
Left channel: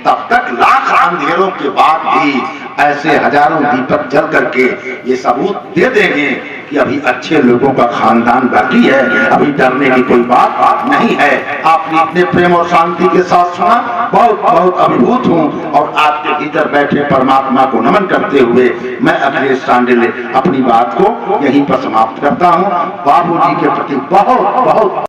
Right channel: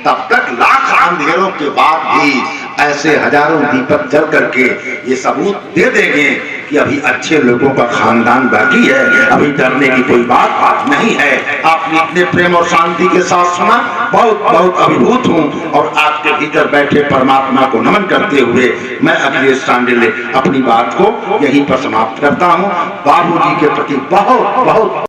तब तक लाख अंधेरों के बाद भी ऐसे हजारों दीपक जल करके ये सबूत दे देंगे कि अभी अच्छे लोगों का खानदान बाकी है, अभी डरने की कोई बात नहीं है। आपने इतने प्रेम और शांति के साथ सुना, बहुत बहुत अभिभूत हूँ और आपके भीतर बैठे परमात्मा को नमन करते हुए मैं अखिलेश सांडिल्य अपनी बात को यहीं पर समाप्त करता हूँ। बाबूजी के प्रति बहुत बहुत